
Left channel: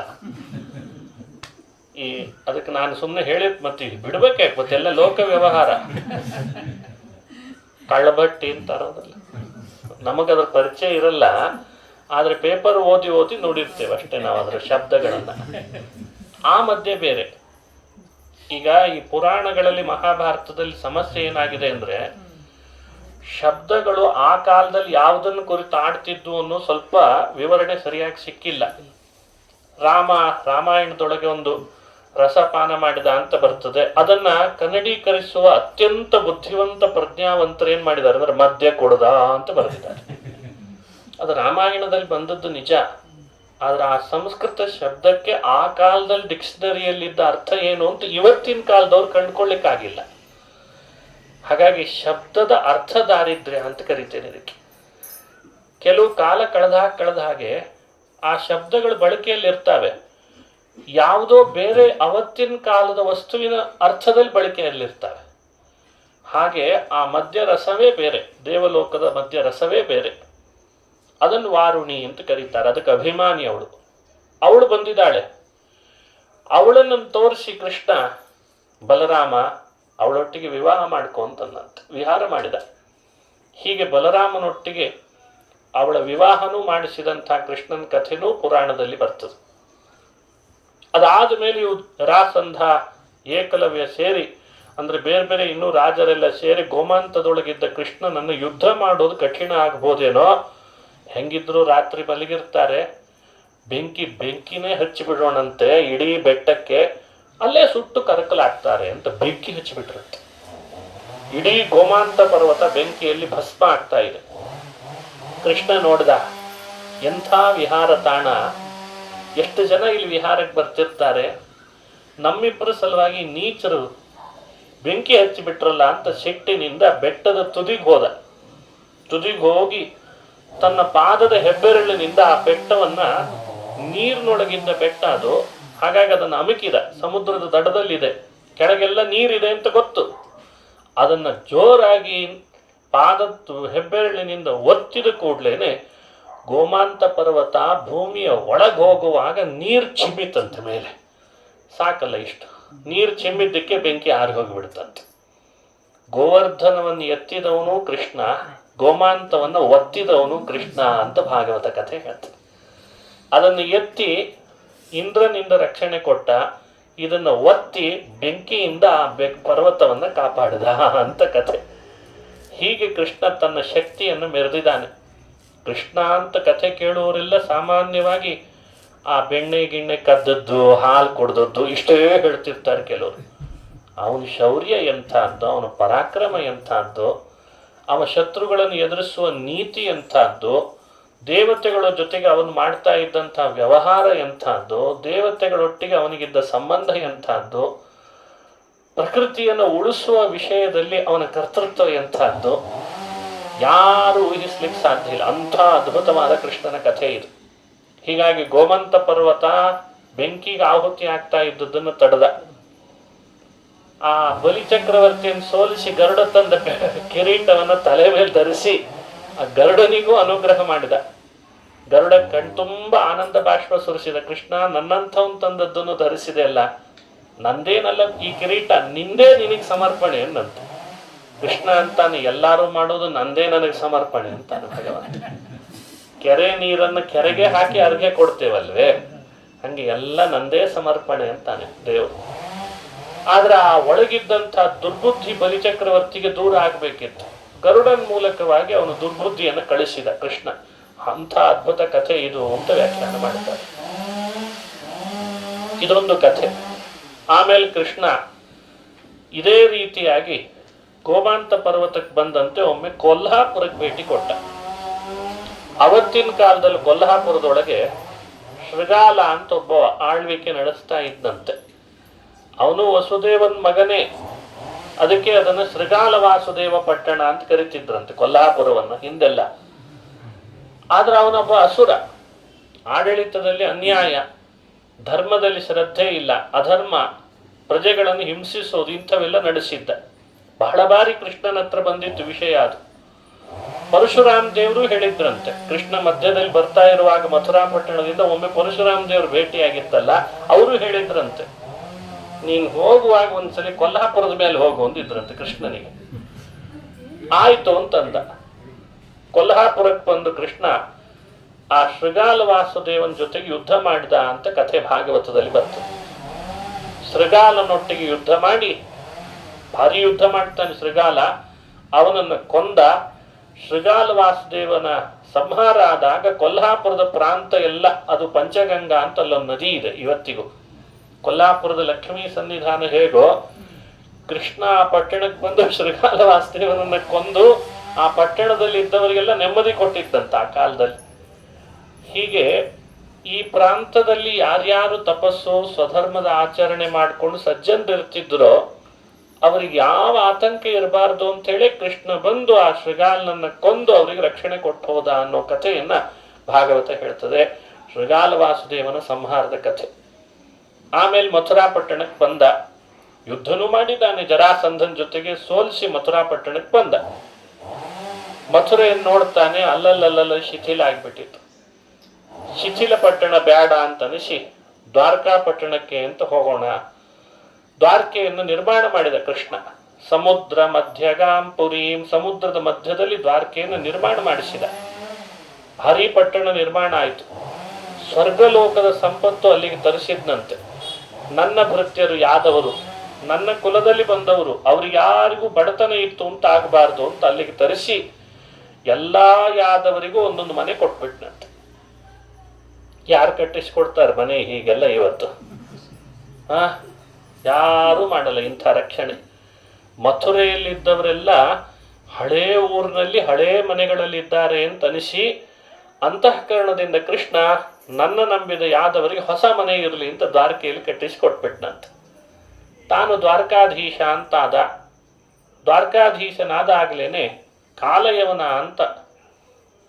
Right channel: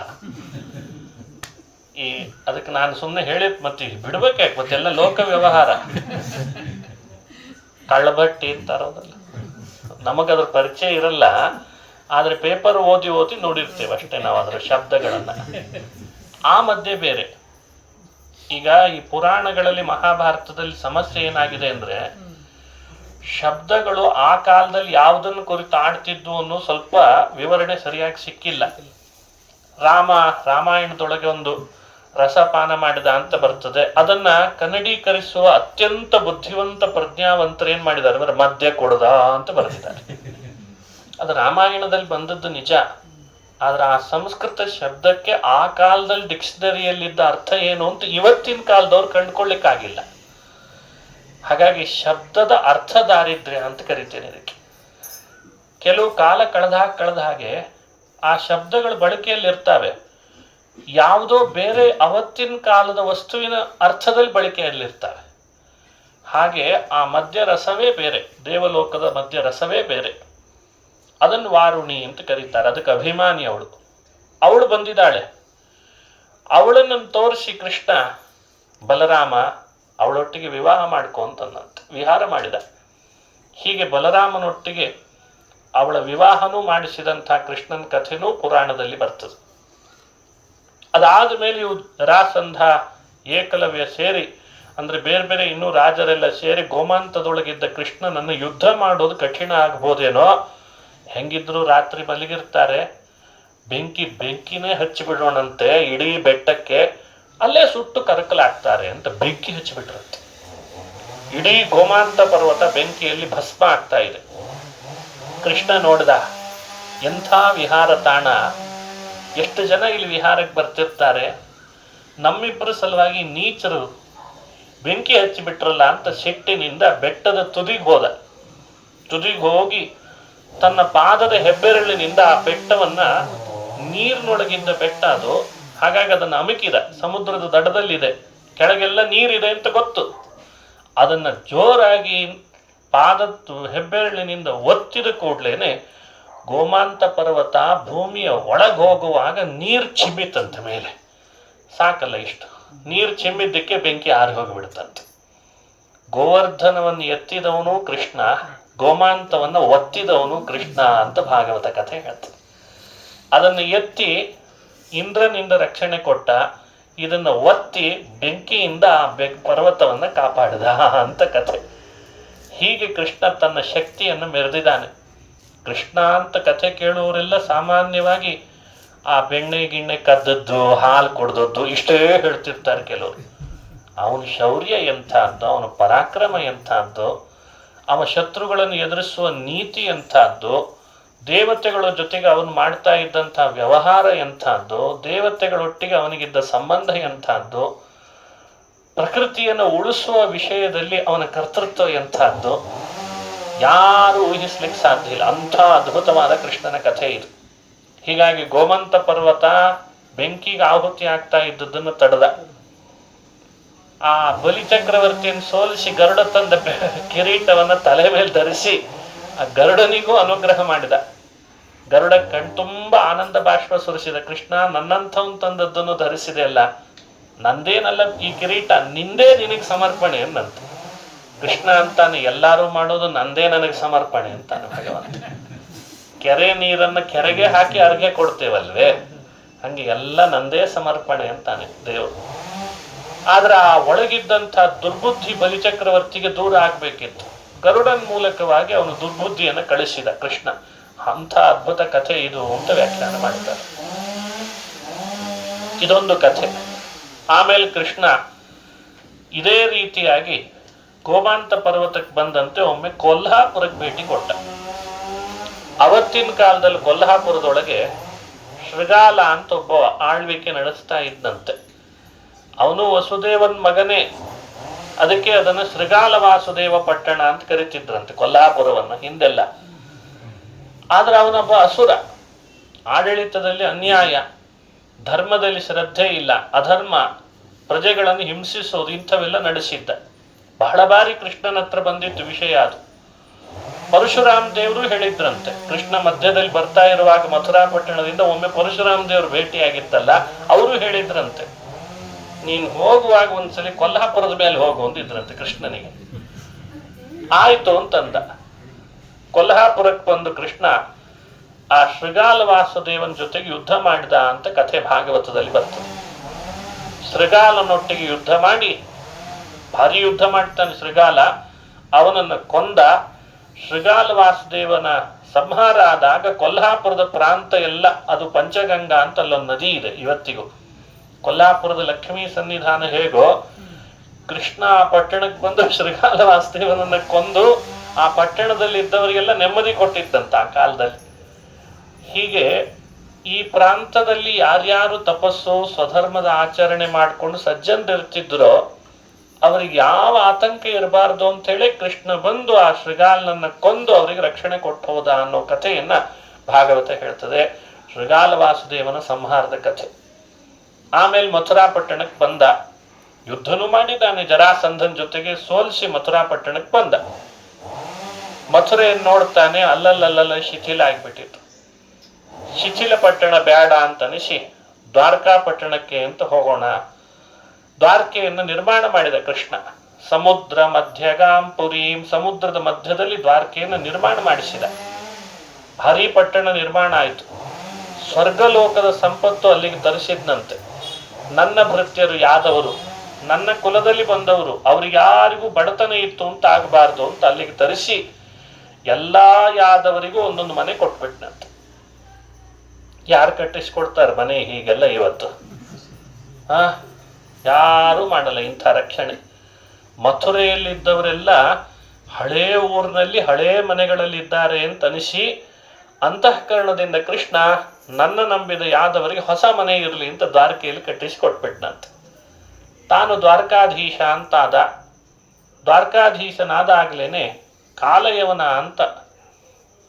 ಅದಕ್ಕೆ ನಾನು ಸುಮ್ಮನೆ ಹೇಳಿದ್ ಮತ್ತೆ ಬಿಡ್ಬೇಕಾಯ್ತು, ಮತ್ತೆಲ್ಲ ಲೋಕ ವ್ಯವಹಾರ. ಕಳ್ಳಬಟ್ಟಿ ಅಂತಾರೋದಲ್ಲ, ನಮಗದ್ರ ಪರಿಚಯ ಇರಲ್ಲ. ಆದ್ರೆ ಪೇಪರ್ ಓದಿ ನೋಡಿರ್ತೇವೆ ಅಷ್ಟೇ ನಾವು ಅದರ ಶಬ್ದಗಳನ್ನ. ಆ ಮಧ್ಯೆ ಬೇರೆ. ಈಗ ಈ ಪುರಾಣಗಳಲ್ಲಿ ಮಹಾಭಾರತದಲ್ಲಿ ಸಮಸ್ಯೆ ಏನಾಗಿದೆ ಅಂದ್ರೆ, ಶಬ್ದಗಳು ಆ ಕಾಲದಲ್ಲಿ ಯಾವುದನ್ನು ಕುರಿತು ಆಡ್ತಿದ್ವು ಅನ್ನೋ ಸ್ವಲ್ಪ ವಿವರಣೆ ಸರಿಯಾಗಿ ಸಿಕ್ಕಿಲ್ಲ. ರಾಮಾಯಣದೊಳಗೆ ಒಂದು ರಸಪಾನ ಮಾಡಿದ ಅಂತ ಬರ್ತದೆ. ಅದನ್ನ ಕನ್ನಡೀಕರಿಸುವ ಅತ್ಯಂತ ಬುದ್ಧಿವಂತ ಪ್ರಜ್ಞಾವಂತರು ಏನ್ ಮಾಡಿದ್ದಾರೆ ಅಂದ್ರೆ ಮದ್ಯ ಕೊಡದ ಅಂತ ಬರೆದಿದ್ದಾರೆ. ಅದು ರಾಮಾಯಣದಲ್ಲಿ ಬಂದದ್ದು ನಿಜ, ಆದ್ರೆ ಆ ಸಂಸ್ಕೃತ ಶಬ್ದಕ್ಕೆ ಆ ಕಾಲದಲ್ಲಿ ಡಿಕ್ಷನರಿಯಲ್ಲಿದ್ದ ಅರ್ಥ ಏನು ಅಂತ ಇವತ್ತಿನ ಕಾಲದವ್ರು ಕಂಡುಕೊಳ್ಳಿಕ್ಕಾಗಿಲ್ಲ. ಹಾಗಾಗಿ ಶಬ್ದದ ಅರ್ಥ ದಾರಿದ್ರ್ಯ ಅಂತ ಕರಿತೇನೆ ಇದಕ್ಕೆ. ಕೆಲವು ಕಾಲ ಕಳೆದ ಹಾಗೆ ಆ ಶಬ್ದಗಳು ಬಳಕೆಯಲ್ಲಿ ಇರ್ತಾವೆ, ಯಾವುದೋ ಬೇರೆ ಅವತ್ತಿನ ಕಾಲದ ವಸ್ತುವಿನ ಅರ್ಥದಲ್ಲಿ ಬಳಕೆಯಲ್ಲಿರ್ತವೆ. ಹಾಗೆ ಆ ಮದ್ಯ ರಸವೇ ಬೇರೆ, ದೇವಲೋಕದ ಮದ್ಯ ರಸವೇ ಬೇರೆ. ಅದನ್ನು ವಾರುಣಿ ಅಂತ ಕರೀತಾರೆ. ಅದಕ್ಕೆ ಅಭಿಮಾನಿ ಅವಳು ಬಂದಿದ್ದಾಳೆ. ಅವಳನ್ನು ತೋರಿಸಿ ಕೃಷ್ಣ ಬಲರಾಮ ಅವಳೊಟ್ಟಿಗೆ ವಿವಾಹ ಮಾಡ್ಕೊಂತಂದಂತೆ ವಿಹಾರ ಮಾಡಿದ. ಹೀಗೆ ಬಲರಾಮನೊಟ್ಟಿಗೆ ಅವಳ ವಿವಾಹನೂ ಮಾಡಿಸಿದಂಥ ಕೃಷ್ಣನ ಕಥೆನೂ ಪುರಾಣದಲ್ಲಿ ಬರ್ತದೆ. ಅದಾದ ಮೇಲೆ ಇವು ರಾಸಂಧ ಏಕಲವ್ಯ ಸೇರಿ, ಅಂದ್ರೆ ಬೇರೆ ಬೇರೆ ಇನ್ನೂ ರಾಜರೆಲ್ಲ ಸೇರಿ ಗೋಮಾಂತದೊಳಗಿದ್ದ ಕೃಷ್ಣನನ್ನು ಯುದ್ಧ ಮಾಡೋದು ಕಠಿಣ ಆಗ್ಬೋದೇನೋ, ಹೆಂಗಿದ್ರು ರಾತ್ರಿ ಮಲಗಿರ್ತಾರೆ, ಬೆಂಕಿನೇ ಹಚ್ಚಿಬಿಡೋಣಂತೆ ಇಡೀ ಬೆಟ್ಟಕ್ಕೆ, ಅಲ್ಲೇ ಸುಟ್ಟು ಕರಕಲಾಗ್ತಾರೆ ಅಂತ ಬೆಂಕಿ ಹಚ್ಚಿಬಿಟ್ರಂತೆ. ಇಡೀ ಗೋಮಾಂತ ಪರ್ವತ ಬೆಂಕಿಯಲ್ಲಿ ಭಸ್ಮ ಆಗ್ತಾ ಇದೆ. ಕೃಷ್ಣ ನೋಡ್ದ, ಎಂಥ ವಿಹಾರ ತಾಣ, ಎಷ್ಟು ಜನ ಇಲ್ಲಿ ವಿಹಾರಕ್ಕೆ ಬರ್ತಿರ್ತಾರೆ, ನಮ್ಮಿಬ್ಬರ ಸಲುವಾಗಿ ನೀಚರು ಬೆಂಕಿ ಹಚ್ಚಿಬಿಟ್ರಲ್ಲ ಅಂತ ಸಿಟ್ಟಿನಿಂದ ಬೆಟ್ಟದ ತುದಿಗೆ ಹೋಗಿ ತನ್ನ ಪಾದದ ಹೆಬ್ಬೆರಳಿನಿಂದ ಆ ಬೆಟ್ಟವನ್ನ, ನೀರಿನೊಳಗಿಂದ ಬೆಟ್ಟ ಅದು, ಹಾಗಾಗಿ ಅದನ್ನು ಅಮುಕಿದ, ಸಮುದ್ರದ ದಡದಲ್ಲಿದೆ, ಕೆಳಗೆಲ್ಲ ನೀರಿದೆ ಅಂತ ಗೊತ್ತು. ಅದನ್ನ ಜೋರಾಗಿ ಪಾದದ್ದು ಹೆಬ್ಬೆರಳಿನಿಂದ ಒತ್ತಿದ ಕೂಡ್ಲೇನೆ ಗೋಮಾಂತ ಪರ್ವತ ಭೂಮಿಯ ಒಳಗೆ ಹೋಗುವಾಗ ನೀರು ಚಿಮ್ಮಿತಂತೆ ಮೇಲೆ. ಸಾಕಲ್ಲ, ಇಷ್ಟು ನೀರು ಚಿಮ್ಮಿದ್ದಕ್ಕೆ ಬೆಂಕಿ ಆರಿ ಹೋಗಿಬಿಡುತ್ತಂತೆ. ಗೋವರ್ಧನವನ್ನು ಎತ್ತಿದವನು ಕೃಷ್ಣ, ಗೋಮಾಂತವನ್ನು ಒತ್ತಿದವನು ಕೃಷ್ಣ ಅಂತ ಭಾಗವತ ಕಥೆ ಹೇಳ್ತದೆ. ಅದನ್ನು ಎತ್ತಿ ಇಂದ್ರನಿಂದ ರಕ್ಷಣೆ ಕೊಟ್ಟ, ಇದನ್ನು ಒತ್ತಿ ಬೆಂಕಿಯಿಂದ ಆ ಪರ್ವತವನ್ನು ಕಾಪಾಡಿದ ಅಂತ ಕಥೆ. ಹೀಗೆ ಕೃಷ್ಣ ತನ್ನ ಶಕ್ತಿಯನ್ನು ಮೆರೆದಿದ್ದಾನೆ. ಕೃಷ್ಣ ಅಂತ ಕಥೆ ಕೇಳುವವರೆಲ್ಲ ಸಾಮಾನ್ಯವಾಗಿ ಆ ಗಿಣ್ಣೆ ಕದ್ದದ್ದು, ಹಾಲು ಕೊಡ್ದದ್ದು ಇಷ್ಟೇ ಹೇಳ್ತಿರ್ತಾರೆ ಕೆಲವರು. ಅವನ ಶೌರ್ಯ ಎಂಥದ್ದು, ಅವನ ಪರಾಕ್ರಮ ಎಂಥದ್ದು, ಅವನ ಶತ್ರುಗಳನ್ನು ಎದುರಿಸುವ ನೀತಿ ಎಂಥದ್ದು, ದೇವತೆಗಳ ಜೊತೆಗೆ ಅವನು ಮಾಡ್ತಾ ಇದ್ದಂಥ ವ್ಯವಹಾರ ಎಂಥದ್ದು, ದೇವತೆಗಳೊಟ್ಟಿಗೆ ಅವನಿಗಿದ್ದ ಸಂಬಂಧ ಎಂಥದ್ದು, ಪ್ರಕೃತಿಯನ್ನು ಉಳಿಸುವ ವಿಷಯದಲ್ಲಿ ಅವನ ಕರ್ತೃತ್ವ ಎಂಥದ್ದು, ಯಾರು ಊಹಿಸ್ಲಿಕ್ಕೆ ಸಾಧ್ಯ ಇಲ್ಲ. ಅಂಥ ಅದ್ಭುತವಾದ ಕೃಷ್ಣನ ಕಥೆ ಇದು. ಹೀಗಾಗಿ ಗೋಮಂತ ಪರ್ವತ ಬೆಂಕಿಗೆ ಆಹುತಿ ಆಗ್ತಾ ಇದ್ದದನ್ನು ತಡೆದ. ಆ ಬಲಿಚಕ್ರವರ್ತಿಯನ್ನು ಸೋಲಿಸಿ ಗರುಡ ತಂದ ಕಿರೀಟವನ್ನು ತಲೆ ಮೇಲೆ ಧರಿಸಿ ಆ ಗರುಡನಿಗೂ ಅನುಗ್ರಹ ಮಾಡಿದ. ಗರುಡ ಕಣ್ತುಂಬ ಆನಂದ ಬಾಷ್ಪ ಸುರಿಸಿದ. ಕೃಷ್ಣ, ನನ್ನಂಥವನ್ ತಂದದ್ದನ್ನು ಧರಿಸಿದೆ ಅಲ್ಲ, ನಂದೇನಲ್ಲ ಈ ಕಿರೀಟ, ನಿಂದೇ ನಿನಗೆ ಸಮರ್ಪಣೆ ಅನ್ನಂತ. ಕೃಷ್ಣ ಅಂತಾನೆ, ಎಲ್ಲಾರು ಮಾಡೋದು ನಂದೇ ನನಗೆ ಸಮರ್ಪಣೆ ಅಂತಾನೆ ಭಗವಂತ. ಕೆರೆ ನೀರನ್ನು ಕೆರೆಗೆ ಹಾಕಿ ಅರ್ಘ್ಯ ಕೊಡ್ತೇವಲ್ವೇ, ಹಂಗೆ ಎಲ್ಲ ನಂದೇ ಸಮರ್ಪಣೆ ಅಂತಾನೆ ದೇವರು. ಆದ್ರೆ ಆ ಒಳಗಿದ್ದಂಥ ದುರ್ಬುದ್ಧಿ ಬಲಿಚಕ್ರವರ್ತಿಗೆ ದೂರ ಆಗ್ಬೇಕಿತ್ತು. ಗರುಡನ್ ಮೂಲಕವಾಗಿ ಅವನು ದುರ್ಬುದ್ಧಿಯನ್ನು ಕಳಿಸಿದ ಕೃಷ್ಣ. ಅಂಥ ಅದ್ಭುತ ಕಥೆ ಇದು ಅಂತ ವ್ಯಾಖ್ಯಾನ ಮಾಡಿದ್ದಾರೆ. ಇದೊಂದು ಕಥೆ. ಆಮೇಲೆ ಕೃಷ್ಣ ಇದೇ ರೀತಿಯಾಗಿ ಗೋಮಾಂತ ಪರ್ವತಕ್ಕೆ ಬಂದಂತೆ ಒಮ್ಮೆ ಕೊಲ್ಹಾಪುರಕ್ಕೆ ಭೇಟಿ ಕೊಟ್ಟ. ಅವತ್ತಿನ ಕಾಲದಲ್ಲಿ ಕೊಲ್ಹಾಪುರದೊಳಗೆ ಶೃಗಾಲ ಅಂತ ಒಬ್ಬ ಆಳ್ವಿಕೆ ನಡೆಸ್ತಾ ಇದ್ದಂತೆ. ಅವನು ವಸುದೇವನ್ ಮಗನೇ, ಅದಕ್ಕೆ ಅದನ್ನು ಶೃಗಾಲ ವಾಸುದೇವ ಪಟ್ಟಣ ಅಂತ ಕರಿತಿದ್ರಂತೆ ಕೊಲ್ಹಾಪುರವನ್ನ ಹಿಂದೆಲ್ಲ. ಆದ್ರೆ ಅವನೊಬ್ಬ ಅಸುರ, ಆಡಳಿತದಲ್ಲಿ ಅನ್ಯಾಯ, ಧರ್ಮದಲ್ಲಿ ಶ್ರದ್ಧೆ ಇಲ್ಲ, ಅಧರ್ಮ, ಪ್ರಜೆಗಳನ್ನು ಹಿಂಸಿಸೋದು ಇಂಥವೆಲ್ಲ ನಡೆಸಿದ್ದ. ಬಹಳ ಬಾರಿ ಕೃಷ್ಣನ ಹತ್ರ ಬಂದಿತ್ತು ವಿಷಯ ಅದು. ಪರಶುರಾಮ ದೇವರು ಹೇಳಿದ್ರಂತೆ, ಕೃಷ್ಣ ಮಧ್ಯದಲ್ಲಿ ಬರ್ತಾ ಇರುವಾಗ ಮಥುರಾ ಪಟ್ಟಣದಿಂದ ಒಮ್ಮೆ ಪರಶುರಾಮ ದೇವರು ಭೇಟಿಯಾಗಿತ್ತಲ್ಲ, ಅವರು ಹೇಳಿದ್ರಂತೆ, ನೀನ್ ಹೋಗುವಾಗ ಒಂದ್ಸಲಿ ಕೊಲ್ಹಾಪುರದ ಮೇಲೆ ಹೋಗು ಅಂದಿದ್ರಂತೆ ಕೃಷ್ಣನಿಗೆ. ಆಯ್ತು ಅಂತಂದ. ಕೊಲ್ಹಾಪುರಕ್ಕೆ ಬಂದು ಕೃಷ್ಣ ಆ ಶೃಗಾಲ ವಾಸುದೇವನ ಜೊತೆಗೆ ಯುದ್ಧ ಮಾಡಿದ ಅಂತ ಕಥೆ ಭಾಗವತದಲ್ಲಿ ಬರ್ತದೆ. ಶೃಗಾಲನೊಟ್ಟಿಗೆ ಯುದ್ಧ ಮಾಡಿ, ಭಾರಿ ಯುದ್ಧ ಮಾಡ್ತಾನೆ ಶೃಗಾಲ, ಅವನನ್ನು ಕೊಂದ. ಶೃಗಾಲ ವಾಸುದೇವನ ಸಂಹಾರ ಆದಾಗ ಕೊಲ್ಹಾಪುರದ ಪ್ರಾಂತ ಎಲ್ಲ ಅದು ಪಂಚಗಂಗಾ ಅಂತ ಅಲ್ಲೊಂದು ನದಿ ಇದೆ ಇವತ್ತಿಗೂ. ಕೊಲ್ಲಾಪುರದ ಲಕ್ಷ್ಮೀ ಸನ್ನಿಧಾನ ಹೇಗೋ, ಕೃಷ್ಣ ಆ ಪಟ್ಟಣಕ್ಕೆ ಬಂದು ಶ್ರೀಗಾಲ ವಾಸುದೇವನನ್ನ ಕೊಂದು ಆ ಪಟ್ಟಣದಲ್ಲಿ ಇದ್ದವರಿಗೆಲ್ಲ ನೆಮ್ಮದಿ ಕೊಟ್ಟಿದ್ದಂತ ಆ ಕಾಲದಲ್ಲಿ. ಹೀಗೆ ಈ ಪ್ರಾಂತದಲ್ಲಿ ಯಾರ್ಯಾರು ತಪಸ್ಸು ಸ್ವಧರ್ಮದ ಆಚರಣೆ ಮಾಡಿಕೊಂಡು ಸಜ್ಜನರಿರ್ತಿದ್ರೋ ಅವ್ರಿಗೆ ಯಾವ ಆತಂಕ ಇರಬಾರ್ದು ಅಂತ ಹೇಳಿ ಕೃಷ್ಣ ಬಂದು ಆ ಶೃಗಾಲನನ್ನ ಕೊಂದು ಅವರಿಗೆ ರಕ್ಷಣೆ ಕೊಟ್ಟು ಹೋದ ಅನ್ನೋ ಕಥೆಯನ್ನ ಭಾಗವತ ಹೇಳ್ತದೆ. ಶೃಗಾಲ ವಾಸುದೇವನ ಸಂಹಾರದ ಕಥೆ. ಆಮೇಲೆ ಮಥುರಾ ಪಟ್ಟಣಕ್ಕೆ ಬಂದ, ಯುದ್ಧನೂ ಮಾಡಿದ್ದಾನೆ, ಜರಾಸಂಧನ್ ಜೊತೆಗೆ ಸೋಲಿಸಿ ಮಥುರಾ ಪಟ್ಟಣಕ್ಕೆ ಬಂದ. ಮಥುರೆಯನ್ನು ನೋಡ್ತಾನೆ, ಅಲ್ಲಲ್ಲಲ್ಲ ಶಿಥಿಲ ಆಗ್ಬಿಟ್ಟಿತ್ತು. ಶಿಥಿಲ ಪಟ್ಟಣ ಬೇಡ ಅಂತ ಅನಿಸಿ ದ್ವಾರಕಾ ಪಟ್ಟಣಕ್ಕೆ ಅಂತ ಹೋಗೋಣ. ದ್ವಾರಕೆಯನ್ನು ನಿರ್ಮಾಣ ಮಾಡಿದ ಕೃಷ್ಣ. ಸಮುದ್ರ ಮಧ್ಯಗಾಂ ಪುರೀಂ, ಸಮುದ್ರದ ಮಧ್ಯದಲ್ಲಿ ದ್ವಾರಕೆಯನ್ನು ನಿರ್ಮಾಣ ಮಾಡಿಸಿದ. ಭಾರಿ ಪಟ್ಟಣ ನಿರ್ಮಾಣ ಆಯಿತು. ಸ್ವರ್ಗಲೋಕದ ಸಂಪತ್ತು ಅಲ್ಲಿಗೆ ತರಿಸಿದ್ನಂತೆ. ನನ್ನ ಭೃತ್ಯರು ಯಾದವರು, ನನ್ನ ಕುಲದಲ್ಲಿ ಬಂದವರು, ಅವ್ರಿಗೆ ಯಾರಿಗೂ ಬಡತನ ಇತ್ತು ಅಂತ ಆಗಬಾರ್ದು ಅಂತ ಅಲ್ಲಿಗೆ ತರಿಸಿ ಎಲ್ಲಾ ಯಾದವರಿಗೂ ಒಂದೊಂದು ಮನೆ ಕೊಟ್ಬಿಟ್ನಂತೆ. ಯಾರು ಕಟ್ಟಿಸ್ಕೊಡ್ತಾರೆ ಮನೆ ಹೀಗೆಲ್ಲ ಇವತ್ತು? ಯಾರೂ ಮಾಡಲ್ಲ ಇಂಥ ರಕ್ಷಣೆ. ಮಥುರೆಯಲ್ಲಿದ್ದವರೆಲ್ಲ ಹಳೇ ಊರಿನಲ್ಲಿ ಹಳೇ ಮನೆಗಳಲ್ಲಿದ್ದಾರೆ ಅಂತ ಅನಿಸಿ ಅಂತಃಕರಣದಿಂದ ಕೃಷ್ಣ ನನ್ನ ನಂಬಿದ ಯಾದವರಿಗೆ ಹೊಸ ಮನೆ ಇರಲಿ ಅಂತ ದ್ವಾರಕೆಯಲ್ಲಿ ಕಟ್ಟಿಸಿಕೊಟ್ಬಿಟ್ನಂತ. ತಾನು ದ್ವಾರಕಾಧೀಶ ಅಂತಾದ. ದ್ವಾರಕಾಧೀಶನಾದ ಆಗ್ಲೇನೆ ಕಾಲಯವನ ಅಂತ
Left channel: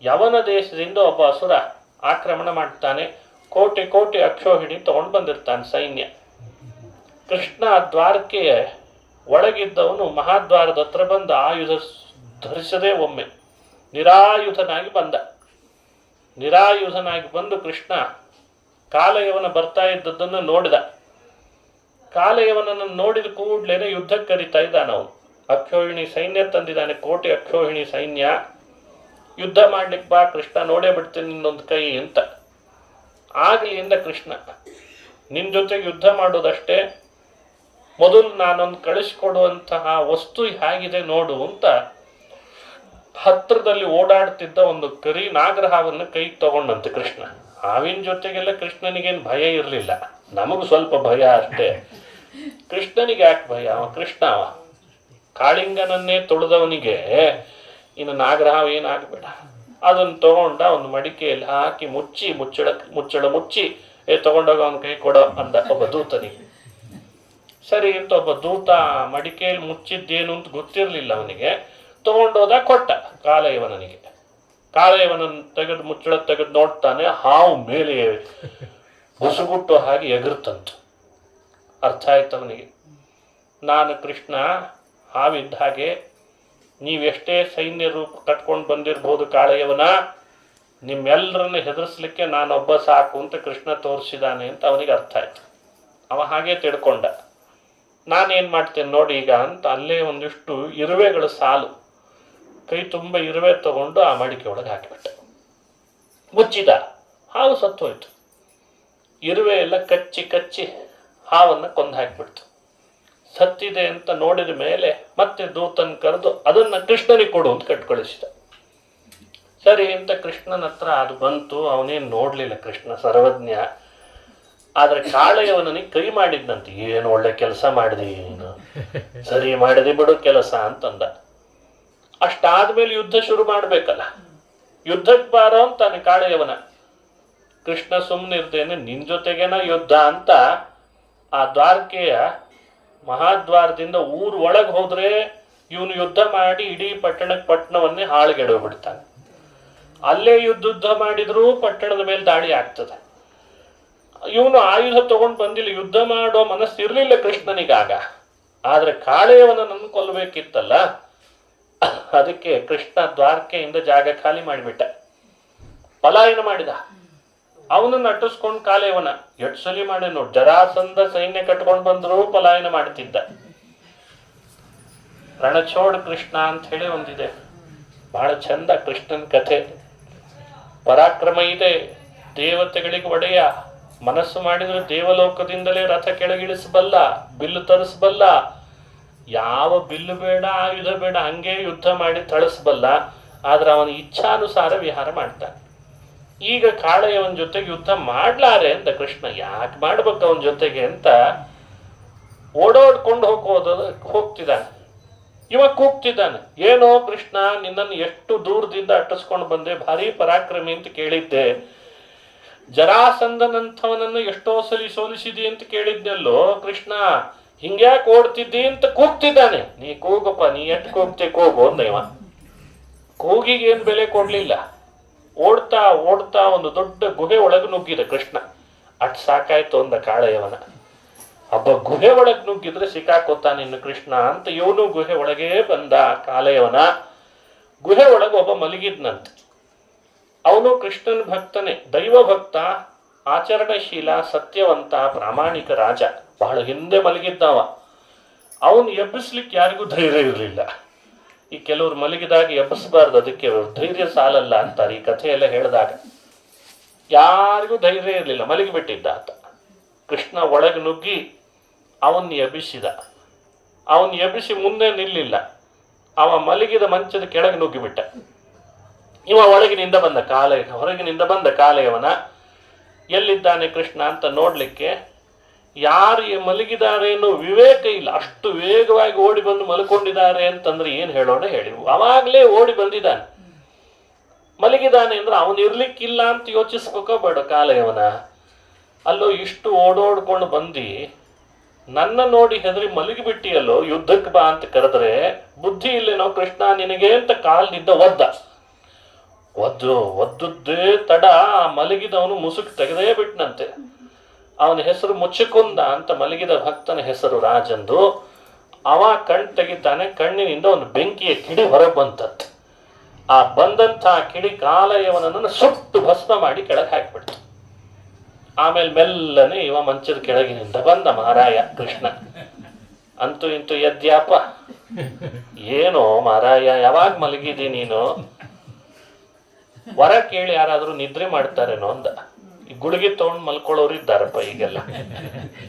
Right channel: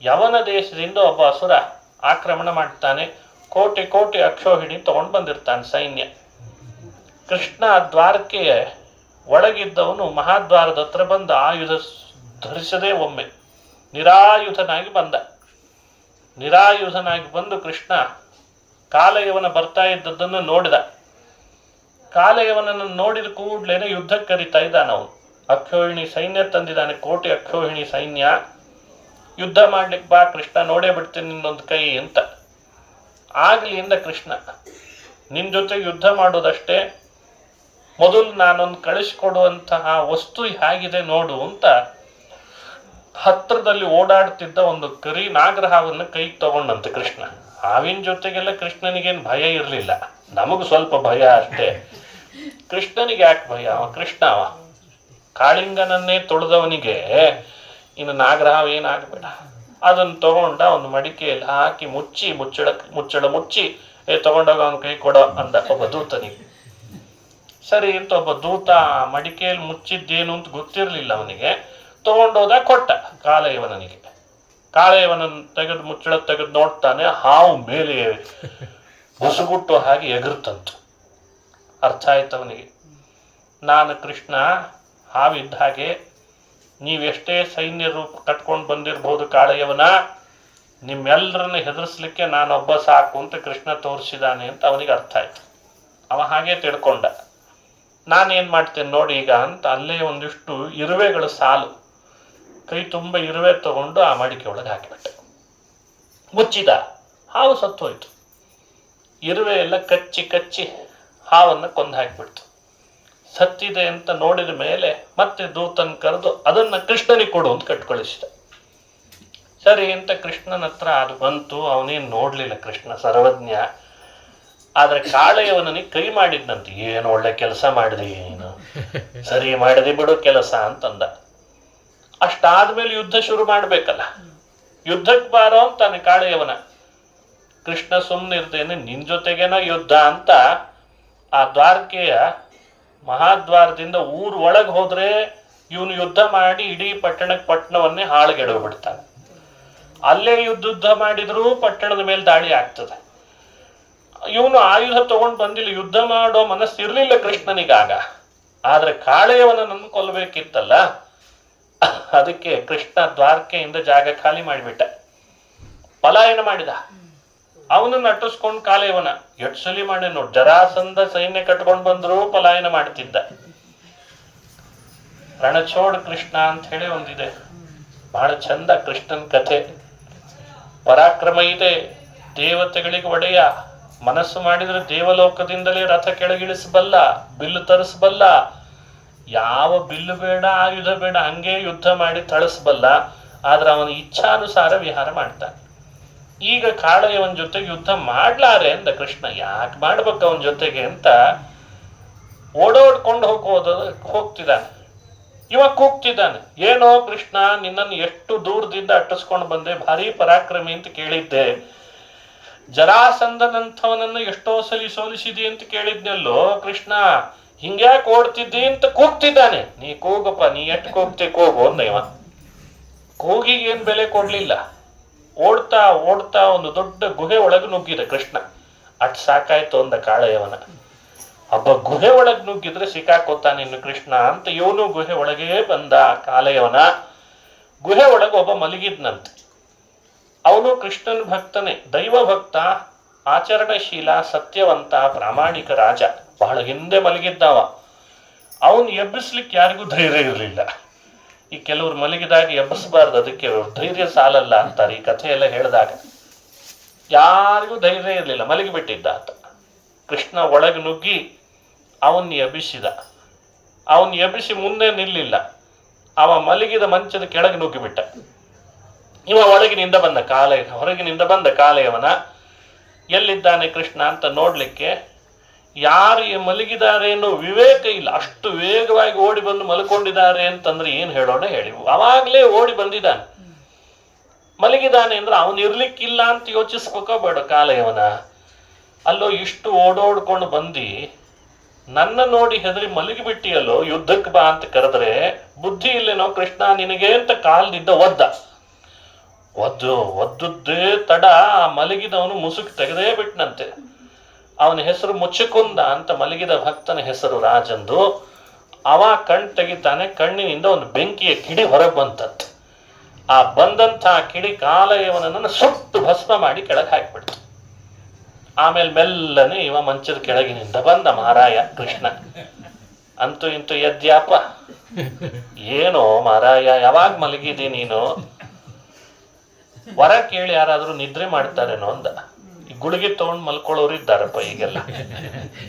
ಯವನ ದೇಶದಿಂದ ಒಬ್ಬ ಅಸುರ ಆಕ್ರಮಣ ಮಾಡ್ತಾನೆ. ಕೋಟಿ ಕೋಟಿ ಅಕ್ಷೋಹಿಣಿ ತಗೊಂಡು ಬಂದಿರ್ತಾನೆ ಸೈನ್ಯ. ಕೃಷ್ಣ ದ್ವಾರಕೆಯ ಒಳಗಿದ್ದವನು ಮಹಾದ್ವಾರದ ಹತ್ರ ಬಂದ ಆಯುಧ ಧರಿಸದೆ ಒಮ್ಮೆ ನಿರಾಯುಧನಾಗಿ ಬಂದ. ನಿರಾಯುಧನಾಗಿ ಬಂದು ಕೃಷ್ಣ ಕಾಲಯವನ ಬರ್ತಾ ಇದ್ದದ್ದನ್ನು ನೋಡಿದ. ಕಾಲಯವನನ್ನು ನೋಡಿದ ಕೂಡ್ಲೇನೆ ಯುದ್ಧಕ್ಕೆ ಕರೀತಾ ಇದ್ದಾನ ಅವನು. ಅಕ್ಷೋಹಿಣಿ ಸೈನ್ಯ ತಂದಿದ್ದಾನೆ, ಕೋಟಿ ಅಕ್ಷೋಹಿಣಿ ಸೈನ್ಯ. ಯುದ್ಧ ಮಾಡ್ಲಿಕ್ಕೆ ಬಾ ಕೃಷ್ಣ, ನೋಡೇ ಬಿಡ್ತೀನಿ ನಿನ್ನೊಂದು ಕೈ ಅಂತ. ಆಗ್ಲಿಂದ ಕೃಷ್ಣ ನಿನ್ನ ಜೊತೆ ಯುದ್ಧ ಮಾಡೋದಷ್ಟೇ, ಮೊದಲು ನಾನೊಂದು ಕಳಿಸ್ಕೊಡುವಂತಹ ವಸ್ತು ಹೇಗಿದೆ ನೋಡು ಅಂತ ಹತ್ರದಲ್ಲಿ ಓಡಾಡ್ತಿದ್ದ ಒಂದು ಕರಿ ನಾಗರಹಾವನ್ನು ಕೈಗೆ ತಗೊಂಡಂತೆ ಕೃಷ್ಣ. ಹಾವಿನ ಜೊತೆಗೆಲ್ಲ ಕೃಷ್ಣನಿಗೇನು ಭಯ ಇರಲಿಲ್ಲ, ನಮಗೂ ಸ್ವಲ್ಪ ಭಯ ಅಷ್ಟೇ. ಕೃಷ್ಣನಿಗೆ ಯಾಕೆ ಭಯ? ಅವ ಕೃಷ್ಣ, ಅವ ಕಾಳಿಂಗನನ್ನೇ ತೊಳೆದವನಿಗೆ ಇನ್ನು ನಾಗರಹಾವ ಏನಾಗಬೇಡ. ಅದನ್ನು ತಗೊಂಡ ಒಂದು ಮಡಿಕೆಯಲ್ಲಿ ಹಾಕಿ ಮುಚ್ಚಳ ಮುಚ್ಚಿ ತಗೊಂಡೋಗ ಅವನ ಕೈ ಕೊಡೋ ಅಂದ ಒಬ್ಬ ದೂತನಿಗೆ. ಸರಿ ಅಂತ ಒಬ್ಬ ದೂತ ಮಡಿಕೆಯಲ್ಲಿ ಮುಚ್ಚಿದ್ದೇನು ಅಂತ ಗೊತ್ತಿರಲಿಲ್ಲ ಅವನಿಗೆ. ತಗೊಂಡೋದ ಕೊಟ್ಟ ಕಾಲಯವನಿಗೆ. ಕಾಲಯವನನ್ನು ತೆಗೆದು ಮುಚ್ಚಳ ತೆಗೆದು ನೋಡ್ತಾನೆ, ಹಾವು ಮೇಲೆ ಬುಸುಗುಟ್ಟು ಹಾಗೆ ಎಗರ್ತಂತು. ಅರ್ಥ ಆಯ್ತು ಅವನಿಗೆ, ನಾನು ಕೃಷ್ಣ ಹಾವಿದ್ದ ಹಾಗೆ, ನೀವೆಷ್ಟೇ ಸೈನ್ಯ ರೂಪ ಕಟ್ಕೊಂಡು ಬಂದಿರ್ಬೋದು ಕಾಳೆಯವನ, ನಿಮ್ಮೆಲ್ಲರನ್ನ ಹೆದರ್ಸ್ಲಿಕ್ಕೆ ನಾನೊಬ್ಬ ಸಾಕು ಅಂತ ಕೃಷ್ಣ ತೋರಿಸಿದಾನೆ ಅಂತ ಅವನಿಗೆ ಅರ್ಥ ಆಯ್ತು. ಅವ ಹಾಗೆ ತಿಳ್ಕೊಂಡ. ನಾನೇನು ಮಾಡ್ತೇನೆ ನೋಡಿ ಈಗ ಅಂತ ಅಲ್ಲೇ ಒಂದಿಷ್ಟು ಇರುವೆಗಳ ಸಾಲು, ಕೈ ತುಂಬ ಇರುವೆ ತಗೊಂಡು ಆ ಮಡಿಕೆ ಒಳಗೆ ಹಾಕಿಬಿಟ್ಟೆ. ಮುಚ್ಚಿದ. ಹಾವು ಸತ್ತು ಹೋಯ್ತು. ಇರುವೆ ಎಲ್ಲ ಕಚ್ಚಿ ಹಾವನ್ನು ಕೊಂದು ಹಾಕಿಬಿಡ್ತು. ಸತ್ತಿದೆ ಅಂತ ನೋಡಿದ ಮೇಲೆ ಮತ್ತೆ ದೂತನ್ ಕರೆದು ಅದನ್ನ ಕೃಷ್ಣನಿಗೆ ಕೊಡು ಅಂತ ಕಟ್ಕಳಿಸಿದ. ಸರಿ ಅಂತ ಕೃಷ್ಣನ ಹತ್ರ ಅದು ಬಂತು. ಅವನೇನು ನೋಡ್ಲಿಲ್ಲ, ಕೃಷ್ಣ ಸರ್ವಜ್ಞ. ಆದ್ರೆ ಕಾಳೆಯವನಿಗೆ ಕೈ ಮಾಡಿದ್ನಂತೆ, ಏನು ಒಳ್ಳೆ ಕೆಲಸ ಮಾಡಿದಿ, ಏನು ಸರಿ ಮಾಡಿದಿ ಬಿಡು ಕೆಲಸ ಅಂತಂದ. ಅಷ್ಟಾದ್ಮೇಲೆ ಯುದ್ಧ ಶುರು ಮಾಡ್ಬೇಕಲ್ಲ, ಯುದ್ಧಕ್ಕೆ ಬಾರೋ ಅಂತಾನೆ ಕಾಳೆಯವನ. ಕೃಷ್ಣ ಸುಮ್ಮನಿರ್ತೇನೆ, ನಿನ್ ಜೊತೆಗೇನ ಯುದ್ಧ ಅಂತ ಆ ದ್ವಾರಕೆಯ ಮಹಾದ್ವಾರದಿಂದ ಊರ್ ಒಳಗೆ ಹೋದ್ರೆ ಇವನು ಯುದ್ಧ ಮಾಡಿ ಇಡೀ ಪಟ್ಟಣವನ್ನೇ ಹಾಳುಗೆಡವು ಬಿಡ್ತಾನೆ. ಅಲ್ಲೇ ಯುದ್ಧ ಮಾಡಿದ್ರೂ ಪಟ್ಟಣದ ಮೇಲೆ ದಾಳಿ ಆಗ್ತದೆ. ಇವನು ಆಯುಧ ತಗೊಂಡು ಬಂದಿಲ್ಲ, ಯುದ್ಧ ಮಾಡೋ ಮನಸ್ಸು ಇರ್ಲಿಲ್ಲ ಕೃಷ್ಣನಿಗಾಗ. ಆದ್ರೆ ಕಾಳೆಯವನನ್ನು ಕೊಲ್ಲಬೇಕಿತ್ತಲ್ಲ, ಅದಕ್ಕೆ ಕೃಷ್ಣ ದ್ವಾರಕೆಯಿಂದ ಜಾಗ ಖಾಲಿ ಮಾಡಿಬಿಟ್ಟ, ಪಲಾಯನ ಮಾಡಿದ. ಅವನನ್ನು ಅಟ್ಟಿಸ್ಕೊಂಡು ಕಾಳೆಯವನ ಎಷ್ಟು ಸಲಿ ಮಾಡಿ ನೋಡಿ. ಜರಾಸಂಧ ಸೈನ್ಯ ಕಟ್ಕೊಂಡು ಬಂದ್ರು ಪಲಾಯನ ಮಾಡ್ತಿದ್ದ. ರಣಚೋಡ್ ಕೃಷ್ಣ ಅಂತ ಹೇಳಿ ಒಂದಿದೆ, ಬಹಳ ಚಂದ ಕೃಷ್ಣನ್ ಕಥೆ. ಪರಾಕ್ರಮ ಇದೆ, ದೇವತೆಗಳಿಗೆ ಒಡೆಯ, ಮನಸ್ಸು ಮಾಡಿದ್ರೆ ದೇವಲೋಕದಿಂದಲೇ ರಥ ಕೆಳಗಿಳಿಸಬಲ್ಲ, ಬಿಲ್ಲು ತರಿಸಬಲ್ಲ. ಯಾವ ಬಿಲ್ಲು ಬೇಡ, ಆಯುಧ ಬೇಡ, ಹಂಗೆ ಯುದ್ಧ ಮಾಡಿ ತಳಿಸಬಲ್ಲ. ಆದ್ರೆ ಅವನ ಇಚ್ಛಾನುಸಾರ ವಿಹಾರ ಮಾಡ್ತಾನೆ. ಈಗ ಕಾಳೆಯವನ ಜೊತೆಗೆ ಯುದ್ಧ ಮಾಡ್ಲಾರೆ ಅಂದ ಕೃಷ್ಣ. ಯಾಕೆ ಮಾಡ್ಬೇಕು ಅವನ ಜೊತೆಗೆ ಅಂತ ಓಡೋಡ್ಕೊಂಡು ಹೋಗ್ತಿದ್ದಾನೆ. ಇವ ಕೂಗ್ತಿದ್ದಾನೆ, ಏನೋ ಕೃಷ್ಣ, ನಿನ್ನನ್ನು ಎಷ್ಟು ದೂರದಿಂದ ಅಟ್ಟಿಸ್ಕೊಂಡು ಬಂದೆ, ಭಾರಿ ಪರಾಕ್ರಮಿ ಅಂತ ಕೇಳಿದ್ದೆ, ಜರಾಸಂಧನಂಥವನನ್ನು ಎಷ್ಟೋ ಸಲಿ ಸೋಲಿಸಿದಿ ಅಂತ ಕೇಳಿದ್ನಲ್ಲೋ ಕೃಷ್ಣ, ಹಿಂಗ್ಯಾಕೆ ಓಡ್ತಿದ್ದಿ ಅಂತ ಕೂಗ್ತಿದ್ದಾನೆ. ನೀ ಕೂಗಪ್ಪ, ನೀ ಎಷ್ಟು ಕೂಗ್ತೆ ಕೂಗು ಅಂದ ಇವ. ಕೂಗಿಗೆ ಏನ್ ಬೆಲೆ ಕೊಡ್ಲಿಲ್ಲ. ಓಡ್ತಾ ಓಡ್ತಾ ಒಂದು ದೊಡ್ಡ ಗುಹೆ ಒಳಗೆ ನುಗ್ಗಿದ ಕೃಷ್ಣ. ಅಟ್ ಸಾಕಾಯ್ತು ಅಂದ ಕಾಳೆಯವನ. ಒಬ್ಬ ಗುಹೆ ಒಳಗೆ ನುಗ್ಗಿದ್ರೆ ಸಿಕ್ಕಾಕೋತಾನ ಇನ್ನು ಕೃಷ್ಣ ಅಂತ ಇವನು ಗುಹೆ ಒಳಗೇ ಬಂದ. ಕಾಳೆಯವನ ಗುಹೆ ಒಳಗೆ ಒಬ್ಬ ಮಲಗಿದ್ನಂತೆ. ಅವನು ಕೃಷ್ಣನ ಭಕ್ತನೇ, ದೈವ ಭಕ್ತ, ಆಚರಣಶೀಲ, ಸತ್ಯವಂತ, ಪ್ರಾಮಾಣಿಕ ರಾಜ. ಬಹಳ ಹಿಂದೆ ಮಲಗಿದ್ದಾವ. ಅವನು ಎಬ್ಬಿಸ್ಲಿಕ್ಕೆ ಯಾರಿಗೂ ಧೈರ್ಯ ಇರಲಿಲ್ಲ. ಈ ಕೆಲವರು ಮಲಗಿದಾಗ ಎಬ್ಬಿಸಬಾರ್ದು, ಅದಕ್ಕೆ ಧೈರ್ಯ ಸಾಲಲ್ಲ ಅಂತಾರೆ. ಈ ಕಥೆಯೆಲ್ಲ ಹೇಳಿದಾಗ ಯಾರಿಗೂ ಧೈರ್ಯ ಇರಲಿಲ್ಲ, ಮಲಗಿಬಿಟ್ಟಿದ್ದ ಆತ. ಕೃಷ್ಣ ಒಳಗೆ ನುಗ್ಗಿ ಅವನ್ನ ಎಬ್ಬಿಸಿದ. ಅವನ್ ಎಬ್ಬಿಸಿ ಮುಂದೆ ನಿಲ್ಲಿಲ್ಲ. ಅವ ಮಲಗಿದ ಮಂಚದ ಕೆಳಗೆ ನುಗ್ಗಿಬಿಟ್ಟ. ಇವ ಒಳಗಿನಿಂದ ಬಂದ ಹೊರಗಿನಿಂದ ಬಂದ ಕಾಲೆಯವನ. ಎಲ್ಲಿದ್ದಾನೆ ಕೃಷ್ಣ ಅಂತ ನೋಡ್ಲಿಕ್ಕೆ ಯಾರು ಮಲಗಿದ್ದಾರೆ ಅನ್ನೋ ವಿವೇಕ ಇಲ್ಲ. ಅಷ್ಟು ವೇಗವಾಗಿ ಓಡಿ ಬಂದು ಮಲ್ಕೊಂಡಿದ್ದಾರೆ ಅಂತಂದ್ರೆ ಏನ್ ಹೇಳೋಣ ಹೇಳಿ. ಅವಾಗ್ಲೇ ಓಡಿ ಬಂದಿದ್ದಾನೆ. ಮಲಗಿದ್ದಾನೆ ಅಂದ್ರೆ ಅವನು ಇರ್ಲಿಕ್ಕಿಲ್ಲ ಅಂತ ಯೋಚಿಸ್ಬೇಕೋ ಬೇಡ ಕಾಲೆಯವನ. ಅಲ್ಲೋ ಇಷ್ಟು ಓಡೋಡ್ಕೊಂಡು ಬಂದು ನನ್ನ ನೋಡಿ ಹೆದರಿ ಮಲಗಿಬಿಟ್ಟಿಯಲ್ಲೋ, ಯುದ್ಧಕ್ಕೆ ಬಾ ಅಂತ ಕರೆದ್ರೆ ಬುದ್ಧಿ ಇಲ್ಲೇನೋ ಕೃಷ್ಣ ನಿನಗೆ ಅಂತ ಕಾಲ್ನಿಂದ ಒದ್ದುದ್ದೇ ತಡ ಮಲಗಿದವನು ಮುಸುಕ್ ತೆಗೆದೇ ಬಿಟ್ನಂತೆ. ಅವನ ಹೆಸರು ಮುಚ್ಚುಕುಂದ ಅಂತ, ಮಲಗಿದ ಭಕ್ತನ ಹೆಸರು ರಾಜಂದು. ಅವ ಕಣ್ ತೆಗಿತಾನೆ, ಕಣ್ಣಿನಿಂದ ಒಂದು ಬೆಂಕಿಯ ಕಿಡಿ ಹೊರಗೆ ಬಂತಂತೆ. ಆ ಬಂದಂಥ ಕಿಡಿ ಕಾಲೆಯವನನ್ನು ಸುಟ್ಟು ಭಸ್ಮ ಮಾಡಿ ಕೆಳಗೆ ಹಾಕಿಬಿಡ್ತು. ಆಮೇಲೆ ಮೆಲ್ಲನೆ ಇವ ಮಂಚದ ಕೆಳಗಿನಿಂದ ಬಂದ ಮಾರಾಯ ಕೃಷ್ಣ. ಅಂತೂ ಇಂತೂ ಎದ್ಯಾಪ, ಏನೋ ಮಾರಾಯ ಯಾವಾಗ ಮಲಗಿದಿ ನೀನು? ವರ ಕೇಳಿ ಯಾರಾದ್ರೂ ನಿದ್ರೆ ಮಾಡ್ತಾರೇನೋ ಅಂದ. ಈ ಗುಳಿಗೆ ತಗೊಂಡ್ ಮಲ್ಕೊಳ್ಳೋರು ಇದ್ದಾರಪ್ಪ ಈಗೆಲ್ಲ.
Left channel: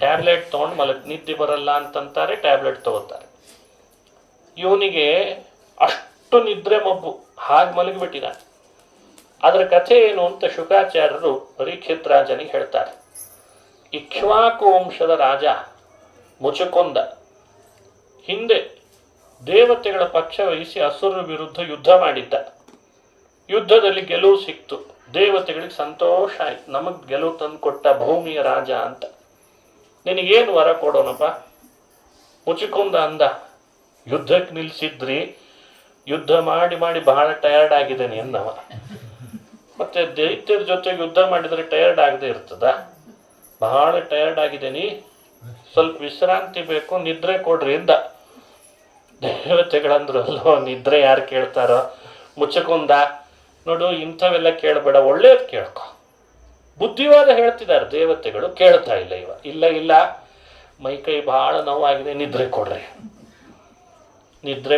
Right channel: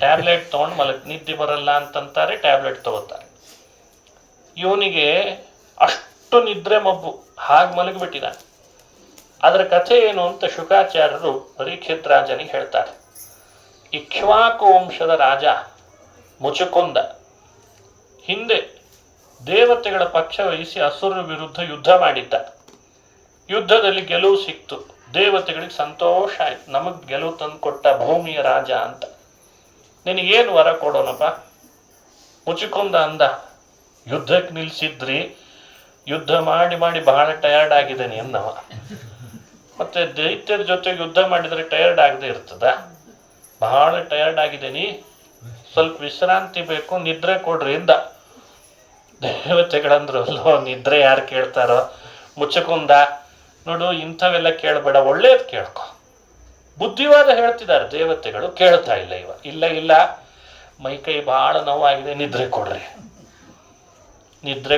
ಟ್ಯಾಬ್ಲೆಟ್ ತಗೊಂಡ್ ನಿದ್ದೆ ಬರಲ್ಲ ಅಂತಂತಾರೆ, ಟ್ಯಾಬ್ಲೆಟ್ ತಗೋತಾರೆ. ಇವನಿಗೆ ಅಷ್ಟು ನಿದ್ರೆ ಮಬ್ಬು, ಹಾಗೆ ಮಲಗಿಬಿಟ್ಟಿದ. ಅದರ ಕಥೆ ಏನು ಅಂತ ಶುಕಾಚಾರ್ಯರು ಪರೀಕ್ಷಿತ್ ರಾಜನಿಗೆ ಹೇಳ್ತಾರೆ. ಇಕ್ಷ್ವಾಕು ವಂಶದ ರಾಜ ಮುಚುಕುಂದ ಹಿಂದೆ ದೇವತೆಗಳ ಪಕ್ಷ ವಹಿಸಿ ಅಸುರರ ವಿರುದ್ಧ ಯುದ್ಧ ಮಾಡಿದ್ದ. ಯುದ್ಧದಲ್ಲಿ ಗೆಲುವು ಸಿಕ್ತು. ದೇವತೆಗಳಿಗೆ ಸಂತೋಷ ಆಯ್ತು, ನಮಗ್ ಗೆಲುವು ತಂದು ಕೊಟ್ಟ ಭೂಮಿಯ ರಾಜ ಅಂತ. ನಿನಗೇನು ವರ ಕೊಡೋಣಪ್ಪ? ಮುಚುಕುಂದ ಅಂದ, ಯುದ್ಧಕ್ಕೆ ನಿಲ್ಸಿದ್ರಿ, ಯುದ್ಧ ಮಾಡಿ ಮಾಡಿ ಬಹಳ ಟಯರ್ಡ್ ಆಗಿದ್ದೇನೆ ಅನ್ನವ. ಮತ್ತೆ ದೈತ್ಯರ ಜೊತೆಗೆ ಯುದ್ಧ ಮಾಡಿದ್ರೆ ಟಯರ್ಡ್ ಆಗದೆ ಇರ್ತದ? ಬಹಳ ಟಯರ್ಡ್ ಆಗಿದ್ದೀನಿ, ಸ್ವಲ್ಪ ವಿಶ್ರಾಂತಿ ಬೇಕು, ನಿದ್ರೆ ಕೊಡ್ರಿ ಇಂದ. ದೇವತೆಗಳಂದ್ರು ಅಲ್ಲೋ, ನಿದ್ರೆ ಯಾರು ಕೇಳ್ತಾರೋ? ಮುಚ್ಚಕುಂದ ನೋಡು, ಇಂಥವೆಲ್ಲ ಕೇಳಬೇಡ, ಒಳ್ಳೇದು ಕೇಳ್ಕೊ. ಬುದ್ಧಿವಾದ ಹೇಳ್ತಿದ್ದಾರೆ ದೇವತೆಗಳು, ಕೇಳ್ತಾ ಇಲ್ಲ ಇವ. ಇಲ್ಲ ಮೈಕೈ ಬಹಳ ನೋವಾಗಿದೆ, ನಿದ್ರೆ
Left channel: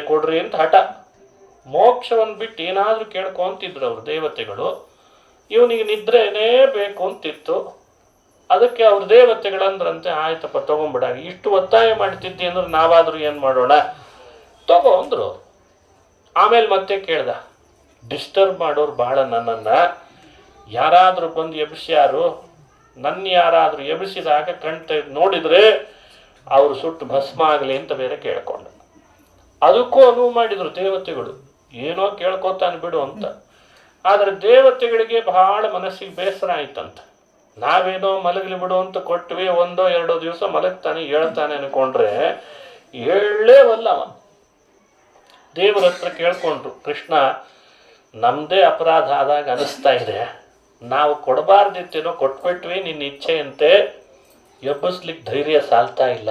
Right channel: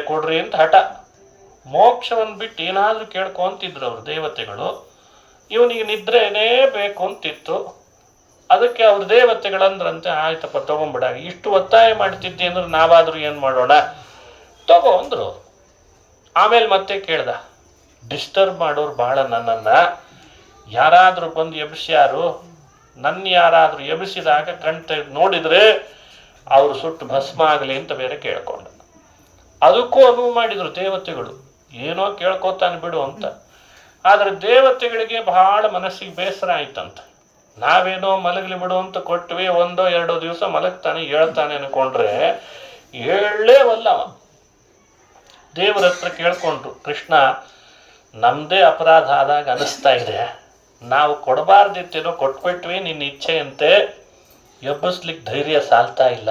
ಕೊಡ್ರಿ ಅಂತ ಹಠ. ಮೋಕ್ಷವನ್ನು ಬಿಟ್ಟು ಏನಾದ್ರೂ ಕೇಳ್ಕೊಂತಿದ್ರು ಅವರು ದೇವತೆಗಳು. ಇವನಿಗೆ ನಿದ್ರೆನೇ ಬೇಕು ಅಂತಿತ್ತು. ಅದಕ್ಕೆ ಅವ್ರ ದೇವತೆಗಳಂದ್ರಂತೆ, ಆಯ್ತಪ್ಪ ತಗೊಂಬಿಡ, ಇಷ್ಟು ಒತ್ತಾಯ ಮಾಡ್ತಿದ್ದಿ ಅಂದ್ರೆ ನಾವಾದ್ರೂ ಏನ್ ಮಾಡೋಣ, ತಗೋ ಅಂದ್ರು. ಆಮೇಲೆ ಮತ್ತೆ ಕೇಳ್ದ, ಡಿಸ್ಟರ್ಬ್ ಮಾಡೋರು ಬಹಳ ನನ್ನನ್ನ, ಯಾರಾದ್ರೂ ಬಂದು ಎಬ್ಸ್ಯಾರು, ನನ್ನ ಯಾರಾದ್ರೂ ಎಬ್ಸಿದಾಗ ಕಣ್ತ ನೋಡಿದ್ರೆ ಅವ್ರು ಸುಟ್ಟು ಭಸ್ಮ ಆಗಲಿ ಅಂತ ಬೇರೆ ಕೇಳ್ಕೊಂಡ. ಅದಕ್ಕೂ ಅನುವು ಮಾಡಿದ್ರು ದೇವತೆಗಳು, ಏನೋ ಕೇಳ್ಕೊತಾನೆ ಬಿಡು ಅಂತ. ಆದ್ರೆ ದೇವತೆಗಳಿಗೆ ಬಹಳ ಮನಸ್ಸಿಗೆ ಬೇಸರ ಆಯ್ತಂತ. ನಾವೇನೋ ಮಲಗಲಿ ಬಿಡು ಅಂತ ಕೊಟ್ವಿ, 1-2 ದಿವಸ ಮಲಗ್ತಾನೆ, ಹೇಳ್ತಾನೆ ಅನ್ಕೊಂಡ್ರೆ ಹೇಳಲೇವಲ್ಲವ. ದೇವರ ಹತ್ರ ಕೇಳ್ಕೊಂಡ್ರು, ಕೃಷ್ಣ ನಮ್ದೇ ಅಪರಾಧ ಆದಾಗ ಅನಿಸ್ತಾ ಇದೆ, ನಾವು ಕೊಡಬಾರ್ದಿತ್ತೇನೋ ಕೊಟ್ಬಿಟ್ವಿ, ನಿನ್ನ ಇಚ್ಛೆಯಂತೆ ಎಬ್ಬಿಸ್ಲಿಕ್ಕೆ ಧೈರ್ಯ ಸಾಲ್ತಾ ಇಲ್ಲ,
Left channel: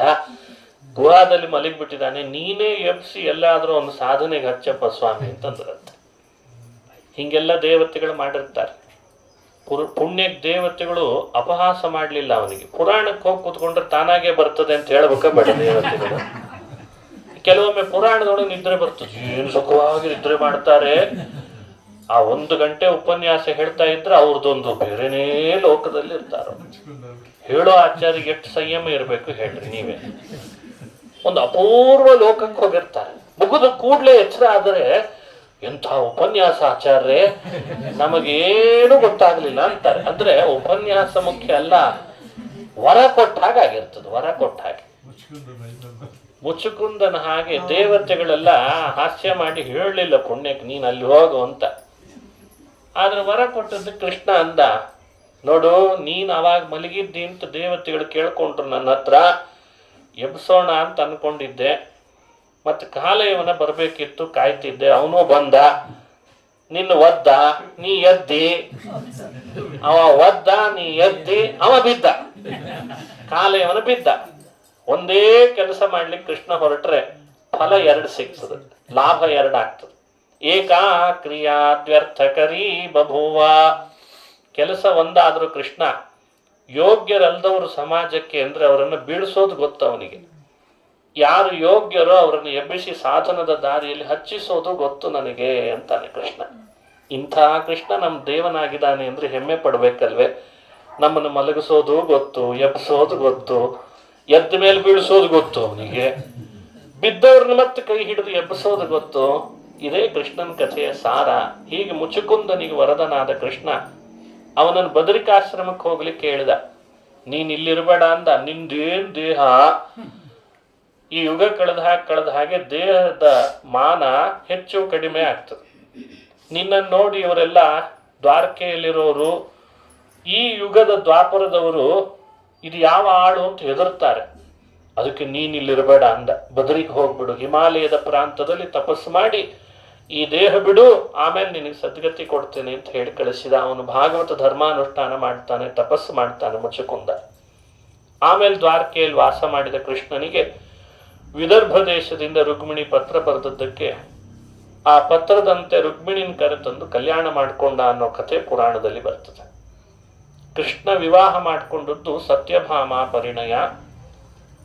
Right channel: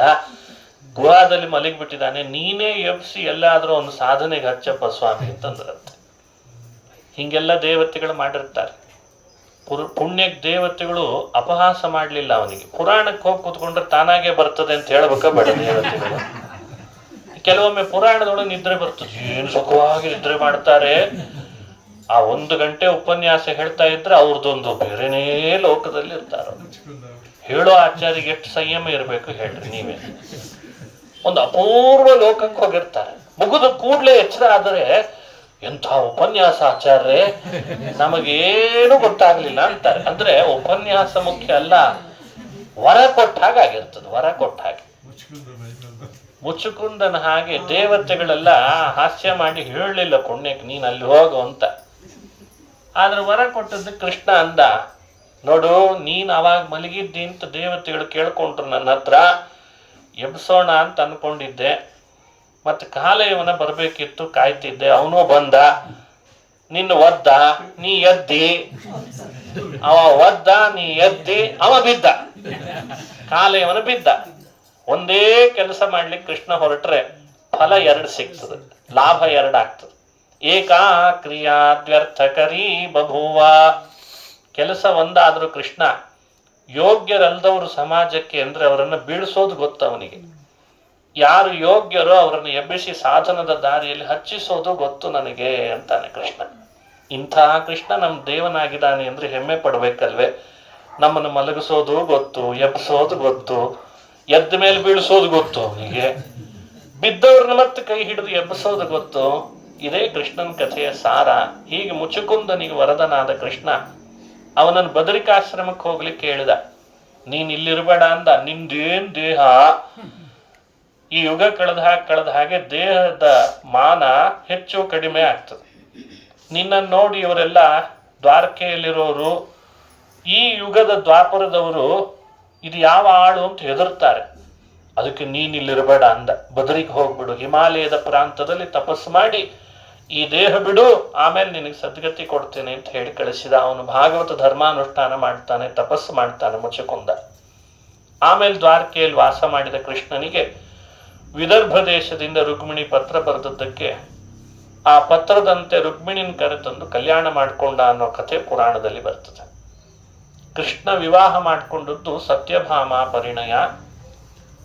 ಗುಹಾದಲ್ಲಿ ಮಲಗಿಬಿಟ್ಟಿದ್ದಾನೆ, ನೀನೇ ಎಬ್ಸಿ ಎಲ್ಲಾದ್ರೂ ಒಂದು ಸಾಧನೆಗೆ ಹಚ್ಚಪ್ಪ ಸ್ವಾಮಿ ಅಂತಂದ್ರಂತೆ. ಹಿಂಗೆಲ್ಲ ದೇವತೆಗಳು ಮಾಡಿರ್ತಾರೆ. ಪುಣ್ಯಕ್ಕೆ ದೇವತೆಗಳು ಅಪಹಾಸ ಮಾಡಲಿಲ್ಲ ಅವನಿಗೆ. ಪುರಾಣಕ್ಕೆ ಹೋಗಿ ಕೂತ್ಕೊಂಡ್ರೆ ತಾನಾಗೆ ಬರ್ತದೆ ಅಂತ ಹೇಳ್ಬೇಕ ಬೇಡ ದೇವತೆಗಳು. ಕೆಲವೊಮ್ಮೆ ಪುರಾಣದೊಳಗೆ ನಿದ್ರೆ ಬರ್ತದೆ, ಏನ್ ಸುಖವಾಗಿ ನಿದ್ರೆ ಮಾಡ್ತಾರೆ. ಆ 1 ಗಂಟೆ ಉಪನ್ಯಾಸ ಹೇಳ್ತಾ ಇದ್ರೆ ಅವ್ರದ್ದೊಂದು ಬೇರೆನೇ ಲೋಕದಲ್ಲಿ ಇರ್ತಾರ. ಹೇಳೋ ಆಚಾರ್ಯಗೆ ಎಷ್ಟು ಸಂಯಮ ಇರಬೇಕು ಹೇಳ್ರಿ ನೀವೇ. ಒಂದು ಅಪೂರ್ವ ಲೋಕಕ್ಕೆ ಹೋಗಿರ್ತಾರೆ. ಮುಗಿದು ಕೂಡ್ಲೆ ಎಚ್ಚರ ಆದರೆ ಎಂಥ ಉಪನ್ಯಾಸ ಆಚಾರ್ಯ, ನಮಗೇನು ಗೊತ್ತಾಗ್ಲಿಲ್ಲ ಅಂತಾರೆ. ಅಂದ್ರೆ ಉಪನ್ಯಾಸ ಮುಖ್ಯ ಅಲ್ಲ, ವರ ಕೊಟ್ಟ ಹಾಗಾಗಿರ್ತದೆ. ವರ ಕೊಟ್ಟ ಹಾಗೆ ಮುಚ್ಚುಕುಂದನ ಹಾಗೆ ದೇವತೆಗಳೆಲ್ಲ ಹಾಸ್ಯ ಮಾಡಿ ಹೇಳಲಿಲ್ಲ ಪುಣ್ಯಕ್ಕೆ ನೀನ್ ಅಲ್ಲಿ ಹೋಗು ಅಂತ. ಆದ್ರೆ ವರ ಕೊಟ್ಟದ್ದು ಕೃಷ್ಣ ಅಂದ, ನೋಡು ನೀನ್ ಅವಾಗ ಮಲಗಿದ್ದಿ ಅಂತ ದೇವತೆಗಳು ಕೇಳ್ಕೊಂಡ್ರು ನನ್ನ ಹತ್ರ, ಎಬ್ಸೋಣ ಅಂತ ಅನ್ಕೊಂಡಿದ್ದೆ. ಮತ್ತೆ ಕಾಲಯವನ ಬರ್ಬೇಕಿತ್ತು, ಕಾಯ್ತಿದ್ದೆ, ಅವನು ಬಂದ, ನಿನ್ನ ಒದ್ದ, ನೀ ಎದ್ದಿ, ಅವ ಒದ್ದ, ನೀ ಎದ್ದಿ, ಅವ ಬಿದ್ದ, ಕಾಲಯವನ ಬಿದ್ದ. ಒಂದೇ ಕೆಲಸ ಮಾಡ್ಲಿಕ್ಕೆ ಕೃಷ್ಣ ಹೊರಟ್ರೆ ಫಲ ಎರಡು ಸಿಗ್ತದೆ, ಲಾಭ ಎರಡಾಗ್ತದೆ. ಏಕಾ ಕ್ರಿಯಾದ್ವ್ಯರ್ಥಕರೀ ಬಭೂವ. ಕೆಲಸ ಒಂದಾದ್ರೂ ಕೃಷ್ಣ ಯೋಗ್ಯರಲ್ದವರು ಸಮಾಜಕ್ಕೆ ಅಂದ್ರೆ ಅವರನ್ನು ಬೀಳಿಸೋದು ಗೊತ್ತು ಅವನಿಗೆ. ಯಾರು ಯೋಗ್ಯರೋ ಅವರನ್ನು ಎಬ್ಬಿಸಿ ಸಾಧನದ ದಾರಿಯಲ್ಲಿ ಹಚ್ಚಿಸೋದು ಗೊತ್ತು ನನಗೆ ಅಂತಾನೆ ಕೃಷ್ಣ. ಇಂಥ ಕೃಷ್ಣ ನಮ್ಮ ದೇವನಾಗಿದ್ದಾನೆ ಅಂದ್ರೆ ಹೆಮ್ಮೆ ಪಡ್ಬೇಕಲ್ವೇ. ನಮ್ಮನ್ನು ಮಲಗಿಸೋದು ಗೊತ್ತು, ಎಬ್ಬಿಸೋದು ಗೊತ್ತು, ಎದ್ದ ಮೇಲೆ ಬೀಳಿಸೋದು ಗೊತ್ತು ಅವನಿಗೆ, ಬಿದ್ದವ್ರನ್ನ ಮತ್ತೆ ಕೈ ಹಿಡಿದು ಎಬ್ಬಿಸೋದು ಗೊತ್ತು. ಇದೇ ಕೃಷ್ಣನ ಕಥೆಯ ಸಾರ. ಹೀಗೆ ಮುಚುಕುಂದನಿಗೆ ವರದನಾದ ಕೃಷ್ಣ ಅವನನ್ನು ಬದರಿಕಾಶ್ರಮಕ್ಕೆ ಹೋಗ್ಲಿಕ್ಕೆ ಹೇಳಿದ. ನೀನ್ ಇಲ್ಲಿರ್ಬೇಡ ಅಂದ. ನಿಂದೇನ್ ದೇಹ, ಈ ಯುಗ ಕಳೆದ ಹಾಗೆ ದೇಹದ ಮಾನ ಹೆಚ್ಚು ಕಡಿಮೆ ಆಗ್ತದೆ. ನಿನ್ನನ್ನು ನೋಡಿ ಇವರೆಲ್ಲ ದ್ವಾರಕೆಯಲ್ಲಿರೋರು, ಈ ಯುಗದ ದ್ವಾಪರದವರು ಇದು ಯಾವ ಆಳು ಅಂತ ಹೆದರ್ತಾರೆ. ಅದಕ್ಕೆ ನೀನ್ ಇಲ್ಲಿರಬೇಡ ಅಂದ. ಬದರಿಗೆ ಹೋಗ್ಬಿಡು, ಹಿಮಾಲಯದ ಪ್ರಾಂತದಲ್ಲಿ ತಪಸ್ಸು ಮಾಡಿ ಈ ದೇಹ ಬಿಡು, ಆಮೇಲೆ ನಿನಗೆ ಸದ್ಗತಿ ಕೊಡ್ತೇನೆ ಅಂತ ಹೇಳಿ ಕಳಿಸಿದ. ಅವನು ಭಾಗವತ ಧರ್ಮಾನುಷ್ಠಾನ ಮಾಡ್ತಾನೆ, ತಪಸ್ಸು ಮಾಡ್ತಾನೆ ಮುಚುಕುಂದ. ಆಮೇಲೆ ದ್ವಾರಕೆಯಲ್ಲಿ ವಾಸ ಮಾಡಿದ ಕೃಷ್ಣನಿಗೆ ವಿದರ್ಭ ದೇಶದಿಂದ ರುಕ್ಮಿಣಿ ಪತ್ರ ಬರೆದದ್ದಕ್ಕೆ ಆ ಪತ್ರದಂತೆ ರುಕ್ಮಿಣಿನ ಕರೆತಂದು ಕಲ್ಯಾಣ ಮಾಡಿಕೊಂಡ ಅನ್ನೋ ಕಥೆ ಪುರಾಣದಲ್ಲಿ ಬರ್ತದೆ. ಕೃಷ್ಣ ವಿವಾಹ ಮಾಡಿಕೊಂಡದ್ದು ಸತ್ಯಭಾಮ ಪರಿಣಯ,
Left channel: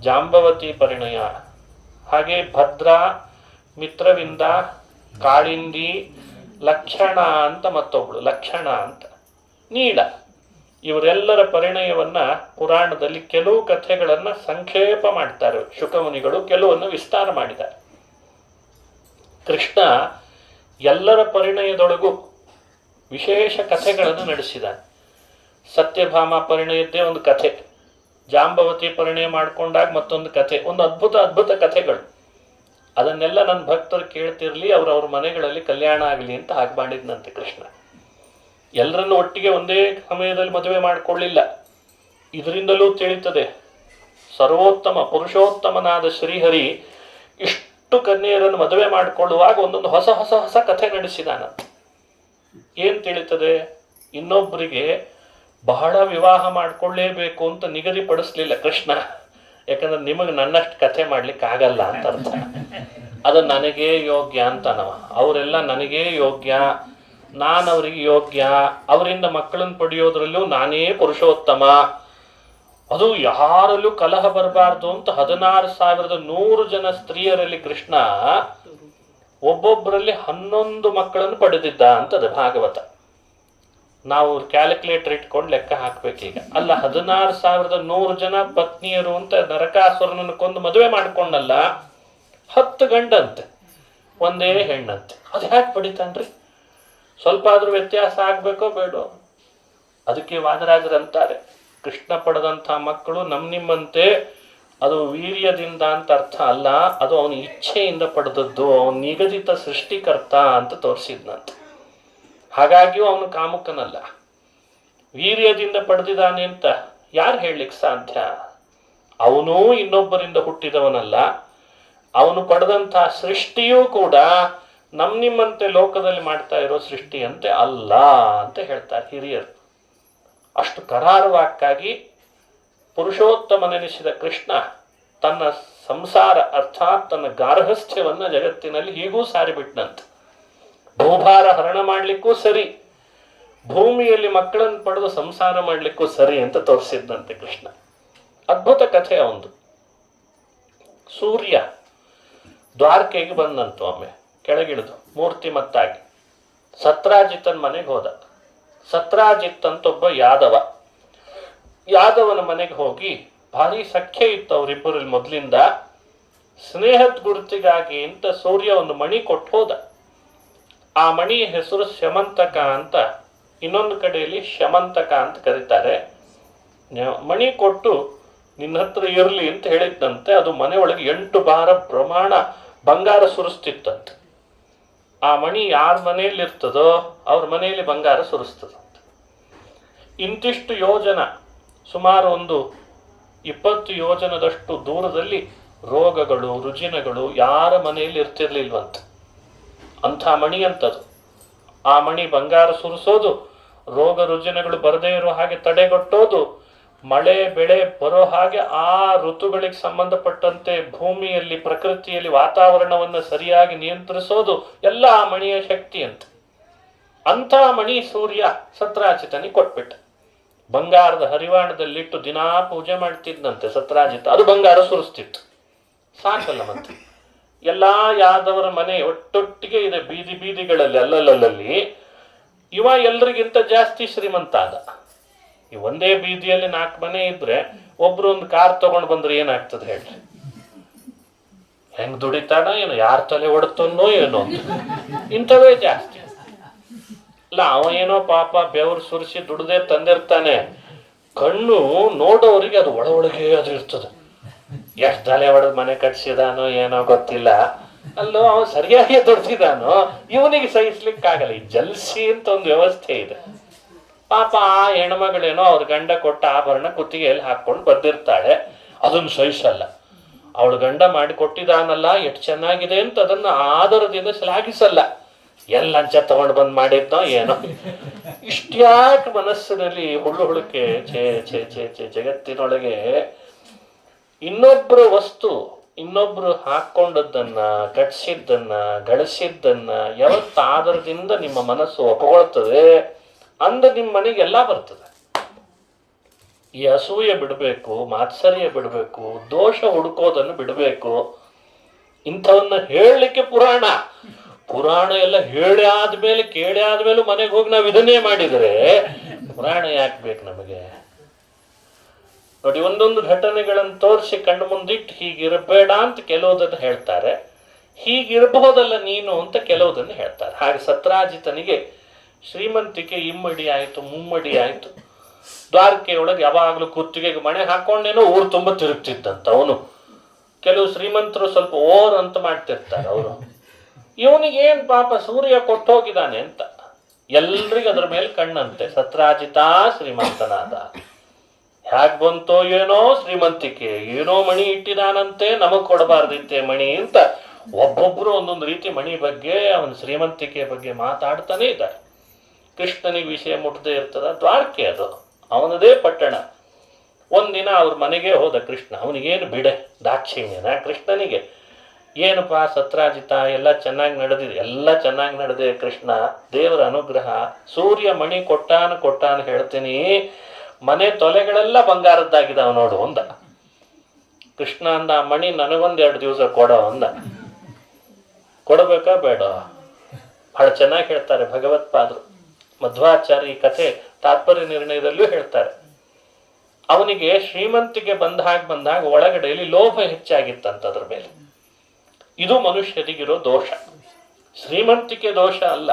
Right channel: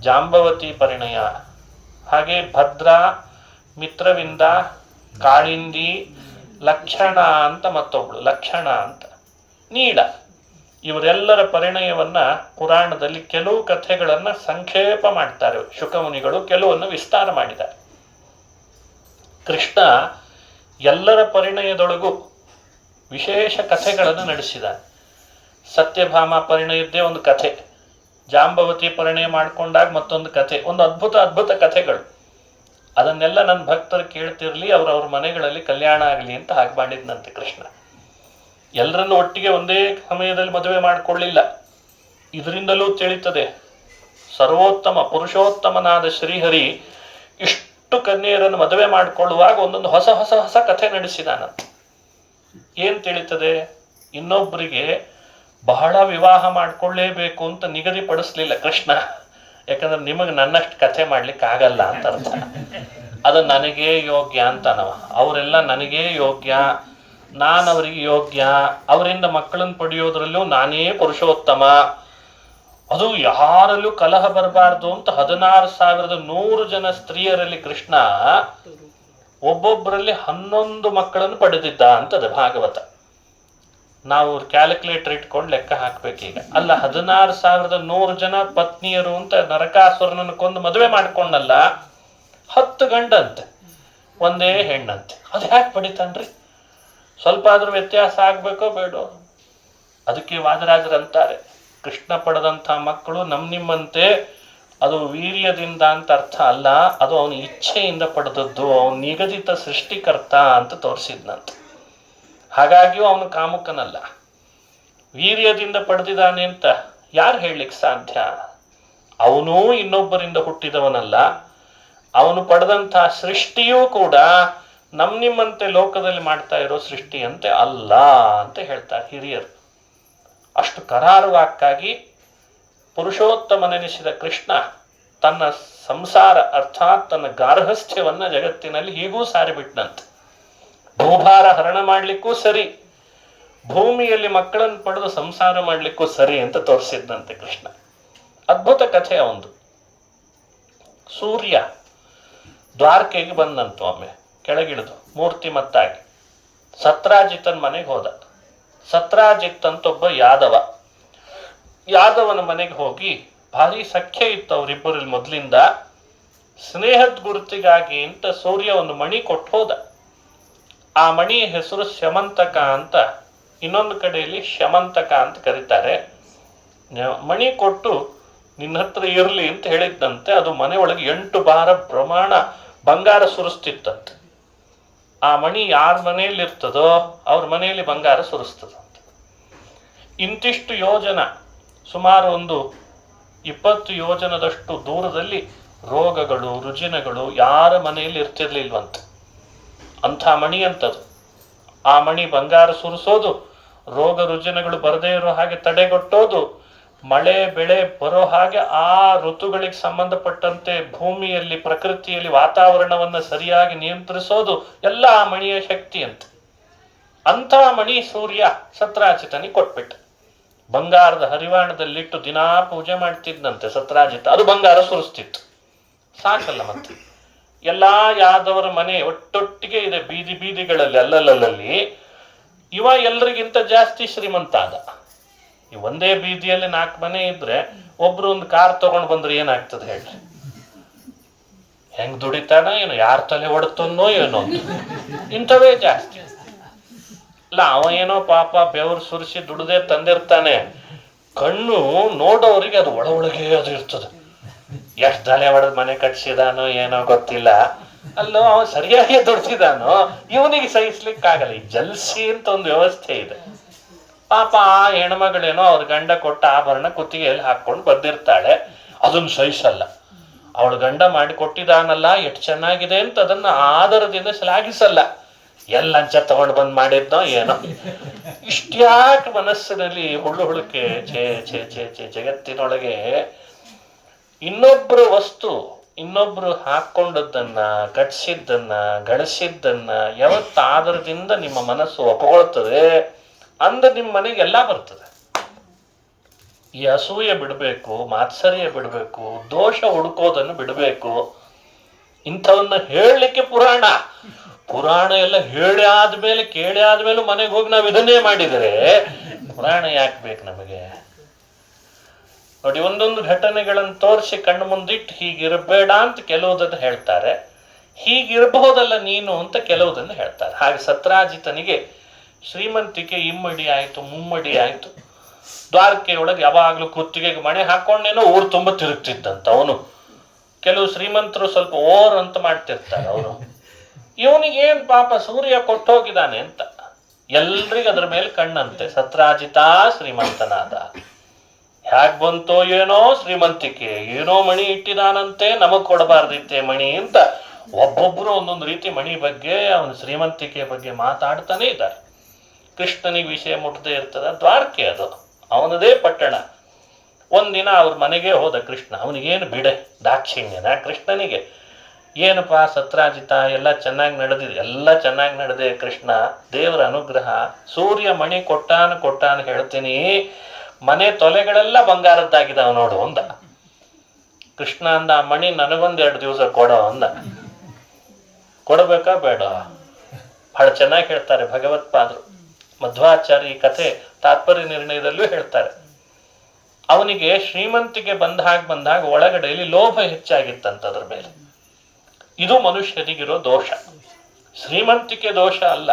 ಜಾಂಬವತಿ ಪರಿಣಯ, ಹಾಗೆ ಭದ್ರ, ಮಿತ್ರವಿಂದ, ಕಾಳಿಂದಿ, ಲಕ್ಷಣ ಅಂತ ಮತ್ತೊಬ್ಳು, ಲಕ್ಷಣ ಅಂತ, ನೀಡ, ಇವರೆಲ್ಲರ ಪರಿಣಯವನ್ನ ಪುರಾಣದಲ್ಲಿ ಕೆಲವು ಕಥೆಗಳನ್ನ ಸಂಕ್ಷೇಪ ಮಾಡ್ತಾರೆ ಶುಕಮುನಿಗಳು, ಕೆಲವನ್ನು ವಿಸ್ತಾರ ಮಾಡಿದ್ದಾರೆ. ಕೃಷ್ಣ ಎಲ್ಲರ ಪರಿಣಯದೊಳಗೂ ವಿಶೇಷ ಕಥೆಗಳನ್ನು ನಡೆಸಿದ್ದಾನೆ. ಸತ್ಯಭಾಮ ಪರಿಣಯದ್ದೇ ಒಂದು ಕಥೆ, ಜಾಂಬವತಿ ಪರಿಣಯ ಮಾಡಿಕೊಂಡಾಗ ಮತ್ತೊಂದು ಕಥೆ, ಒಂದು ಅದ್ಭುತ ಕಥೆಗಳು. ಅದನ್ನೆಲ್ಲ ನನ್ನ ಭಕ್ತರು ಕೇಳ್ತಿರ್ಲಿ, ಅವ್ರವ್ರ ಮನೆಗಳಲ್ಲಿ ಕಲ್ಯಾಣ ಆಗಲಿ ಅಂತ ಹಾಗೆ ಮಾಡಿದ್ನಂತೆ ಕೃಷ್ಣ. ಎಲ್ಲರನ್ನು ಒಟ್ಟಿಗೆ ಒಂದೇ ಸಮಯದಲ್ಲಿ ಮದುವೆ ಮಾಡಿಕೊಳ್ಳಿಲ್ಲ. ಇದರಿಂದಲೂ ತಿಳಿಯುತ್ತದೆ ಸರ್ವೋತ್ತಮ ಪುರುಷೋತ್ತಮನಾದ ಶ್ರೀಹರಿ ಇಷ್ಟು ಕನ್ಯೆಯರನ್ನು ಮದುವೆ ಮಾಡಿಕೊಳ್ಳುವಾಗ ಒಂದೊಂದು ಹೊಸ ಹೊಸ ಹೊಸ ಕಥೆ ನಡೆಸಿದಾನ. ಏನ್ ತಿಳಿತದೆ? ಇನ್ನೊಬ್ಬರಿಗೆ ಬಹಳ ವಿವಾಹ ಮಾಡಿಕೊಳ್ಳೇಬೇಕು ಅಂತ ನಿಗದಿಪಡಿಸ್ಲಿಲ್ಲ ಕೃಷ್ಣ. ಯಾಕಂದ್ರೆ ನಿಮಗೆ ನನ್ನಷ್ಟು ಕಥೆ ಮಾಡ್ಲಿಕ್ಕೆ ಆಗಲ್ಲ ಅಂತ ಅರ್ಥ. ಅದು ನನಗೇ ಯೋಗ್ಯ ಅಂತನವ. ಅವರೆಲ್ಲ ನನಗೇ ಯೋಗ್ಯ, ನಾನು ಅವರಿಗೆ ಯೋಗ್ಯ, ಅವರಿಂದ ಮಕ್ಕಳನ್ನು ಪಡೆಯೋದ್ರಲ್ಲೂ ನಾನೇ ಪುರುಷೋತ್ತಮ, ಅದು ಯಾರಲ್ಲೂ ಕಲಹ ಬರಬಾರ್ದು ಅಂತ 16,100 ಜನ ಸ್ತ್ರೀಯರಲ್ಲಿ ಕೃಷ್ಣ ಒಬ್ಬೊಬ್ಬರಲ್ಲಿ 11 ಮಕ್ಕಳನ್ನು ಪಡೆದಿದ್ದ ಅಂತದೆ ಭಾಗವತ. ನಾವು ಕ್ಯಾಲ್ಕುಲೇಟರ್ ಇಟ್ಕೊಂಡು ಲೆಕ್ಕ ಹಾಕ್ಬೇಕೀಗ. ಅಲ್ಲ, 16,100 ಜನ ಪತ್ನಿಯರು ಅಂತ ನರಕಾಸುರನನ್ನು ಕೊಂದು ಮದುವೆ ಮಾಡ್ಕೊಂಡಲ್ಲ, 10 ಗಂಡಂತೆ, ಒಂದೇ ಹೆಣ್ಣಂತೆ. ಅದು ಯಾಕೆ ಪಡಿತಾನ್ರಿ? ಸ್ವಲ್ಪ ಆದ್ರೂ ವ್ಯತ್ಯಾಸ ಆಗ್ಬೇಕೋ ಬೇಡೋ? ಅದಕ್ಕೆ ವಾದರಾಜರಂತಾರೆ, ಕೃಷ್ಣ ಪಡೆದಂಥ ಮಕ್ಕಳು ನಿಮ್ಮಂತೆ ಅದು ವೀರ್ಯದಿಂದ ಅಂತ ಅರ್ಥ ಅಲ್ಲ, ಅದು ಅವನ ಇಚ್ಛೆಯಿಂದ ಪಡೆದದ್ದು, ಅವನ ನಿಗದಿತ ಸೃಷ್ಟಿಕರ್ತ ಅಂತ ತೋರಿಸಿದ್ನಂತೆ. ಹಾಗಾಗಿಯೂ ಅವನು ಕಾಮುಕನಲ್ಲ, ವೀರ್ಯದಿಂದ ಪಡೆದಿದ್ದಾನೆ ಅಂತ ಯಾರು ಹೇಳಲಿಕ್ಕೆ ಸಾಧ್ಯ? ಅವನೂ ಇನ್ನೊಬ್ಬರಿಂದ ಹುಟ್ಟಿದವನಲ್ಲ, ಅವನು ಪಡೆದಂತಹ ಸೃಷ್ಟಿಯೂ ಕೂಡ ನಿಮ್ಮಂತೆ ಲೋಕದಲ್ಲಿ ಮಾಡ್ತಾ ಇರೋ ಸೃಷ್ಟಿಯಂತೆ ಅಲ್ಲ ಅಂತ ಹೇಳ್ತಾರೆ ಹಿರಿಯರು. ಅಷ್ಟು ಕರಾರುವಾಕ್ಕಾಗಿ ಪುರುಷೋತ್ತಮನೆನಿಸಿದ ಕೃಷ್ಣ ತನ್ನ ಸಂಸಾರ ಅರ್ಥಾತ್ ತನ್ನ ಗಾರ್ಹಸ್ಥ್ಯವನ್ನ ಜಗತ್ತಿನಲ್ಲಿ ಹೀಗೂ ಸಾರಿಬಿಟ್ನಂತೆ. ಭೂಭಾರ ಹರಣ ಮಾಡ್ಲಿಕ್ಕೂ ಸರಿ, ಭೂಮಿಯಲ್ಲಿ ಮಕ್ಕಳನ್ನು ಪಡೆದು ಸಂಸಾರ ಮಾಡ್ಲಿಕ್ಕೂ ಸರಿ ಅಂತ ತೋರಿಸಿದ್ದಂತೆ ಕೃಷ್ಣ. ಅದ್ಭುತ ಕಥೆ ಒಂದು. ಸೂರ್ಯ ದ್ವಾರಕೆಗೆ ಬಂದಂತು. ಒಮ್ಮೆ ಕೆಳಗಿಳಿದು ಮೂರ್ತಿಮತ್ತಾಗಿ ಸತ್ರಾಜಿತನ ಮನೆಗೆ ಹೋದ. ಸತ್ರಾಜಿತ್ ಅಂತ ಒಬ್ಬ ಯಾದವನ ಮನೆಗೆ ಹೋಗಿ ಭಾರಿ ಸಖ್ಯ ಇತ್ತು ಅವರಿಬ್ಬರಲ್ಲಿ ಮೊದಲಿಂದ. ಸ್ನೇಹದ ಗುರುತಿಗಾಗಿ ಅಂತ ಸೂರ್ಯ ಒಂದು ಮಣಿ ಕೊಟ್ಟು ಹೋದ. ಆ ಮಣಿಯ ಹೆಸರು ಶಮಂತಕ ಅಂತ, ಇನ್ನೊಂದು ಕಡೆಯಲ್ಲಿ ಶಮಂತಕ ಅಂತ ಕರೀತಾರೆ. ಮಣಿ ಕೊಟ್ಟು ನಿನ್ನ ಹತ್ರ ಇರಲಿ ಅಂತ ಹೇಳಿದ್ದಂತೆ. ಅದು ಮನೆಯೊಳಗೆ 8 ಬಾರ ಪ್ರಮಾಣ ಬಂಗಾರ ಸುರಿಸ್ತಿತ್ತಂತೆ. ಆ ಮಣಿ ಯಾರ ಮನೆಯಲ್ಲಿ ಇರ್ತದೋ ಅವ್ರ ಮನೆಯಲ್ಲಿ ಬಂಗಾರ ಸುರಿಸ್ತದಂತೆ. ಇಂತಿಷ್ಟು ಯೋಜನ, ಸುಮಾರು ಒಂದು 20 ಯೋಜನದಷ್ಟು ದೂರದಲ್ಲಿ ರೋಗಗಳು ರುಜಿನಗಳು ಯಾರ ಮನೆಯಲ್ಲಿ ಇರ್ತಿರ್ಲಿಲ್ವಂತೆ. ಅಂಥ ಮಣಿ ಅಂತದು. ಆ ಮಣಿ ಬಂಗಾರ ಸುರಿಸೋದು, ರೋಗ ರುಜಿನಗಳು ಬರದೇ ಇರೋ ಹಾಗೆ ತಡೆಗಟ್ಟೋದು, ಮಳೆ ಬೆಳೆ ಬರೋ ಹಾಗೆ ಆ ಋತುಗಳಿಗೆ ಸಂಬಂಧಪಟ್ಟಂತೆ ಭೂಮಿಯಲ್ಲಿ ಪ್ರಕೃತಿಯಲ್ಲಿ ವಾತಾವರಣವನ್ನು ಸರಿಯಾಗಿ ನಿಯಂತ್ರಿಸೋದು ಎಲ್ಲ ಆ ಮಣಿಯ ಶಕ್ತಿ ಅಂತ. ಅಂಥ ಮಣಿ ಸೂರ್ಯ ಸತ್ರಾಜಿತನಿಗೆ ಕೊಟ್ಬಿಟ್ಟ. ಬಂಗಾರದ ಹರಿವಾಣದಲ್ಲಿಟ್ಟು ದಿನಾ ಪೂಜೆ ಮಾಡ್ತಿದ್ದಂತೆ ಸತ್ರಾಜಿತ. ಅದು ಬಂಗಾರ ಸುರಿಸ್ತಿತ್ತು. ಸಾಕಲ್ಲ ಮತ್ತೆ. ಎಲ್ಲಾ ಯಾದವರ ಮನೆ ಒಟ್ಟೊಟ್ಟಿಗೆ ಇದೆ, ಬೀದಿ ಬೀದಿಗಳಲ್ಲಿ ಅಲ್ಲಲ್ಲಿ. ಇವ ಎಲ್ರಿಗಿಂತ ಜಾಸ್ತಿ ಶ್ರೀಮಂತ ಆದ. ಈ ಒಂದೇ ಬೀದಿಯಲ್ಲಿ 4 ಮನೆ ಇದ್ರೆ ಒಬ್ರು ಒಂದು ಕಾರ್ ತಗೊಂಡ್ ಬಂದ್ರೆ ಏನಾಗ್ತದೆ ಹೇಳಿ? ಹೆಂಗ್ ದುಡಿತಾನ ಏನೋ, ಯಾರ ತಲೆ ಹೊಡ್ತನೋ ಏನೋ, ಇಂಥವೇ ಜಾಸ್ತಿ. ಅಲ್ಲ, ಅವ ಏನೋ ಪಾಪ ಬೆವರು ಸುರಿಸಿ ದುಡ್ದೇ ತಂದಿರ್ತಾನೆ. ಕಣ್ಣು ನೋಡೋರಿಗೆ ಅದು ಒಳಗೆ ಅದು ಇರ್ತದೆ. ಎಷ್ಟು ತಲೆ ಹೊಡೆದ್ ಮನೆ ಕಟ್ಸಿದಾನೋ ಏನೋ ಗೊತ್ತಿಲ್ಲ. ಅಲ್ಲೋ ಅವನು ಸರಿಯಾಗಿ ದುಡ್ಸಿದಾನೋ ಇವನಿಗೆ ಸಹಿಸ್ಲಿಕ್ಕಾಗಲ್ಲ. ಈ ಜಲ್ಸಿ ಅಂತ ಒಂದು ವ್ಯವಸ್ಥೆ ಇದೆ. ಪಾಪ ಆ ಹೆಣ್ಮಗಳೇನೋ ಅವ್ರ ಗಂಡ ಕೊಟ್ಟ ಆಭರಣ ಕುತ್ತಿಗೆಯಲ್ಲಿ ಹಾಕೊಂಡು ಬಂದಿರ್ತಾಳೆ. ಅದನ್ನು ಸಹಿಸಲ್ಲ. ಅವಳು ಗಂಡ ಮಾಡಿ ಕೊಟ್ಟಿದಾನಲ್ಲ ಎಷ್ಟು ಚೆನ್ನಾಗಿದೆ ಅಂತ ಅದನ್ನ ಆದರದಿಂದ ಶ್ಲಾಘಿಸಲ್ಲ. ಲಂಚ ತಗೊಂಡು ಬಂದ್ ಮಾಡಿದ್ನೋ ಏನೋ. ಇಷ್ಟ್ಯಾಕೆ ಮನಸ್ಸಿನಲ್ಲಿ ಹುಳುಕೆ ಛೇ ಛೇ ಛೇ ಛೇ. ಜಗತ್ತಿನೊಳಗೆ ಇನ್ನೊಬ್ರು ವಸ್ತು, ಇನ್ನೊಬ್ರು ಹಾಕೊಂಡದ್ದನ್ನ, ಕಟ್ಸಿದ್ದನ್ನ, ಗಳಿಸಿದ್ದನ್ನ ಯಾವತ್ತ ಆದರದಿಂದ ನಿಮ್ಮ ಮನಸ್ಸು ಒಪ್ಕೊಳ್ತದೆ ಅಂದ ನಿಮ್ಮ ಮನೆಗೆಲ್ಲ ಬರ್ತದೆ. ಈ ಅಸೂಯೆ ಬಿಡಬೇಕು, ಮಾತ್ಸರ್ಯ ಬಿಡಬೇಕು, ದೋಷ ಹುಡುಕೋದನ್ನು ಬಿಡಬೇಕು. ಇಂಥವನ್ನ ಹೇಳಲಿಕ್ಕೆ ಪುರಾಣ ಎಲ್ಲ ಹೇಳಿ ಆದ್ಮೇಲೆ ಕೇಳಿ ಆದ್ಮೇಲೆ ಮನೆಗೆ ಹೋಗಿ ನಾವು ಇದನ್ನೇ ಮಾಡಿದರೆ ಪುರಾಣ ಯಾಕೆ ಬೇಕು ನಮಗೆ? ನೋಡಿ, ಒಂದೊಂದು ಘಟನೆಗಳನ್ನು ತೋರಿಸಿ ಕಣ್ಣು ಮುಂದಿಟ್ಟು ಹೀಗಿರಬೇಡ ಅಂತ ಕೆಲವುದನ್ನು ಹೇಳ್ತಾರೆ, ಹೀಗಿರಬಹುದಲ್ಲ ನೀನು ಅಂತ ಕೆಲವುದನ್ನು ಹೇಳ್ತಾರೆ. ಹಾಗೆ ಸತ್ರಾಜಿತನಿಗೆ ಶ್ರೀಮಂತಿಕೆ ಇಮ್ಮಡಿ ಆಯ್ತು, ಮುಮ್ಮಡಿ ಆಯ್ತು. ದ್ವಾರಕೆಯೊಳಗೆ ಯಾವಾಗಲೂ ಕುತ್ತಿಗೆಗೆ ಮಣೆ ಹಾಕೊಂಡೇನೋ ಊರು ತುಂಬ ತಿರುಗ್ತಿದ್ದಂತ ಅವನು. ಕೆಲವು ಶ್ರೀಮಂತರು ಸ್ವಲ್ಪ ಓರ್ ಅಂತ ಮಾಡ್ತಿರ್ತಾರೆ ಅವರು. ಇವನಿಗೇನ್ ಪಾಪ ಸೂರ್ಯ ಕೊಟ್ಟೋಗಿದ್ದಾನೆ ಅಂತ ಎಲ್ರಿಗೂ ಅದ್ರ ಮೇಲೆ ಕಣ್ಣಂತೆ. ಸತ್ರಾಜಿತ ಶ್ರೀಮಂತನಾದ. ಹ್ಯಾಕ್ ಬಂತೋ ಏನೋ ಶ್ರೀಮಂತಿಕೆ, ಏನೋ ಮಣಿ ಇಟ್ಟಿದಾನಂತೆ, ನಮಗ್ ಕೊಡಬಾರ್ದಿತ್ತೆ ಮಣಿ ಅಂತ ಒಬ್ಬೊಬ್ರು ಒಂದೊಂದು ರೀತಿ ಮಣಿ ಬಗ್ಗೆ, ಅವನ ಶ್ರೀಮಂತಿಕೆ ಬಗ್ಗೆ ಮಾತಾಡ್ತಾನೆ ಇದ್ದಾರೆ. ಕೃಷ್ಣನಿಗೆ ವಿಷಯ ಮುಟ್ಟದೆ ಇರ್ತದ. ದ್ವಾರಕೆ ಅದು ಅವನದೇ ಪಟ್ಟಣ. ಒಂದಿನ ಅವ್ರ ಮನೆಗೆ ಹೋದ ಕೃಷ್ಣ. ಅವನಿಗೇನು ಬಿಡೆ ದಾಕ್ಷಿಣ್ಯನ ಕೃಷ್ಣನಿಗೆ. ಏನಪ್ಪಾ ಸತ್ರಾಜಿತ, ಎಲ್ಲ ಚೆನ್ನಾಗಿ ನಡೆದಿದೆ? ಎಲ್ಲ ಚೆನ್ನಾಗಿ ನಡೆದೆ ಕೃಷ್ಣ, ದೇವರ ಅನುಗ್ರಹ. ಸೂರ್ಯ ಮಣಿ ಕೊಟ್ಟಾನ ಹೇಳ್ತೀನಿ, ಮನೆ ತೊಲೆಗಳೆಲ್ಲ ಬಂಗಾರದ್ದಾಗಿದ್ದಾವ ನೋಡು ಅಂದ. ಕೃಷ್ಣ ಅಂದ, ಆ ಮಣಿ ನನಗೊಂದೆರಡು ದಿವಸ ಕೊಡೋ ಅಂದ. ಕೊಡಬೇಕಾ ಬೇಡ? ಬಹಳ ಚೆನ್ನಾಗಿ ಹೇಳ್ತಾರೆ ಭಗವತ್ಪಾದರು. ಮಧ್ವಾಚಾರ್ಯ ಈ ಕಥೆ ತಾತ್ಪರ್ಯ ನಿರ್ಣಯದಲ್ಲೂ ಹೇಳ್ತಾರೆ. ಅವನಿಗೆ ಶ್ರೀಮಂತಿಗೆ ಬಂದಾಗ ಒಳಗಡೆಯಲ್ಲಿ ಲೋಭ ಹೆಚ್ಚಾಗಿತ್ತಂತ ಅದ್ರ ಮೇಲೆ. ಇದು ಮನುಷ್ಯನಿಗಿರೋ ದೋಷ. ಶ್ರೀಮಂತಿಕೆ ದೋಷ ಅಲ್ಲ.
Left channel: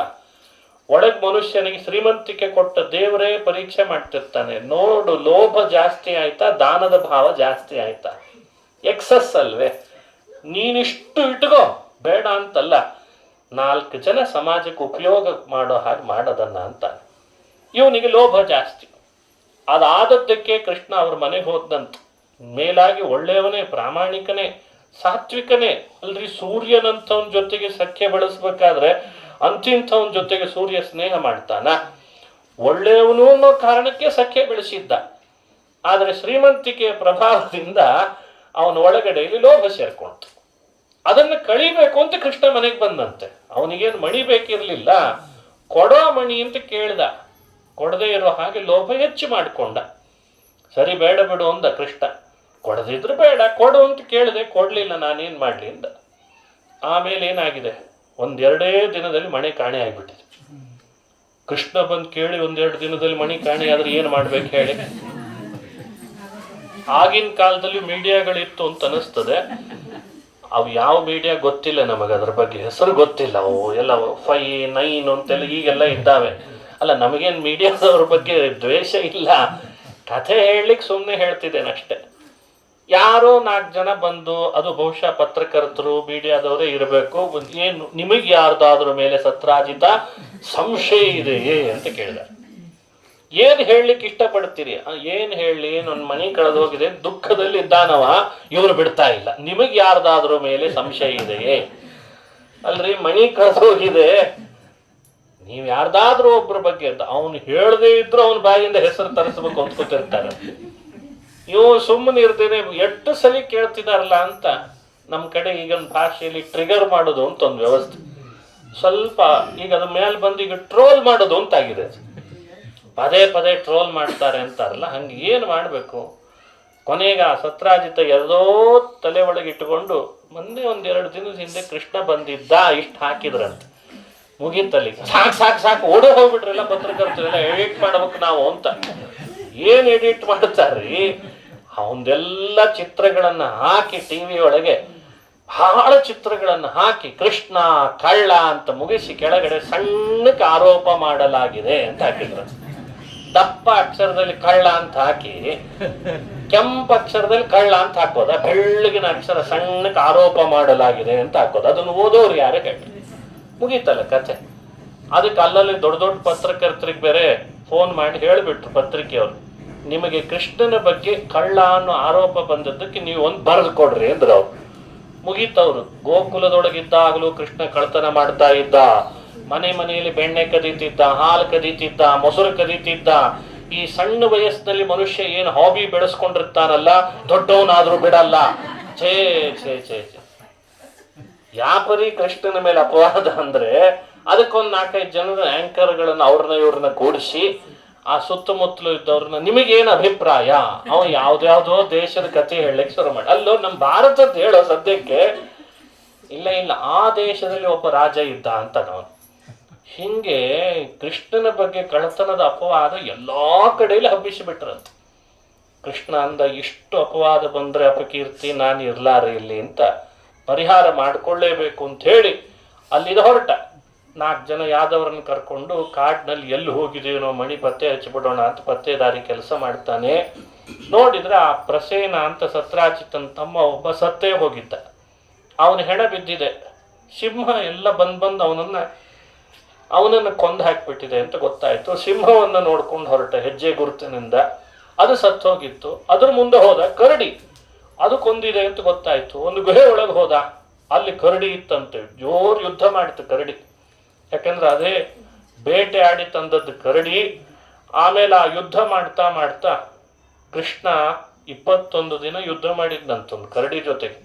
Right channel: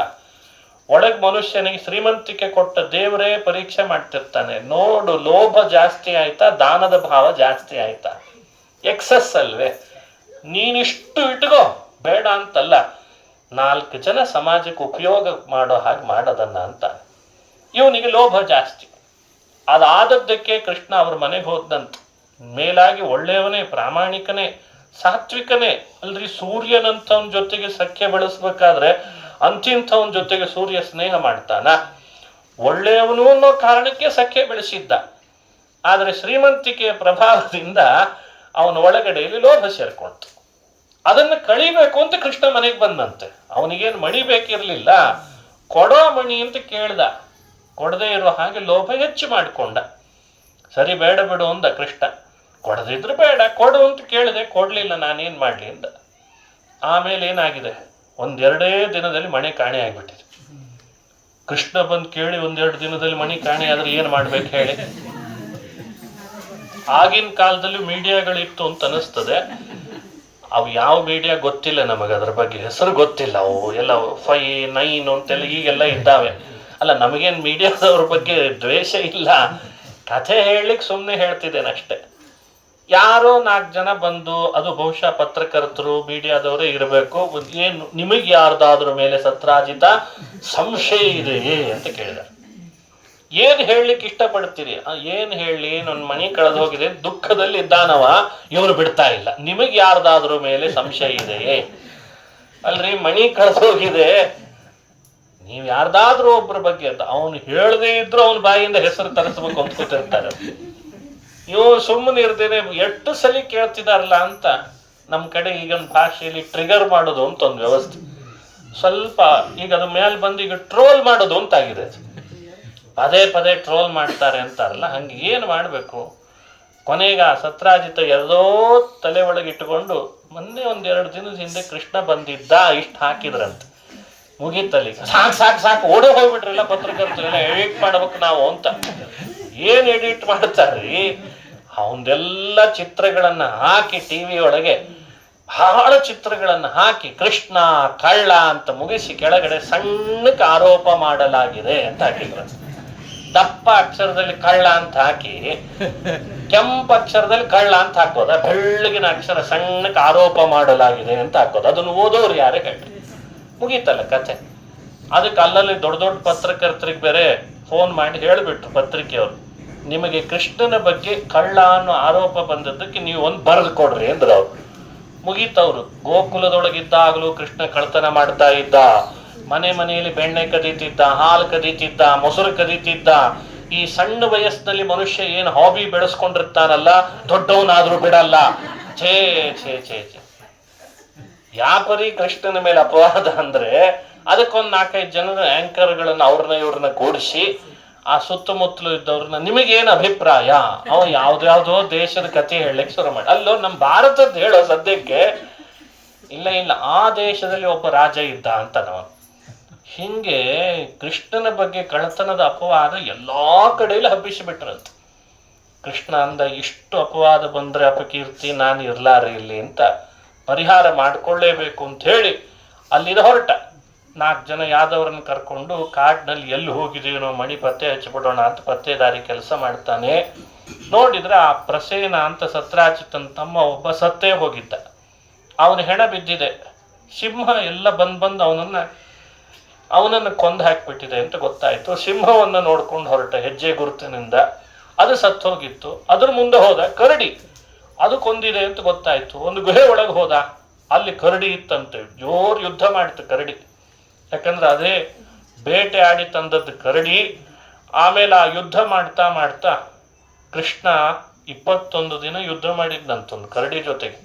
ಒಳಗ್ ಮನುಷ್ಯನಿಗೆ ಶ್ರೀಮಂತಿಕೆ ಕೊಟ್ಟ ದೇವರೇ ಪರೀಕ್ಷೆ ಮಾಡ್ತಿರ್ತಾನೆ. ನೋಡು, ಲೋಭ ಜಾಸ್ತಿ ಆಯ್ತಾ, ದಾನದ ಭಾವ ಜಾಸ್ತಿ ಆಯ್ತಾ? ಎಕ್ಸಸ್ ಅಲ್ವೇ? ನೀನಿಷ್ಟು ಇಟ್ಕೋ, ಬೇಡ ಅಂತಲ್ಲ, 4 ಜನ ಸಮಾಜಕ್ಕೆ ಉಪಯೋಗ ಮಾಡೋ ಹಾಗೆ ಮಾಡೋದನ್ನ ಅಂತ. ಇವನಿಗೆ ಲೋಭ ಜಾಸ್ತಿ. ಅದಾದದ್ದಕ್ಕೆ ಕೃಷ್ಣ ಅವ್ರ ಮನೆಗೆ ಹೋದಂತ. ಮೇಲಾಗಿ ಒಳ್ಳೆಯವನೇ, ಪ್ರಾಮಾಣಿಕನೇ, ಸಾತ್ವಿಕನೇ ಅಲ್ರಿ. ಸೂರ್ಯನಂತವನ ಜೊತೆಗೆ ಸಖ್ಯ ಬೆಳೆಸ್ಬೇಕಾದ್ರೆ ಅಂತಿಂಥವನ ಜೊತೆಗೆ ಸೂರ್ಯ ಸ್ನೇಹ ಮಾಡ್ತಾನ? ಒಳ್ಳೆಯವನು ಅನ್ನೋ ಕಾರಣಕ್ಕೆ ಸಖ್ಯ ಬೆಳೆಸಿದ್ದ. ಆದರೆ ಶ್ರೀಮಂತಿಕೆಯ ಪ್ರಭಾವದಿಂದ ಅವನ ಒಳಗಡೆಯಲ್ಲಿ ಲೋಭ ಸೇರ್ಕೊಳ್ತು. ಅದನ್ನು ಕಳಿಬೇಕು ಅಂತ ಕೃಷ್ಣ ಮನೆಗೆ ಬಂದಂತೆ. ಅವನಿಗೇನು ಮಣಿ ಬೇಕಿರ್ಲಿಲ್ಲ, ಕೊಡೋ ಮಣಿ ಅಂತ ಕೇಳ್ದ. ಕೊಡದೇ ಇರೋ ಹಾಗೆ ಲೋಭ ಹೆಚ್ಚು ಮಾಡಿಕೊಂಡ. ಸರಿ, ಬೇಡ ಬಿಡು ಅಂದ ಕೃಷ್ಣ. ಕೊಡದಿದ್ರು ಬೇಡ, ಕೊಡು ಅಂತ ಕೇಳಿದೆ, ಕೊಡ್ಲಿಲ್ಲ, ನಾನೇನ್ ಮಾಡ್ಲಿ ಅಂದ. ಆಮೇಲೆ ಏನಾಗಿದೆ, 1-2 ದಿನದಲ್ಲಿ ಮಣಿ ಕಾಣೆ ಆಗ್ಬಿಟ್ಟಿದೆ. ಕೃಷ್ಣ ಬಂದು ಕೇಳಿ 1-2 ದಿನದಲ್ಲಿ ಮಣಿ ಕಾಣೆ ಆದ್ರೆ ಏನ್ ಮಾಡ್ಬೇಕು ಹೇಳಿ? ಆಗಿನ ಕಾಲದಲ್ಲಿ ಮೀಡಿಯಾಗಳಿತ್ತು ಅಂತ ಅನಿಸ್ತದೆ. ಅವು ಯಾವ ಮೀಡಿಯಾ ಗೊತ್ತಿಲ್ಲ ನಮಗೆ, ಅದ್ರ ಬಗ್ಗೆ ಹೆಸರು ಗೊತ್ತಿಲ್ಲ. ಅವು ಎಲ್ಲ 5, 9 ಅಂತೆಲ್ಲ ಈಗೆಲ್ಲ ಇದ್ದಾವೆ. ಅಲ್ಲ, ನಮಗೇನು ಮೀಡಿಯಾದವ್ರ ಬಗ್ಗೆ ದ್ವೇಷ ಇಲ್ಲ, ಕಥೆ ಹೇಳಲಿಕ್ಕೆ ಸುಮ್ಮನೆ ಹೇಳ್ತಿದ್ದೇನೆ ಅಷ್ಟೆ. ಯಾರೋ 4 ಜನ ಬಂದು, ಅದು ಬಹುಶಃ ಪತ್ರಕರ್ತರು ಮೀಡಿಯಾದವರೇ ಇರಬೇಕು, ಏನು ನಿಮಗೆ ಯಾರ್ದಾದ್ರ ಮೇಲೆ ಸತ್ರಾಜಿತ ಸಂಶಯ ಇದೆಯೇ ಅಂತ ಕೇಳಿದ. ಏನ್ ಹೇಳಲಿಕ್ಕೆ ಇಷ್ಟಪಡ್ತೀರಿ? ಏನ್ ಹೇಳಿ, ನನ್ನ ಮನೆ ಕಳೆದು ಹೋಗಿದೆ, ದುಃಖದಲ್ಲಿ ಇದ್ದಾನವ, ಇವರು ಬಿಡ್ತಾ ಇಲ್ಲ, ನಿಮಗೆ ಯಾರ್ದಾದ್ರ ಮೇಲೆ ಸಂಶಯ ಇದೆಯೇ? ಅಲ್ರಿ, ಮನಿ ಕಳೆದು ಹೋಗಿದೆ, ನೀವ್ ಯಾರ್ದಾದ್ರೂ ಒಬ್ಬರ ಬಗ್ಗೆ ಅಂತ ಅವನು ಹೇಳದೇ ಇದ್ರು ಅವನ ಬಾಯಿಯಿಂದ ಹೆಸರು ತರಿಸ್ಬೇಕು ಅಂದ್ಕೊತಿರ್ತಾರೆ. ಇವು ಸುಮ್ಮನೆ ಇರ್ತೇನೆ, ಎಷ್ಟು ಸಲ ಕೇಳ್ತಿದಾರಲ್ಲ ಅಂತ. ನಮ್ಮ ಕಡೆ ಈಗಿನ ಭಾಷೆಯಲ್ಲಿ ಟ್ರಿಗರ್ ಮಾಡೋದು ಅಂತ ಒಂದು ವ್ಯವಸ್ಥೆ, ಸ್ವಲ್ಪ ಈಗ ಅದ್ರ ಮೇಲೆ ಬಂದು ಈಗ ಟ್ರೋಲ್ ಮಾಡೋದು ಅಂತಾಗಿದೆ. ಪದೇ ಪದೇ ಟ್ರೋಲ್ ಮಾಡ್ತಾರೆ ಅಂತಾರಲ್ಲ, ಹಂಗೆ ಏನು ಮಾಡಬೇಕು? ಕೊನೆಗೆ ಆ ಸತ್ರಾಜಿತ ಎಲ್ಲೋ ತಲೆ ಒಳಗೆ ಇಟ್ಟುಕೊಂಡು, ಮೊನ್ನೆ 1-2 ದಿನದ ಹಿಂದೆ ಕೃಷ್ಣ ಬಂದಿದ್ದ, ಇಷ್ಟು ಹಾಕಿದ್ರಂತ, ಮುಗೀತಲ್ಲಿ. ಸಾಕು ಓಡೇ ಹೋಗ್ಬಿಟ್ರಲ್ಲ ಪತ್ರಕರ್ತರೆಲ್ಲ, ಎಡಿಟ್ ಮಾಡ್ಬೇಕು ನಾವು ಅಂತ. ಏನ್ ಎಡಿಟ್ ಮಾಡ್ತಾರ್ರಿ? ಅವನ್ನೆಲ್ಲ ಚಿತ್ರಗಳನ್ನ ಹಾಕಿ ಟಿವಿ ಒಳಗೆ ಬಹಳ ಚಿತ್ರಗಳನ್ನ ಹಾಕಿ ಕೃಷ್ಣ ಕಳ್ಳ ಅಂತ ಮುಗಿಸಿ ಕೆಳಗಡೆ ಸಣ್ಣಕ್ಕೆ ಆರೋಪ ಮಾಡಲಾಗಿದೆ ಅಂತ ಹಾಕಿದ್ರು. ದಪ್ಪ ಅಕ್ಷರದಲ್ಲಿ ಕಳ್ಳ ಅಂತ ಹಾಕಿ ಕೆಂಪು ಅಕ್ಷರದಲ್ಲಿ ಕಳ್ಳ ಅಂತ ಹಾಕೋದ, ಬೆಳ್ಳಗಿನ ಅಕ್ಷರ ಸಣ್ಣಕ್ಕೆ ಆರೋಪ ಮಾಡಲಾಗಿದೆ ಅಂತ ಹಾಕೋದು. ಅದನ್ನು ಓದೋರು ಯಾರೇ ಹೇಳಿ ಮುಗೀತಲ್ಲ ಕಥೆ. ಅದಕ್ಕೆ ಅಲ್ಲಲ್ಲಿ ದೊಡ್ಡ ದೊಡ್ಡ ಪತ್ರಕರ್ತರಿಗೆ ಬೇರೆ ಫೋನ್ ಮಾಡಿ ಹೇಳಿಬಿಟ್ರು ಪತ್ರಿಕೆಯವರು, ನಿಮಗೆ ಕೃಷ್ಣನ ಬಗ್ಗೆ ಕಳ್ಳ ಅನ್ನೋ ಆರೋಪ ಬಂದದ್ದಕ್ಕೆ ನೀವು ಒಂದು ಬರೆದು ಕೊಡ್ರಿ ಅಂದ್ರು. ಅವ್ರು ಮುಗೀತವ್ರು. ಗೋಕುಲದೊಳಗಿದ್ದಾಗಲೂ ಕೃಷ್ಣ ಕಳ್ತನ ಮಾಡ್ತಾ ಇದ್ದ, ಮನೆಯಲ್ಲಿ ಬೆಣ್ಣೆ ಕದೀತಿದ್ದ, ಹಾಲು ಕದೀತಿದ್ದ, ಮೊಸರು ಕದೀತಿದ್ದ. ಈ ಸಣ್ಣ ವಯಸ್ಸಿನಲ್ಲಿ ಮನುಷ್ಯ ಏನು ಹಾಬಿ ಬೆಳೆಸ್ಕೊಂಡಿರ್ತಾನಲ್ಲ, ದೊಡ್ಡವನಾದ್ರೂ ಬಿಡಲ್ಲ. ಛೇ ಛೇ ಛೇ ಛೇ, ಯಾಪರಿ ಕೃಷ್ಣನ ಮೇಲೆ ಅಪವಾದ ಅಂದ್ರೆ, ಅದಕ್ಕೊಂದು 4-5 ಜನರ ಆಂಕರ್ಗಳನ್ನ ಅವ್ರನ್ನ ಇವ್ರನ್ನ ಕೂಡಿಸಿ ಆ ಸುತ್ತಮುತ್ತಲು ಇದ್ದವ್ರನ್ನ, ನಿಮಗೇನು ಅಭಿಪ್ರಾಯ? ಅವ ಯಾವ್ದಾವ್ದೋ ದೇಶದ ಕಥೆ ಹೇಳಲಿಕ್ಕೆ ಶುರು ಮಾಡಿ. ಅಲ್ಲೋ ನಮ್ಮ ಭಾರತದ ಹೇಳೋ ಸದ್ಯಕ್ಕೆ ಇಲ್ಲ, ಆ ದೇಶದಲ್ಲಿ ಒಬ್ಬ ರಾಜ ಇದ್ದ ಅಂತ ನಾವು. ಹಿಂಗೆ ಕೃಷ್ಣನ ಬಗ್ಗೆ ಕಳ್ಳತನದ ಅಪವಾದ ಎಲ್ಲಾ ಕಡೆಯಲ್ಲಿ ಹಬ್ಬಿಸಿಬಿಟ್ರಂತ. ಕೃಷ್ಣ ಅಂದ, ಇಷ್ಟು ಅಪವಾದ ಬಂದ್ರೆ ಅಪಕೀರ್ತಿ, ನಾನು ಇರ್ಲಾರೆ ಇಲ್ಲಿ ಅಂತ ಪರಿಹಾರ ಮಾಡ್ಕೊಳ್ಳೇಬೇಕು ಅಂತ ಹೇಳಿ ಅಲ್ಲಿಂದ ಹೊರಟ. 4 ಜನ ಯಾದವ್ರನ್ನ ಕರ್ಕೊಂಡು ಕಾಡಿನಲ್ಲಿ ಎಲ್ಲಿ ಹೋಗಿದೇನೋ ಮಣಿ ಪತ್ತೆ ಹಚ್ಚಿಬಿಡೋಣ ಅಂತ ಪತ್ತೇದಾರಿ ಕೆಲಸ ಮಾಡ್ತಾನೆ. ನೋಡಿದ್ರೆ ಆ ಪ್ರಸೇನ ಅಂತ ಸತ್ರಾಜಿತನ ತಮ್ಮ ಒಬ್ಬ ಸತ್ತೇ ಹೋಗಿದ್ದ. ಅವನ ಹೆಣ ಬಿದ್ದಿದೆ. ಸಿಂಹ ಎಲ್ಲ ಬಂದು ಅವನನ್ನು ಕೊಂದು ಹಾಕಿಬಿಟ್ಟಿದೆ ಅಂತ ಗೊತ್ತಾಯ್ತು. ಸಿಂಹವನ್ನು ನೋಡ್ಕೊಂಡು ಹೊರಟ ಹೆಜ್ಜೆ ಗುರುತಿನಿಂದ. ಅದು ಸತ್ತು ಹೋಗಿತ್ತು. ಅದ್ರ ಮುಂದೆ ಹೋದ ಕರಡಿ, ಅದು ಕೊಂದಿದೆ ಅಂತ ಗೊತ್ತಾಯ್ತು. ಒಂದು ಗುಹೆ ಒಳಗೆ ಹೋದ, ಅಲ್ಲಿ ಕರಡಿ ಇತ್ತಂತೆ. ಜೋರು ಯುದ್ಧ ಮಾಡಿತು ಕರಡಿ, ಯಾಕಂದ್ರೆ ಅದೇ ಬೇಟೆ ಆಡಿ ತಂದದ್ದು ಕರಡಿ. ಆಮೇಲೆ ಆ ಯುದ್ಧ ಮಾಡ್ತಾ ಮಾಡ್ತಾ ಕೃಷ್ಣ 21 ದಿನ ಯುದ್ಧ ಮಾಡಿದ್ನಂತೊಂದು ಕರಡಿ ಜೊತೆಗೆ.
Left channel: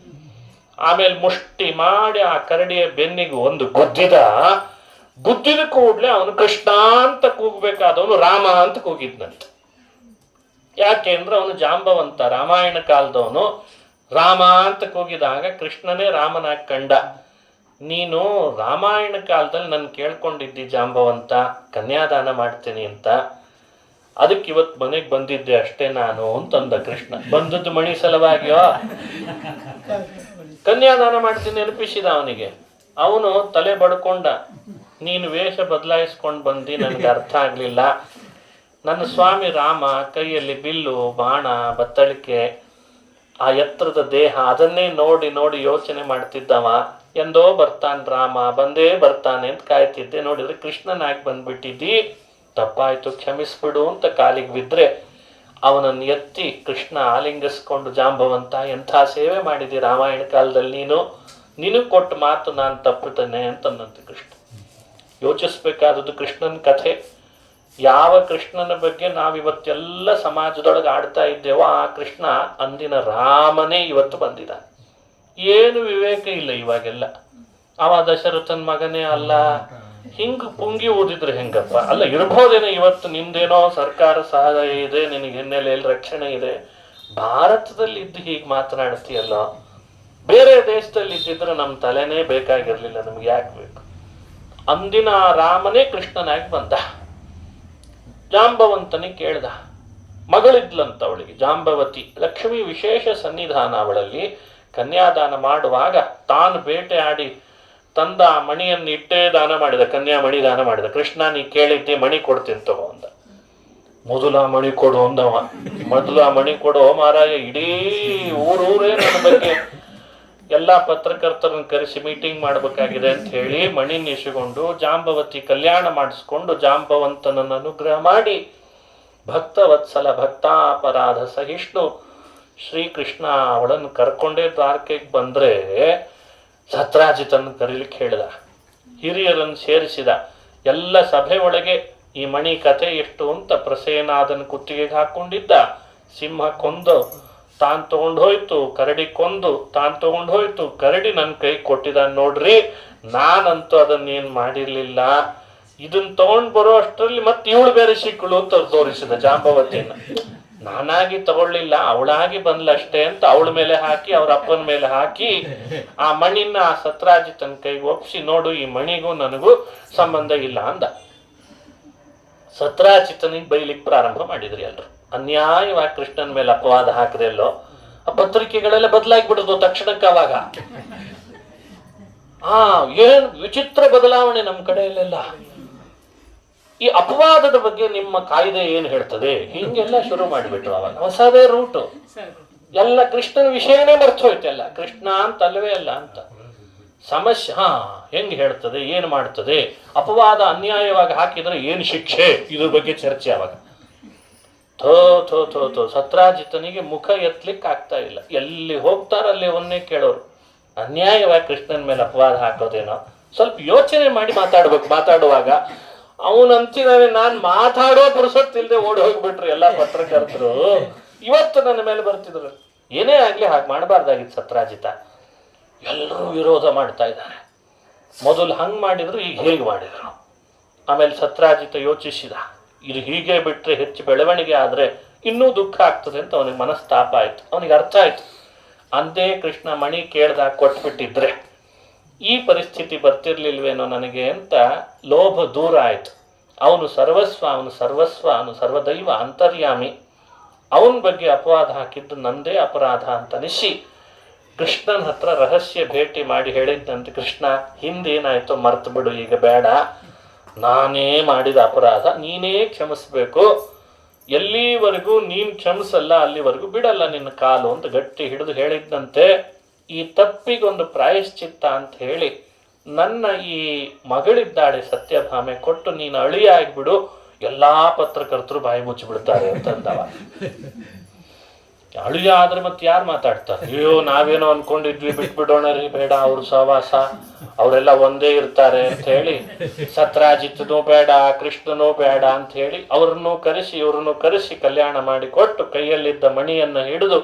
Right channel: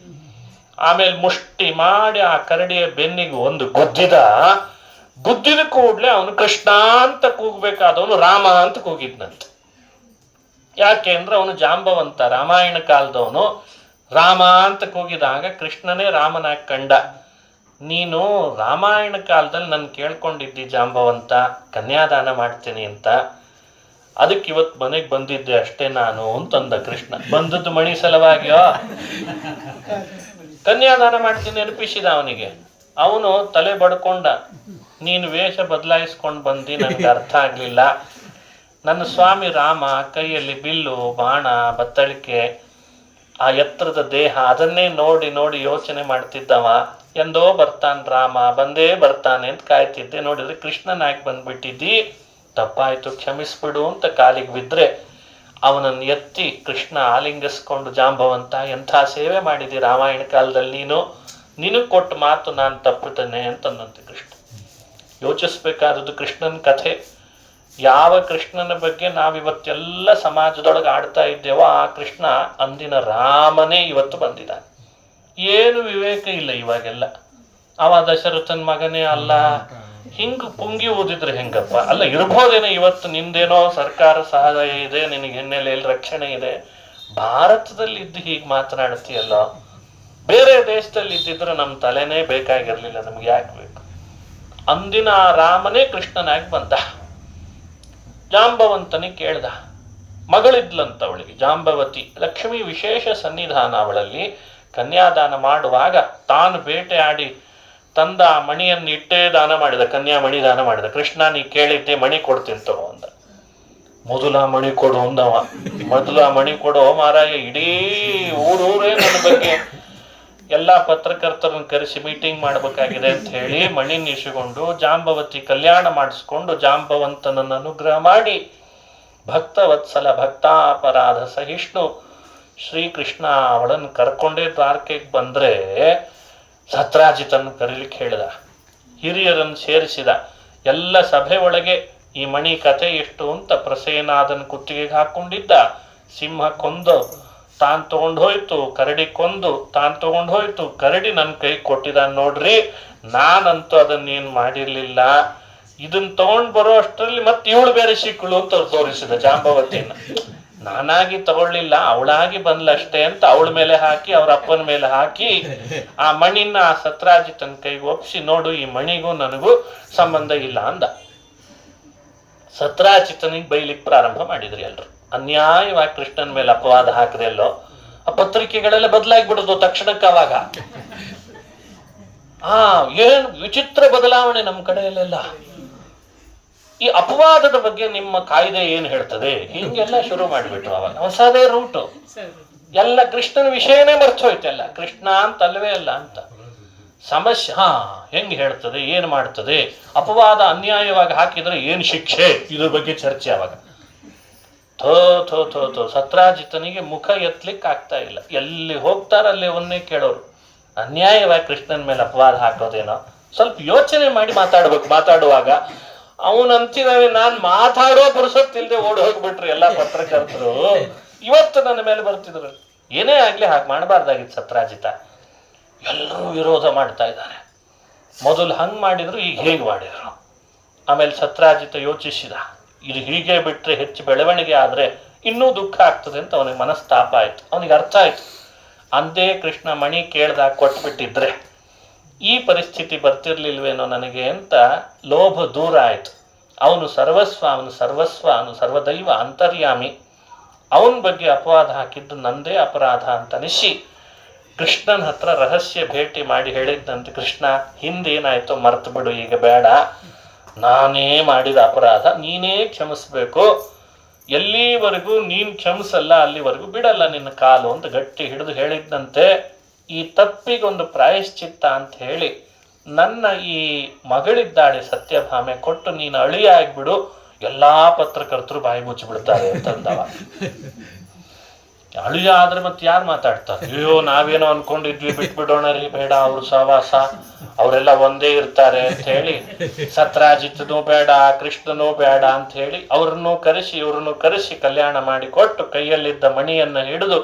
ಆಮೇಲೆ ಮುಷ್ಟಿ ಮಾಡಿ ಆ ಕರಡಿಯ ಬೆನ್ನಿಗೆ ಒಂದು ಗುದ್ದಿದ ಕೂಡ್ಲೆ ಅವನು ಕೃಷ್ಣ ಅಂತ ಕೂಗ್ಬೇಕಾದವನು ರಾಮ ಅಂತ ಕೂಗಿದ್ನಂತ. ಯಾಕೆ ಅಂದ್ರೆ ಅವನು ಜಾಂಬವಂತ, ರಾಮಾಯಣ ಕಾಲದವನು. ರಾಮ ಅಂತ ಕೂಗಿದಾಗ ಕೃಷ್ಣನೇ ರಾಮನಾಗಿ ಕಂಡ. ನೀನು ರಾಮಾಯಣ ಕಾಲದಲ್ಲಿ ನಾನು ಕೇಳ್ಕೊಂಡಿದ್ದಿ ಜಾಂಬವಂತ, ಕನ್ಯಾದಾನ ಮಾಡ್ತೀನಿ ಅಂತ, ಅದಕ್ಕೆ ಇವತ್ತು ಮನೆಗೆ ಬಂದಿದ್ದೆ ಅಷ್ಟೇ ನಾನು ಅಂತಂದ ಕೃಷ್ಣ. ಬಂದದ್ದು ಮಣಿ ಸಲುವಾಗಿಯೋ? ಕನ್ಯಾದಾನ ಮಾಡ್ತೀನಿ ನೆನಪಿಸಿದ ಅವನಿಗೆ. ಅವನು ತಲೆ ಬಡ್ಕೊಂಡ, ನೀನು ವೇಷ ಬದಲಾಯಿಸ್ಕೊಂಡು ಬಂದು ನನಗೆ ಅರ್ಥ ಆಗ್ಲಿಲ್ಲ. ನನ್ನ ಸ್ವಾಮಿ ರಾಮ ಕೈಯಲ್ಲಿ ಬಿಲ್ಲು, ಬಾಣ, ಬತ್ತಳಿಕೆ, ಆ ಎತ್ತರದ ದೇಹ, ಅದನ್ನೇ ನೋಡಿ ನೋಡಿ ಯೋಚನೆ ಮಾಡ್ತಿದ್ದವ. ಎಂದೋ ಬರ್ತಾನೆ ರಾಮ, ಬಂದೇ ಬರ್ತಾನೆ ಅಂತ ಕಾಯ್ತಿದ್ದೆ. ನೋಡಿದ್ರೆ ಕೃಷ್ಣನಾಗಿ ಬಂದ್ಬಿಟ್ಟಿದ್ದಿ, ತಪ್ಪಾಯ್ತು, ಕ್ಷಮಿಸ್ಬಿಡು ಅಂತ ಕಾಲಿಗೆ ಬಿದ್ರೆ ಅವನನ್ನು ಎತ್ತಿ ಕೃಷ್ಣ ಆಲಿಂಗಿಸ್ಕೊಂಡು, ಜಾಂಬವಂತ ಎಂಥ ಸೇವೆ ಮಾಡಿದಿ ರಾಮಾಯಣ ಕಾಲದಲ್ಲಿ ನಿನಗೆ ಕೊಟ್ಟ ಮಾತು ನಾನು ತಪ್ಪುತ್ತೇನೆ ಅಂತಂದಂತೆ ಕೃಷ್ಣ. ಯೋಚಿಸ್ಬೇಕಾದದ್ದು ಕೃಷ್ಣನ ಕಥೆ. ಯಾವ ಕೃಷ್ಣನ ಬಗ್ಗೆ ನಾವಿವತ್ತೆಲ್ಲ ಸಮಾಜದೊಳಗೆ ಆಡ್ತಾ ಇದ್ದೇವೋ ಆ ಕೃಷ್ಣ ಅಂದಿನ ರಾಮನೇ ಇವತ್ತು ಬಂದಿದ್ದಾನೆ. ಏನು ವಿವೇಕ ಇಲ್ಲ ಇವಾಗೆಲ್ಲ. ಅವ ದಶರಥನ ಮಗನೇ ಅಲ್ಲ, ಹಿಂಗ ಪುಂಗಿ ಓದಿದ್ರೆ ಹೆಂಗಪ್ಪ? ಅಲ್ಲ, ಇರ್ಬೋದೇನೋ ಇವತ್ತು ನಿಮ್ದೇನೋ ಸರ್ಕಾರ ಸಹಾಯ ಇದೆ, ನಿನಗೆ ಹಿನ್ನೆಲೆಯಲ್ಲಿ ರಕ್ಷಣೆ ಇದೆ. ಭಾರತದಲ್ಲಿ ಇದ್ದು ಹೀಗೆ ಮಾತನಾಡ್ತೀಯಲ್ಲ, ಬೇರೆ ದೇಶದಲ್ಲಿ ಇದ್ದಿದ್ರೆ ನಮ್ಮ ತಲೆನೇ ಬೇಕಾಗಿರ್ಲಿಲ್ಲ, ನಮ್ಗೆ ಯಾಕೆ ಬೇಕು? ಅಂದಿನ ರಾಮನೇ ಕೃಷ್ಣನಾಗಿ ಬಂದ. ಜಾಂಬವಂತನಿಗೆ ಕೇಳ್ದ, ಮಗಳಿದ್ಲಂತ ಅವಳಿಗೆ ಜಾಂಬವತಿ. ಲಕ್ಷ್ಮಿ ವಿಶೇಷ ಸನ್ನಿಧಾನ ಅವಳಲ್ಲಿ. ಕನ್ಯಾದಾನ ಮಾಡುವಾಗ ತಾನು ಬೇಟೆ ಆಡಿ ತಂದ ಆ ಮಣಿಯನ್ನು ಇಟ್ಟೇ ದಾನ ಮಾಡಿದ, ಕನ್ಯಾಮಣಿ ದಾನ ಮಾಡಿದ. ಕೃಷ್ಣ ನೀ ಕೇಳಿದ್ದೆ ಮಣಿ ಕೊಡ್ತೀನಿ ತಗೋ ಅಂದ. ಮೊದಲ ಮಣಿ ಕೊಡು ಅಂದವ. ಮೊದಲ ಮಣಿ ಕೊಡು ಮಾರಾಯ, ಇಡೀ ಊರೂರೇ ನನ್ನ ಬಗ್ಗೆ ಎಲ್ಲ ಪತ್ರಕರ್ತರನ್ನು ಕರೆಸಿ ಮೀಟಿಂಗ್ ಮಾಡಬೇಕಾಗಿದೆ ಅಂತ ಹೇಳಿ ಮಣಿನ ಇಸಿಕೊಂಡು ಜಾಂಬವತಿ ಕಲ್ಯಾಣ ಮಾಡಿಸ್ಕೊಂಡು ಜಾಂಬವಂತನನ್ನು ಅನುಗ್ರಹ ಮಾಡಿ ಭಕ್ತವತ್ಸಲ ಭಕ್ತಾಪರಾಧ ಸಹಿಷ್ಣು ಶ್ರೀಕೃಷ್ಣ ಅವಳನ್ನು ಕರ್ಕೊಂಡೇ ದ್ವಾರಕೆಗೆ ಬಂದ್ರೆ ಸತ್ರಾಜಿತನ್ನು ಕರೀಲಿಕ್ಕೆ ಹೇಳಿದ, ಹಿರಿಯರನ್ನು ಸೇರಿಸಿದ. ಎಲ್ಲ ಸಭೆ ಒಳಗೆ ಈ ಮಣಿ ಕಥೆ ಎಷ್ಟು ಅಂತ ಪ್ರಸೇನಾದನ ಕುತ್ತಿಗೆಗೆ ಹಾಕೊಂಡಿದ್ದ. ಸಿಂಹ ಕೊಂದು ತಾನು ತಗೊಂಡು ಹೋಯ್ತು, ಕರಡಿ ಕೊಂದು ತಾನು ತಗೊಂಡು ಹೋಯ್ತು, ಕರಡಿ ನನ್ನ ಕೈ ಕೊಟ್ಟಿದ ನೋಡ್ರಿ, ನಾನಂತೂ ಅದನ್ನೇನು ಮಾಡಿರ್ಲಿಲ್ಲ. ಇದನ್ನ ತಗೊಂಡು ಬರೋ ಅಷ್ಟರಲ್ಲಿ ಮತ್ತೆ ಇವಳು ಬೇರೆ ಸಿಕ್ಕಳು ಅಂತ ತೋರಿಸಿದ ಜಾಂಬವತಿಯನ್ನ. ನಾನಾಗಿ ತಗೊಳ್ಳಿಲ್ಲ, ಅವಳಾಗಿ ಬಂದ್ಲಷ್ಟೇ ಅಂತ ಅವಳ ಮೇಲೆ ಹಾಕಿ ಅವ್ರ ಅಪ್ಪನ ಮೇಲೆ ಹಾಕಿ ಆ ಮಣಿನ ಆ ಸತ್ರಾಜಿತನ ಕೈಗೆ ಒಪ್ಪಿಸಿ, ನೋಡು ಈ ಮಣಿಗೂ ನನಗೂ ಸಂಬಂಧ ಇಲ್ಲ ಅಂದ. ಸತ್ರಾಜಿತನಿಗೆ ಬೈಲಿಕ್ಕೆ ಪ್ರಾರಂಭ ಮಾಡಿದ್ರಿ ಎಲ್ರು. ಅನ್ಯಾಯವಾಗಿ ಕೃಷ್ಣನ ಮೇಲೆ ಅಪವಾದ ಹಾಕಿದೆ ಎಲ್ಲೋ. ಆ ಪತ್ರಿಕೆಗಳೆಲ್ಲ ಬದಲಾಗಿ ಬಿಡುದು ತಕ್ಷಣಕ್ಕೆ. ಅವಾಗ ಏನ್ ವಿಚಿತ್ರ ಬದಲಾವಣೆ ನಮ್ಮ ಕಡೆಯಲ್ಲೆಲ್ಲ. ಈ ಅಪವಾದದ ಬಗ್ಗೆ ನಿಮ್ಮ ಕಾಯ್ದೆ ಏನ್ ಹೇಳ್ತದೆ, ಹಿಂಗೆಲ್ಲ ಶುರು ಮಾಡಿಬಿಟ್ರು. ಅವಾಗ ಹೊಸದೇ ರೂಟು. ಎಲ್ಲ ಕೃಷ್ಣನ ವಿಷಯನೇ ಮರ್ತೋಯ್ತಲ್ಲ. ಕೃಷ್ಣ ಅಂತ ಅಲ್ಲವೇ ಅಲ್ಲ ಅಂತ ಸಮಸ್ಯೆ. ಹೆಂಗ್ ಹೇಳ್ತದೆ, ಏನ್ ಮಾಡ್ತದೆ, ಅಪವಾದ ಅನ್ಯಾಯವಾಗಿ ಹಾಕಿದ್ರೆ ಏನ್ ಶಿಕ್ಷೆ, ಇದ್ರ ಬಗ್ಗೆ ಚರ್ಚೆ. ಅವಾಗ ಥೋ ಥೋ ಥೋ ಥೋ ಸತ್ರಾಜಿತನಿಗೆ ಮುಖ ಎತ್ತಲಿಕ್ಕೆ ಆಗ್ತಾ ಇಲ್ಲ. ಎಲ್ಲಿ ಹೋಗ್ತಾರ ಅಲ್ಲಿ ಒಂದೇ ಕೇಳೋರು. ಅನ್ಯಾಯವಾಗಿ ಕೃಷ್ಣನ ಮೇಲೆ ಅಪವಾದ ಹಾಕೋದೇನೋ, ಸ್ವಲ್ಪ ಯೋಚನೆ ಮಾಡಿ ಮಾತಾಡ್ಬೇಕು. ಮಾತಾಡುವಾಗ ಅವನಂತಿದ್ದಾನೆ, ನಾನ್ ಮಾತಾಡೋ ಪುರುಸತ್ತಿಲ್ದೆ ಓಡಿ ಹೋಗ್ಬಿಟ್ರು ಎಲ್ಲ ಪತ್ರಕರ್ತರು. ಇವತ್ತು ನನ್ನ ಮೇಲೆ ಬರ್ತಿದ್ರು. ಏನೇ ಆಗ್ಲಿ ಹಾಗೆ ಮಾಡಬಾರ್ದಾಗಿತ್ತು ಸತ್ರಾಜಿತ. ಎಲ್ಲರೂ ವಿರೋಧ ಮಾಡ್ತಾ ಇದ್ದಾರೆ. ಮೊದಲು ಹಂಗ್ ಮಾಡಿದ್ರು, ಈಗ ಹೇಗೆ ಮಾಡಿದ್ರು. ಆಮೇಲೆ ಸತ್ರಾಜಿತ ಯೋಚಿಸಿದ, ಇದು ಹೀಗೆ ಬಿಟ್ರೆ ಹೆಚ್ಚು ಬೆಳವಣಿಗೆ ಆದ್ರೆ ಇನ್ನೂ ದುಃಖ ಆಗ್ತದೆ ಅಂತ ಅವನಿಗೆ ಮನಸ್ತಾಪ ಆಯ್ತು. ಅವನಿಗೆ ಅರ್ಥ ಆಯ್ತು, ಅಂದೇ ಕೃಷ್ಣ ಮಣಿ ಕೇಳ್ದಾಗ ಕೊಟ್ಬಿಟ್ಟಿದ್ರೆ ಈ ಪರಿಸ್ಥಿತಿ ಬರ್ತಿರ್ಲಿಲ್ವೇನೋ ನನಗೆ ಅಂತ ಲೋಭ ದೂರ ಆಯ್ತು. ಅವನು ಸರ್ವಸ್ವ, ಅವನು ಸರ್ವಸ್ವ, ಅವನು ಸರ್ವದೈವ ಅಂತರ್ಯಾಮಿ. ಅವನ ಬಗ್ಗೆ ಅಪವಾದ ಹಾಕಿದ್ದು ನಂದೇ ಅಪರಾಧ ಅಂತ ಅನಿಸಿ ಕೃಷ್ಣನ ಹತ್ರ ರಹಸ್ಯ ಭೇಟಿ ಮಾಡಿ ಹೇಳಿದ್ದಂತೆ, ಕೃಷ್ಣ ಹಿಂದೇನಾಯ್ತು ಮರ್ತು ಬಿಡು, ಈಗ ಬೇಡ, ನಾನೇ ಮಾಡಿದ ಅಪರಾಧ ನೀನೇ ಕ್ಷಮಿಸ್ಬೇಕು. ಎಲ್ಲಿವರೆಗೂ ನೀನ್ ಕ್ಷಮಿಸಲ್ಲ ಅಲ್ಲಿವರೆಗೂ ಬಿಡಲ್ಲ ನಿನ್ನ ಕಾಲು ಅಂತ ಗಟ್ಟಿ ಹಿಡಿದು ಹೇಳಿದ್ದಂತೆ. ಈ ತಪ್ಪಿಗೊಂದು ಪ್ರಾಯಶ್ಚಿತ್ತ ಅಂತ ಹೇಳಿ ನನ್ನ ಈ ಮಗಳಿದ್ದಾಳೆ ಸತ್ಯಭಾಮೆ ಕೊಟ್ಟು ನೀನು ಅಳಿಯ ಆಗ್ಬಿಡು, ಎಲ್ಲಾ ಪತ್ರಕರ್ತರು ಬಾಯಿ ಮುಚ್ಚಿಬಿಡ್ತಾರೆ ಅಂತಂದವ. ಅಳಿಯ ಆದ್ರೆ ಮತ್ತೆ ಯಾರು ಮಾತಾಡ್ತಾರೆ? ಅಯ್ಯೋ ನಾವೇನೋ ಅನ್ಕೊಂಡಿದ್ವಿ, ಬಿಟ್ಬಿಡೋಣ ರೀ, ಬೇಡ, ಅವ್ರ ಸಹವಾಸ, ಅವರೆಲ್ಲ ಒಂದೇ ಇರ್ತಾರೆ ಅಂತ ಹೇಳಿ ಸತ್ರಾಜಿತನೂ ಬೇಡ, ಕೃಷ್ಣನೂ ಬೇಡ ಅಂತ ಹೇಳಿ ಅವ್ರನ್ನೂ ಕರೆಸಿ ಇವ್ರನ್ನೂ ಕರೆಸಿ ಕಲ್ಯಾಣ ಮಾಡಿ ಕೊಟ್ಟು ಕೈಯಲ್ಲಿದ್ದ ಮಣಿಯನ್ನ ಹಿಡಿದು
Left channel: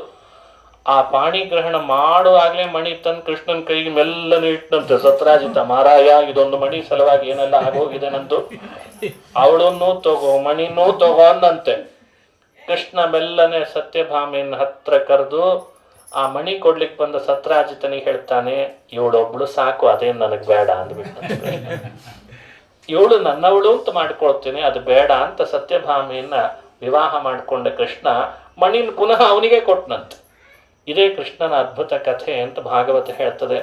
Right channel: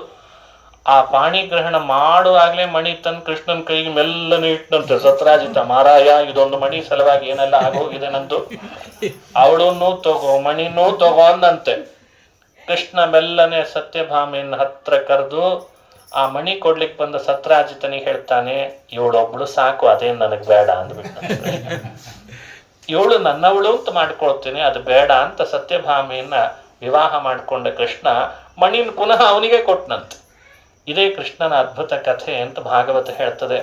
ಆ ಪಾಣಿಗ್ರಹಣ ಮಾಡುವಾಗ್ಲೇ ಮಣಿ ತಂದು ಕೃಷ್ಣನ ಕೈಗೆ ಮೆಲ್ಲನೆ ಇಟ್ಟಂತೆ ಸತ್ರಾಜಿತ. ಮಾರಾಯ, ಇದೊಂದು ಮಣಿ ಸಲುವಾಗಿ ಏನೆಲ್ಲ ಆಗೋಗಿದೆ ನಂದು, ಅವಳನ್ನೂ ತಗೋ ಮಣಿನೂ ತಗೋ ಅಂದಂತೆ. ಕೃಷ್ಣ ಮೆಲ್ಲನೆ ಸತ್ಯಭಾಮೆಯನ್ನು ಹತ್ರ ಕರೆದು ಆ ಮಣಿ ಕೊಡ್ಲಿಕ್ಕೆ ಬಂದ ಸತ್ರಾಜಿತನಿಗೆ ಹೇಳ್ತಾನೆ, ಇವಳೊಬ್ಳು ಸಾಕು, ಅದೇನ್ ನನಗ್ ಬೇಡ ಅಂದ್ಬಿಟ್ಟು, ಇವಳು ನನ್ನವಳು ಅಂತ ಮಾಡ್ಕೊಳ್ತೇನೆ, ಅದು ಬೇಡ ಅಂತ ಸತ್ಯಭಾಮೆಯನ್ನ ವಿವಾಹ ಮಾಡಿಕೊಂಡ ಕೃಷ್ಣ ಮಣಿನ ಪುನಃ ಅವನಿಗೆ ಕೊಟ್ಟನಂತೆ. ಇದೇ ಕೃಷ್ಣನ ಅದ್ಭುತ ಕಥೆ ಅಂತ ಭಾಗವತ ಹೇಳ್ತದೆ.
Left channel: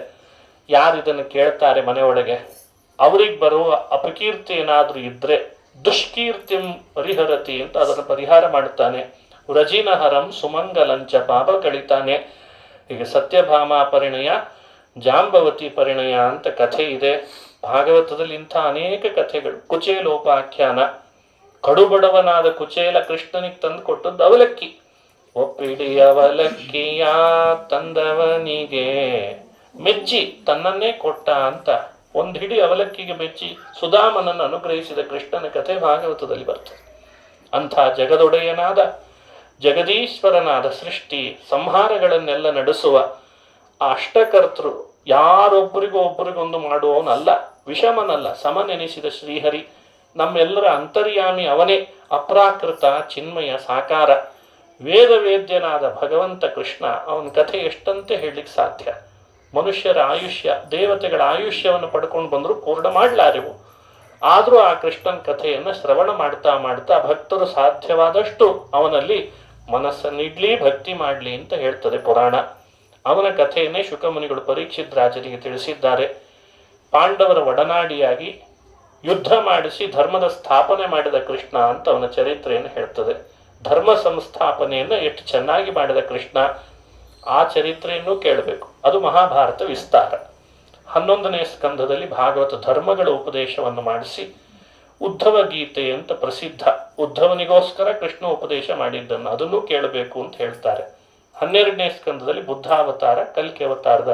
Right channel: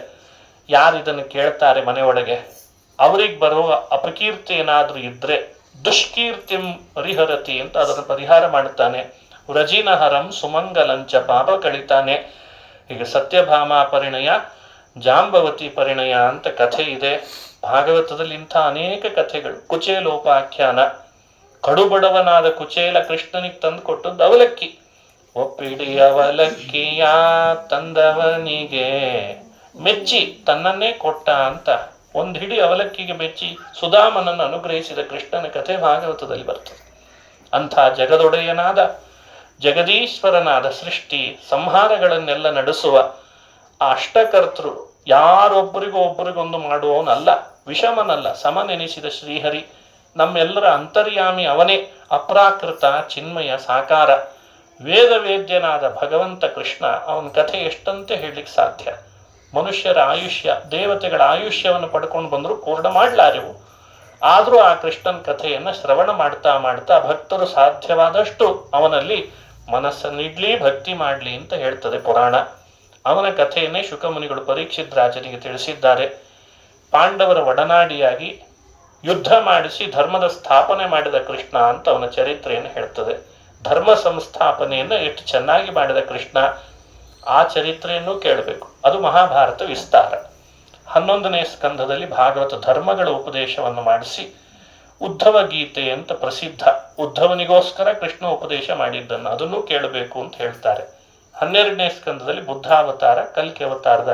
ಯಾರು ಇದನ್ನು ಕೇಳ್ತಾರೆ ಮನೆಯೊಳಗೆ, ಅವ್ರಿಗೆ ಬರುವ ಅಪಕೀರ್ತಿ ಏನಾದ್ರೂ ಇದ್ರೆ ದುಷ್ಕೀರ್ತಿಂ ಪರಿಹರತಿ ಅಂತ ಅದರ ಪರಿಹಾರ ಮಾಡ್ತಾನೆ. ವ್ರಜಿನಹರಂ ಸುಮಂಗಲಂಚ ಪಾಪ ಕಳಿತಾನೆ. ಈಗ ಸತ್ಯಭಾಮ ಪರಿಣಯ, ಜಾಂಬವತಿ ಪರಿಣಯ ಅಂತ ಕಥೆ ಇದೆ ಭಾಗವತದಲ್ಲಿ. ಇಂಥ ಅನೇಕ ಕಥೆಗಳು. ಕುಚೇಲೋಪಾಖ್ಯಾನ, ಕಡುಬಡವನಾದ ಕುಚೇಲ ಕೃಷ್ಣನಿಗೆ ತಂದು ಕೊಟ್ಟದ್ದು ಅವಲಕ್ಕಿ. ಒಪ್ಪಿಡಿ ಅವಲಕ್ಕಿಯ ತಂದವನಿಗೆ ಮೆಚ್ಚಿ ತನ್ನನ್ನೇ ಕೊಟ್ಟ ಅಂತ ಒಂದು ಹಿಡಿ ಅವಲಕ್ಕಿಗೆ ಮೆಚ್ಚಿ ಸುಧಾಮನನ್ನು ಅನುಗ್ರಹಿಸಿದ ಕೃಷ್ಣನ ಕಥೆ ಭಾಗವತದಲ್ಲಿ ಬರ್ತದೆ. ಅಂಥ ಜಗದೊಡೆಯನಾದ ಜಗದೀಶ್ವರನಾದ ಸೃಷ್ಟಿ ಸಂಹಾರಗಳನ್ನೆಲ್ಲ ನಡೆಸುವ ಆ ಅಷ್ಟಕರ್ತೃ, ಯಾರೊಬ್ಬರಿಗೂ ಒಬ್ಬರಿಗೊಂದು ಮಾಡುವವನಲ್ಲ, ವಿಷಮನಲ್ಲ, ಸಮನೆನಿಸಿದ ಶ್ರೀಹರಿ, ನಮ್ಮೆಲ್ಲರ ಅಂತರ್ಯಾಮಿ ಅವನೇ, ಅಪ್ರಾಕೃತ ಚಿನ್ಮಯ ಸಾಕಾರ, ವೇದವೇದ್ಯನಾದ ಭಗವಂತ ಕೃಷ್ಣ. ಅವನ ಕಥೆ ಎಷ್ಟಂತೆ ಹೇಳಲಿಕ್ಕೆ ಸಾಧ್ಯ. ಮನುಷ್ಯರ ಆಯುಷ್ಯ, ದೇವತೆಗಳ ಆಯುಷ್ಯವನ್ನು ಪಡ್ಕೊಂಡು ಬಂದರೂ ಪೂರ್ಣ ಮಾಡಲಾರೆವು. ಆದರೂ ಆ ಕೃಷ್ಣನ ಕಥೆಯನ್ನು ಶ್ರವಣ ಮಾಡ್ತಾ ಮಾಡ್ತಾ ಭಕ್ತರು ಸಾಧ್ಯವಾದಷ್ಟು ಅವನಲ್ಲಿ ಮನಸ್ಸನ್ನಿಡ್ಲಿ, ಭಕ್ತಿ ಮಾಡಲಿ ಅಂತ ಹೇಳ್ತದೆ ಪುರಾಣ. ಅವನ ಕಥೆಯನ್ನೇ ಶುಕಮುನಿಗಳು ಪರೀಕ್ಷಿತ್ ರಾಜನಿಗೆ ತಿಳಿಸಿದ್ದಾರೆ. ಪಾಂಡವರ ಒಡನಾಡಿಯಾಗಿ ಯುದ್ಧ ಮಾಡಿಸಿ ಧರ್ಮದ ಸ್ಥಾಪನೆ ಮಾಡಿದ ಕೃಷ್ಣ ಅಂತ ಅವನ ಚರಿತ್ರೆಯನ್ನು ಹೇಳ್ತದೆ. ಧರ್ಮ ಸಂಸ್ಥಾಪನೆಯನ್ನು ಎಷ್ಟು ಚೆನ್ನಾಗಿ ಮಾಡಿದ ಕೃಷ್ಣ, ಆ ಚರಿತ್ರೆಯನ್ನು ಕೇಳಬೇಕು. ಅದು ಮಹಾಭಾರತ ವಿಸ್ತಾರ. 11ನೇ ಸ್ಕಂಧದಲ್ಲಿ ಭಾಗವತ ಧರ್ಮಗಳ ಉಪದೇಶವನ್ನು ಮಾಡಿಸಿ ಉದ್ಧವ ಗೀತೆ ಅಂತ ಪ್ರಸಿದ್ಧ, ಉದ್ಧವನಿಗೋಸ್ಕರ ಕೃಷ್ಣ ಉಪದೇಶ ಮಾಡಿದ್ದನ್ನು ಅದನ್ನು ಕೇಳಬೇಕು ಅಂತ ಹೇಳ್ತಾರೆ. 12ನೇ ಸ್ಕಂದದಲ್ಲಿ ಬುದ್ಧಾವತಾರ ಕಲ್ಕಿ ಅವತಾರದ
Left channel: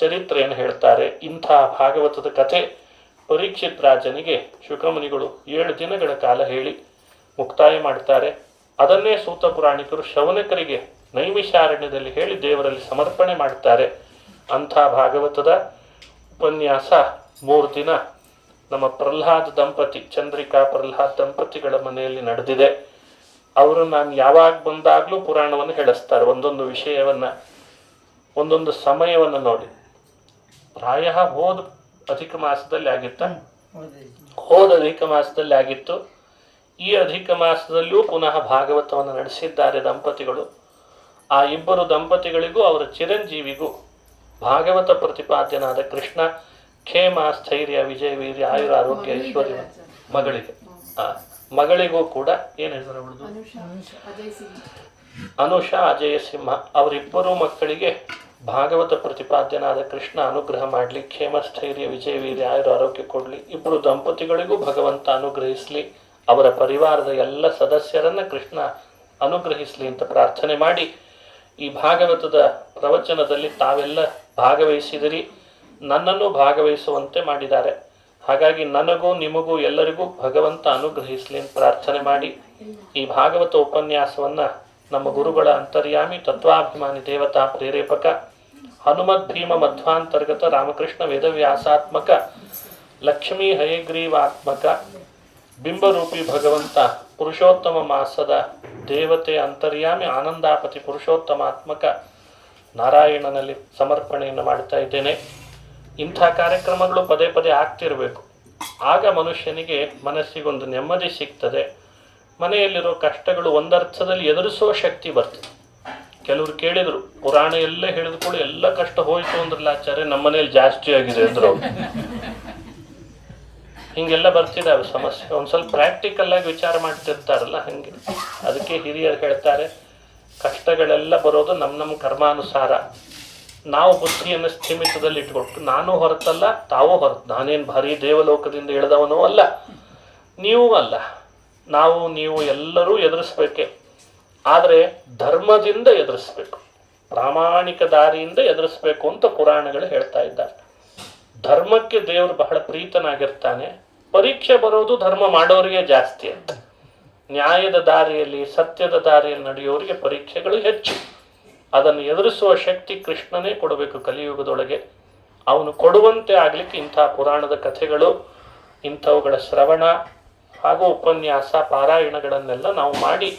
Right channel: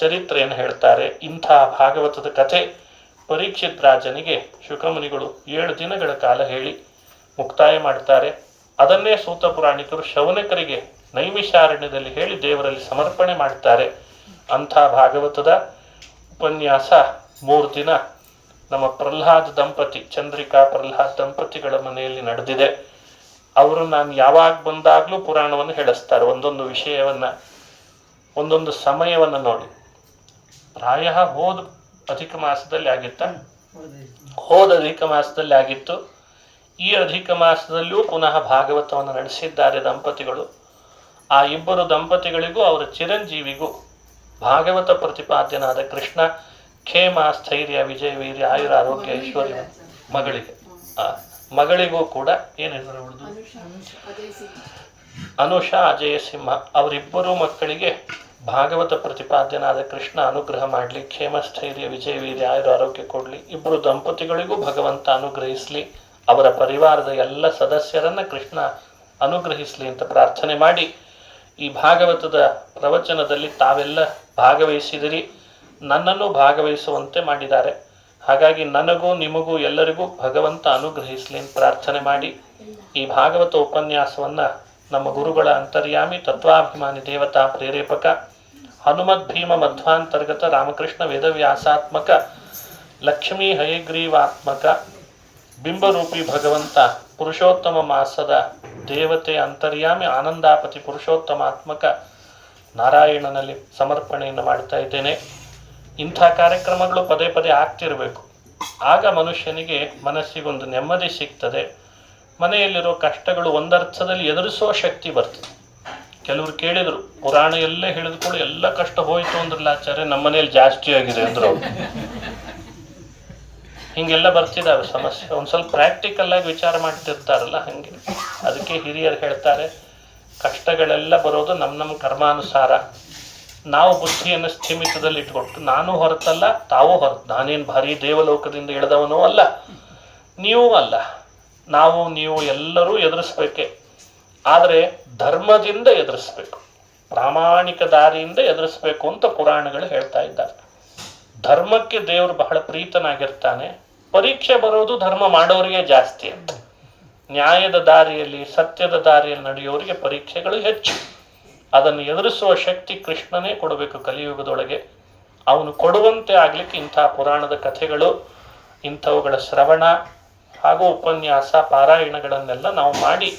ಚರಿತ್ರೆಯನ್ನು ಹೇಳ್ತಾರೆ. ಇಂಥ ಭಾಗವತದ ಕಥೆ ಪರೀಕ್ಷಿತ್ ರಾಜನಿಗೆ ಶುಕಮುನಿಗಳು 7 ದಿನಗಳ ಕಾಲ ಹೇಳಿ ಮುಕ್ತಾಯ ಮಾಡ್ತಾರೆ. ಅದನ್ನೇ ಸೂತ ಪುರಾಣಿಕರು ಶೌನಕರಿಗೆ ನೈಮಿಷಾರಣ್ಯದಲ್ಲಿ ಹೇಳಿ ದೇವರಲ್ಲಿ ಸಮರ್ಪಣೆ ಮಾಡ್ತಾರೆ. ಅಂಥ ಭಾಗವತದ ಉಪನ್ಯಾಸ 3 ದಿನ ನಮ್ಮ ಪ್ರಹ್ಲಾದ್ ದಂಪತಿ, ಚಂದ್ರಿಕಾ ಪ್ರಹ್ಲಾದ್ ದಂಪತಿಗಳ ಮನೆಯಲ್ಲಿ ನಡೆದಿದೆ. ಅವರು ನಾನು ಯಾವಾಗ ಬಂದಾಗಲೂ ಪುರಾಣವನ್ನು ಹೇಳಿಸ್ತಾರೆ. ಒಂದೊಂದು ವಿಷಯವನ್ನ, ಒಂದೊಂದು ಸಮಯವನ್ನು ನೋಡಿ. ಪ್ರಾಯ ಹೋದ ಅಧಿಕ ಮಾಸದಲ್ಲಿ ಆಗಿತ್ತ, ಹೋದ ಅಧಿಕ ಮಾಸದಲ್ಲಿ ಆಗಿತ್ತು. ಈ ಅಧಿಕ ಮಾಸದಲ್ಲಿಯೂ ಪುನಃ ಭಾಗವತವನ್ನು ನಡೆಸಿದ್ದಾರೆ ದಂಪತಿಗಳು. ಆ ಇಬ್ಬರು ದಂಪತಿಗಳಿಗೂ ಅವರ ಚಿರಂಜೀವಿಗೂ ಭಾಗವತ ಪ್ರತಿಪಾದ್ಯನಾದ ಕೃಷ್ಣ ಖೇಮ, ಸ್ಥೈರ್ಯ, ವಿಜಯ, ವೀರ್ಯ, ಆಯುರ, ಆರೋಗ್ಯ, ಐಶ್ವರ್ಯ ಮಗಳಿಗೂ ಕೂಡ ಏನು ಹೆಸರು ಬಿಡುದು, ಅನುಷಾ, ಅಜಯ ಸಿಂಹ, ಅವರಿಬ್ಬರು ಮಕ್ಕಳಿಗೆ ಭಾಗವತ ಪ್ರತಿಪಾದ್ಯನಾದ ಕೃಷ್ಣ ಅನುಗ್ರಹ ಮಾಡಲಿ, ಕ್ಷೇಮ, ಸ್ಥೈರ್ಯ, ವಿಜಯ, ವೀರ್ಯ, ಆಯುರ, ಆರೋಗ್ಯ ಕೊಡಲಿ. ಇಬ್ಬರು ದಂಪತಿಗಳಿಗೂ ಭಗವಂತ ಅನುಗ್ರಹಿಸಲಿ, ಅವರ ಪರಿವಾರದ ಎಲ್ಲ ಸದಸ್ಯರನ್ನ ಕೃಷ್ಣ ಅನುಗ್ರಹಿಸಲಿ ಅಂತ ಪ್ರಾರ್ಥನೆ ಮಾಡಿ, ಈ ಭಾಗವತದ ಪ್ರವಚನದಲ್ಲಿ ತಾವೆಲ್ಲ ಭಾಗವಹಿಸಿದಿರಿ, ನನ್ನನ್ನು ಭಾಗವಹಿಸುವಂತೆ ಮಾಡಿದ್ದಾರೆ. ಹಾಗಾಗಿ ನನಗೂ ನಿಮಗೂ ಎಲ್ಲರಿಗೂ ಭಗವಂತ ಅನುಗ್ರಹಿಸಲಿ ಅಂತ ಪ್ರಾರ್ಥನೆ ಮಾಡಿ, ಈ ಭಾಗವತ ಉಪನ್ಯಾಸವನ್ನ ನಮ್ಮ ಗುರುಗಳ ಅಂತರ್ಯಾಮಿ ತತ್ವಾಭಿಮಾನಿ ದೇವತಾ ಪ್ರೇರೇಪಕ ಹನುಮದ್ ಭೀಮ ಮಧ್ವಾಂತರ್ಗತ ರಾಮಕೃಷ್ಣ ವೇದವ್ಯಾಸಾತ್ಮಕ ಲಕ್ಷ್ಮೀ ಹಯಗ್ರೀವಾತ್ಮಕ ಬಿಂಬರೂಪಿ ಭಗವಂತ ಪುರುಷೋತ್ತಮ ಮಾಸದ ದೇವತೆ ಅಂತರ್ಯಾಮಿ ಆನಂದಾಪತಿ ಪುರುಷೋತ್ತಮಾತ್ಮಕ ನಾರಾಯಣನಲ್ಲಿ ಸಮರ್ಪಣೆಯನ್ನು ಮಾಡ್ತಾ ಇದ್ದೇನೆ. ಇಂಥ ಕಾರ್ಯಕ್ರಮಗಳು ಪದೇ ಪದೇ ಆಗ್ತಿರಬೇಕು. ಆಗ ಮನುಷ್ಯನಿಗೆ ಮನಸ್ಸಿಗೊಂದು ನೆಮ್ಮದಿ ಸಿಗ್ತದೆ. ಮನೆಯಲ್ಲಿರೋ ಕಷ್ಟಗಳು ಒಂದರ್ಥದಲ್ಲಿ ಎದುರಿಸುವ ಶಕ್ತಿ ಬರ್ತದೆ. ಕೆಲವರು ಕೇಳಿದರು, ಪುರಾಣ ಎಲ್ಲ ಹೇಳಿದ್ಕೊಳ್ಳಿ ಎಲ್ಲ ಕಷ್ಟ ಹೋಯ್ತು ಅಂದ್ರಲ್ಲ ಆಚಾರ್ಯ, ನಮ್ಮ ಮನೇಲಿ ಜಾಸ್ತಿ ಆಗಿದೆ ಅಂದ್ರು. ಹಿಂಗೆಲ್ಲ ಬರ್ತಿದ್ದಾವೆ ಸಮಸ್ಯೆ. ಒಂದು ಸ್ವಲ್ಪ ಪ್ರಾಕ್ಟಿಕಲ್ ಆಗಿ ವಿಚಾರ ಮಾಡ್ತಿರ್ತಾರಲ್ಲ ಹಂಗೆ. ಅದಕ್ಕೆ ಹಿರಿಯರು ಹೇಳ್ತಾರೆ, ಕಷ್ಟಗಳೆಲ್ಲ ಬರೋದು ನಮ್ಮ ಕರ್ಮಾನುಸಾರ. ನಾವು ಬುದ್ಧಿಯನ್ನು ಸ್ಥಿಮಿತದಲ್ಲಿ ಇಟ್ಕೊಟ್ಟು, ನಾನು ಹೊರತಲ್ಲ ತಾವೂ ಹೊರತು, ನಾನೇನು ಭಾರಿ ದೇವಲೋಕದಿಂದ ಇಳಿದವನೂ ಅಲ್ಲ, ನೀವೂ ಅಲ್ಲ, ನಾವು ನೀವು ಎಲ್ಲರೂ ಎದುರಿಸ್ಬೇಕೆ. ಆದರೆ ಧರ್ಮದಿಂದ ಎದುರಿಸ್ಬೇಕು, ಪ್ರಾಮಾಣಿಕ ದಾರಿಯಿಂದ ಎದುರಿಸ್ಬೇಕು ಅಂತ ಪುರಾಣಗಳು ಹೇಳ್ತಾ ಇದ್ದಾರೆ. ಧರ್ಮಕ್ಕೆ ದೇವರು ಬಹಳ ಪ್ರೀತನಾಗಿರ್ತಾನೆ. ಪರೀಕ್ಷೆ ಬರೋದು ಧರ್ಮ ಮಾಡೋರಿಗೆ ಜಾಸ್ತಿ ಅಂತ. ನ್ಯಾಯದ ದಾರಿಯಲ್ಲಿ, ಸತ್ಯದ ದಾರಿಯಲ್ಲಿ ನಡೆಯೋರಿಗೆ ಪರೀಕ್ಷೆಗಳು ಹೆಚ್ಚು. ಅದನ್ನು ಎದುರಿಸುವ ಶಕ್ತಿ ಕೃಷ್ಣನೇ ಕೊಡಬೇಕು ಕಲಿಯುಗದೊಳಗೆ. ಅವನು ಕೊಡುವಂತೆ ಆಗ್ಲಿಕ್ಕೆ ಇಂಥ ಪುರಾಣದ ಕಥೆಗಳು, ಇಂಥವುಗಳ ಶ್ರವಣ ಹಾಗೂ ಉಪನ್ಯಾಸ ಪಾರಾಯಣಗಳನ್ನೆಲ್ಲ ನಾವು ಮಾಡಿ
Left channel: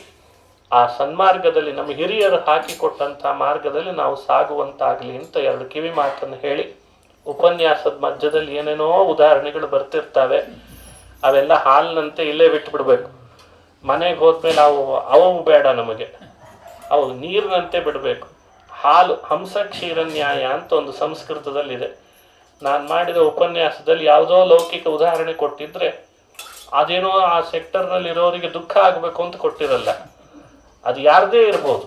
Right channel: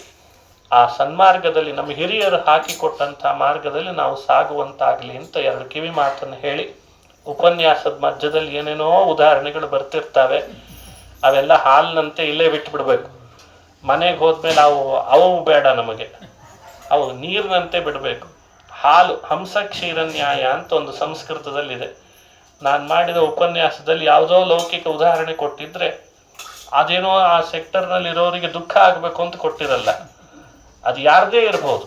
ಆ ಸನ್ಮಾರ್ಗದಲ್ಲಿ, ನಮ್ಮ ಹಿರಿಯರು ಹಾಕಿಕೊಟ್ಟಂಥ ಮಾರ್ಗದಲ್ಲಿ ನಾವು ಸಾಗುವಂತಾಗಲಿ ಅಂತ 2 ಕಿವಿ ಮಾತನ್ನು ಹೇಳಿ, ಉಪನ್ಯಾಸದ ಮಧ್ಯದಲ್ಲಿ ಏನೇನೋ ಉದಾಹರಣೆಗಳು ಬರ್ತಿರ್ತವೆ. ಅವೆಲ್ಲ ಹಾಲಿನಂತೆ ಇಲ್ಲೇ ಬಿಟ್ಟು ಬಿಡ್ಬೇಕು. ಮನೆಗೆ ಹೋದ್ಮೇಲೆ ಅವು ಬೇಡ ನಮಗೆ, ಅವು ನೀರಿನಂತೆ ಬಿಡಬೇಕು. ಹಾಲು ಹಂಸ ಕ್ಷೀರ ನ್ಯಾಯ ಅಂತ ಒಂದು ಸಂಸ್ಕೃತದಲ್ಲಿದೆ. ನಾನು ಮಾಡಿದ ಉಪನ್ಯಾಸದಲ್ಲಿ ಯಾವುದೋ ಲೌಕಿಕ ಉದಾಹರಣೆ ಕೊಟ್ಟಿದ್ರೆ ಅದೇನೋ ಆ ಸೆಕ್ಟರ್ನಲ್ಲಿ ಇರೋರಿಗೆ ದುಃಖ ಆಗಬೇಕು ಅಂತ ಕೊಟ್ಟಿರಲ್ಲ. ಅದು ಯಾರದೇ ಇರ್ಬೋದು,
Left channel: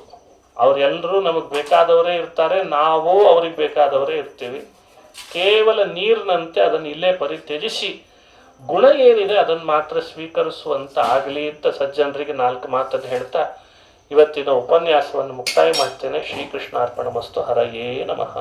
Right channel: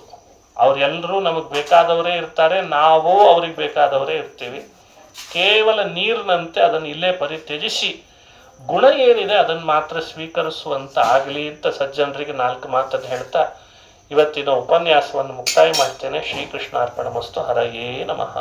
ಅವರೆಲ್ಲರೂ ನಮಗೆ ಬೇಕಾದವರೇ ಇರ್ತಾರೆ, ನಾವು ಅವ್ರಿಗೆ ಬೇಕಾದವರೇ ಇರ್ತೀವಿ. ಕೇವಲ ನೀರಿನಂತೆ ಅದನ್ನು ಇಲ್ಲೇ ಪರಿತ್ಯಜಿಸಿ ಗುಣ ಏನಿದೆ ಅದನ್ನು ಮಾತ್ರ ಸ್ವೀಕರಿಸುವಂತ ಆಗಲಿ ಅಂತ ಸಜ್ಜನರಿಗೆ 4 ಮಾತನ್ನು ಹೇಳ್ತಾ ಇವತ್ತಿನ ಉಪನ್ಯಾಸವನ್ನು ಮುಕ್ತಾಯ ಮಾಡ್ತೇನೆ. ಶ್ರೀಕೃಷ್ಣಾರ್ಪಣ ಮಸ್ತು. ಹರಯೇ ನಮಃ.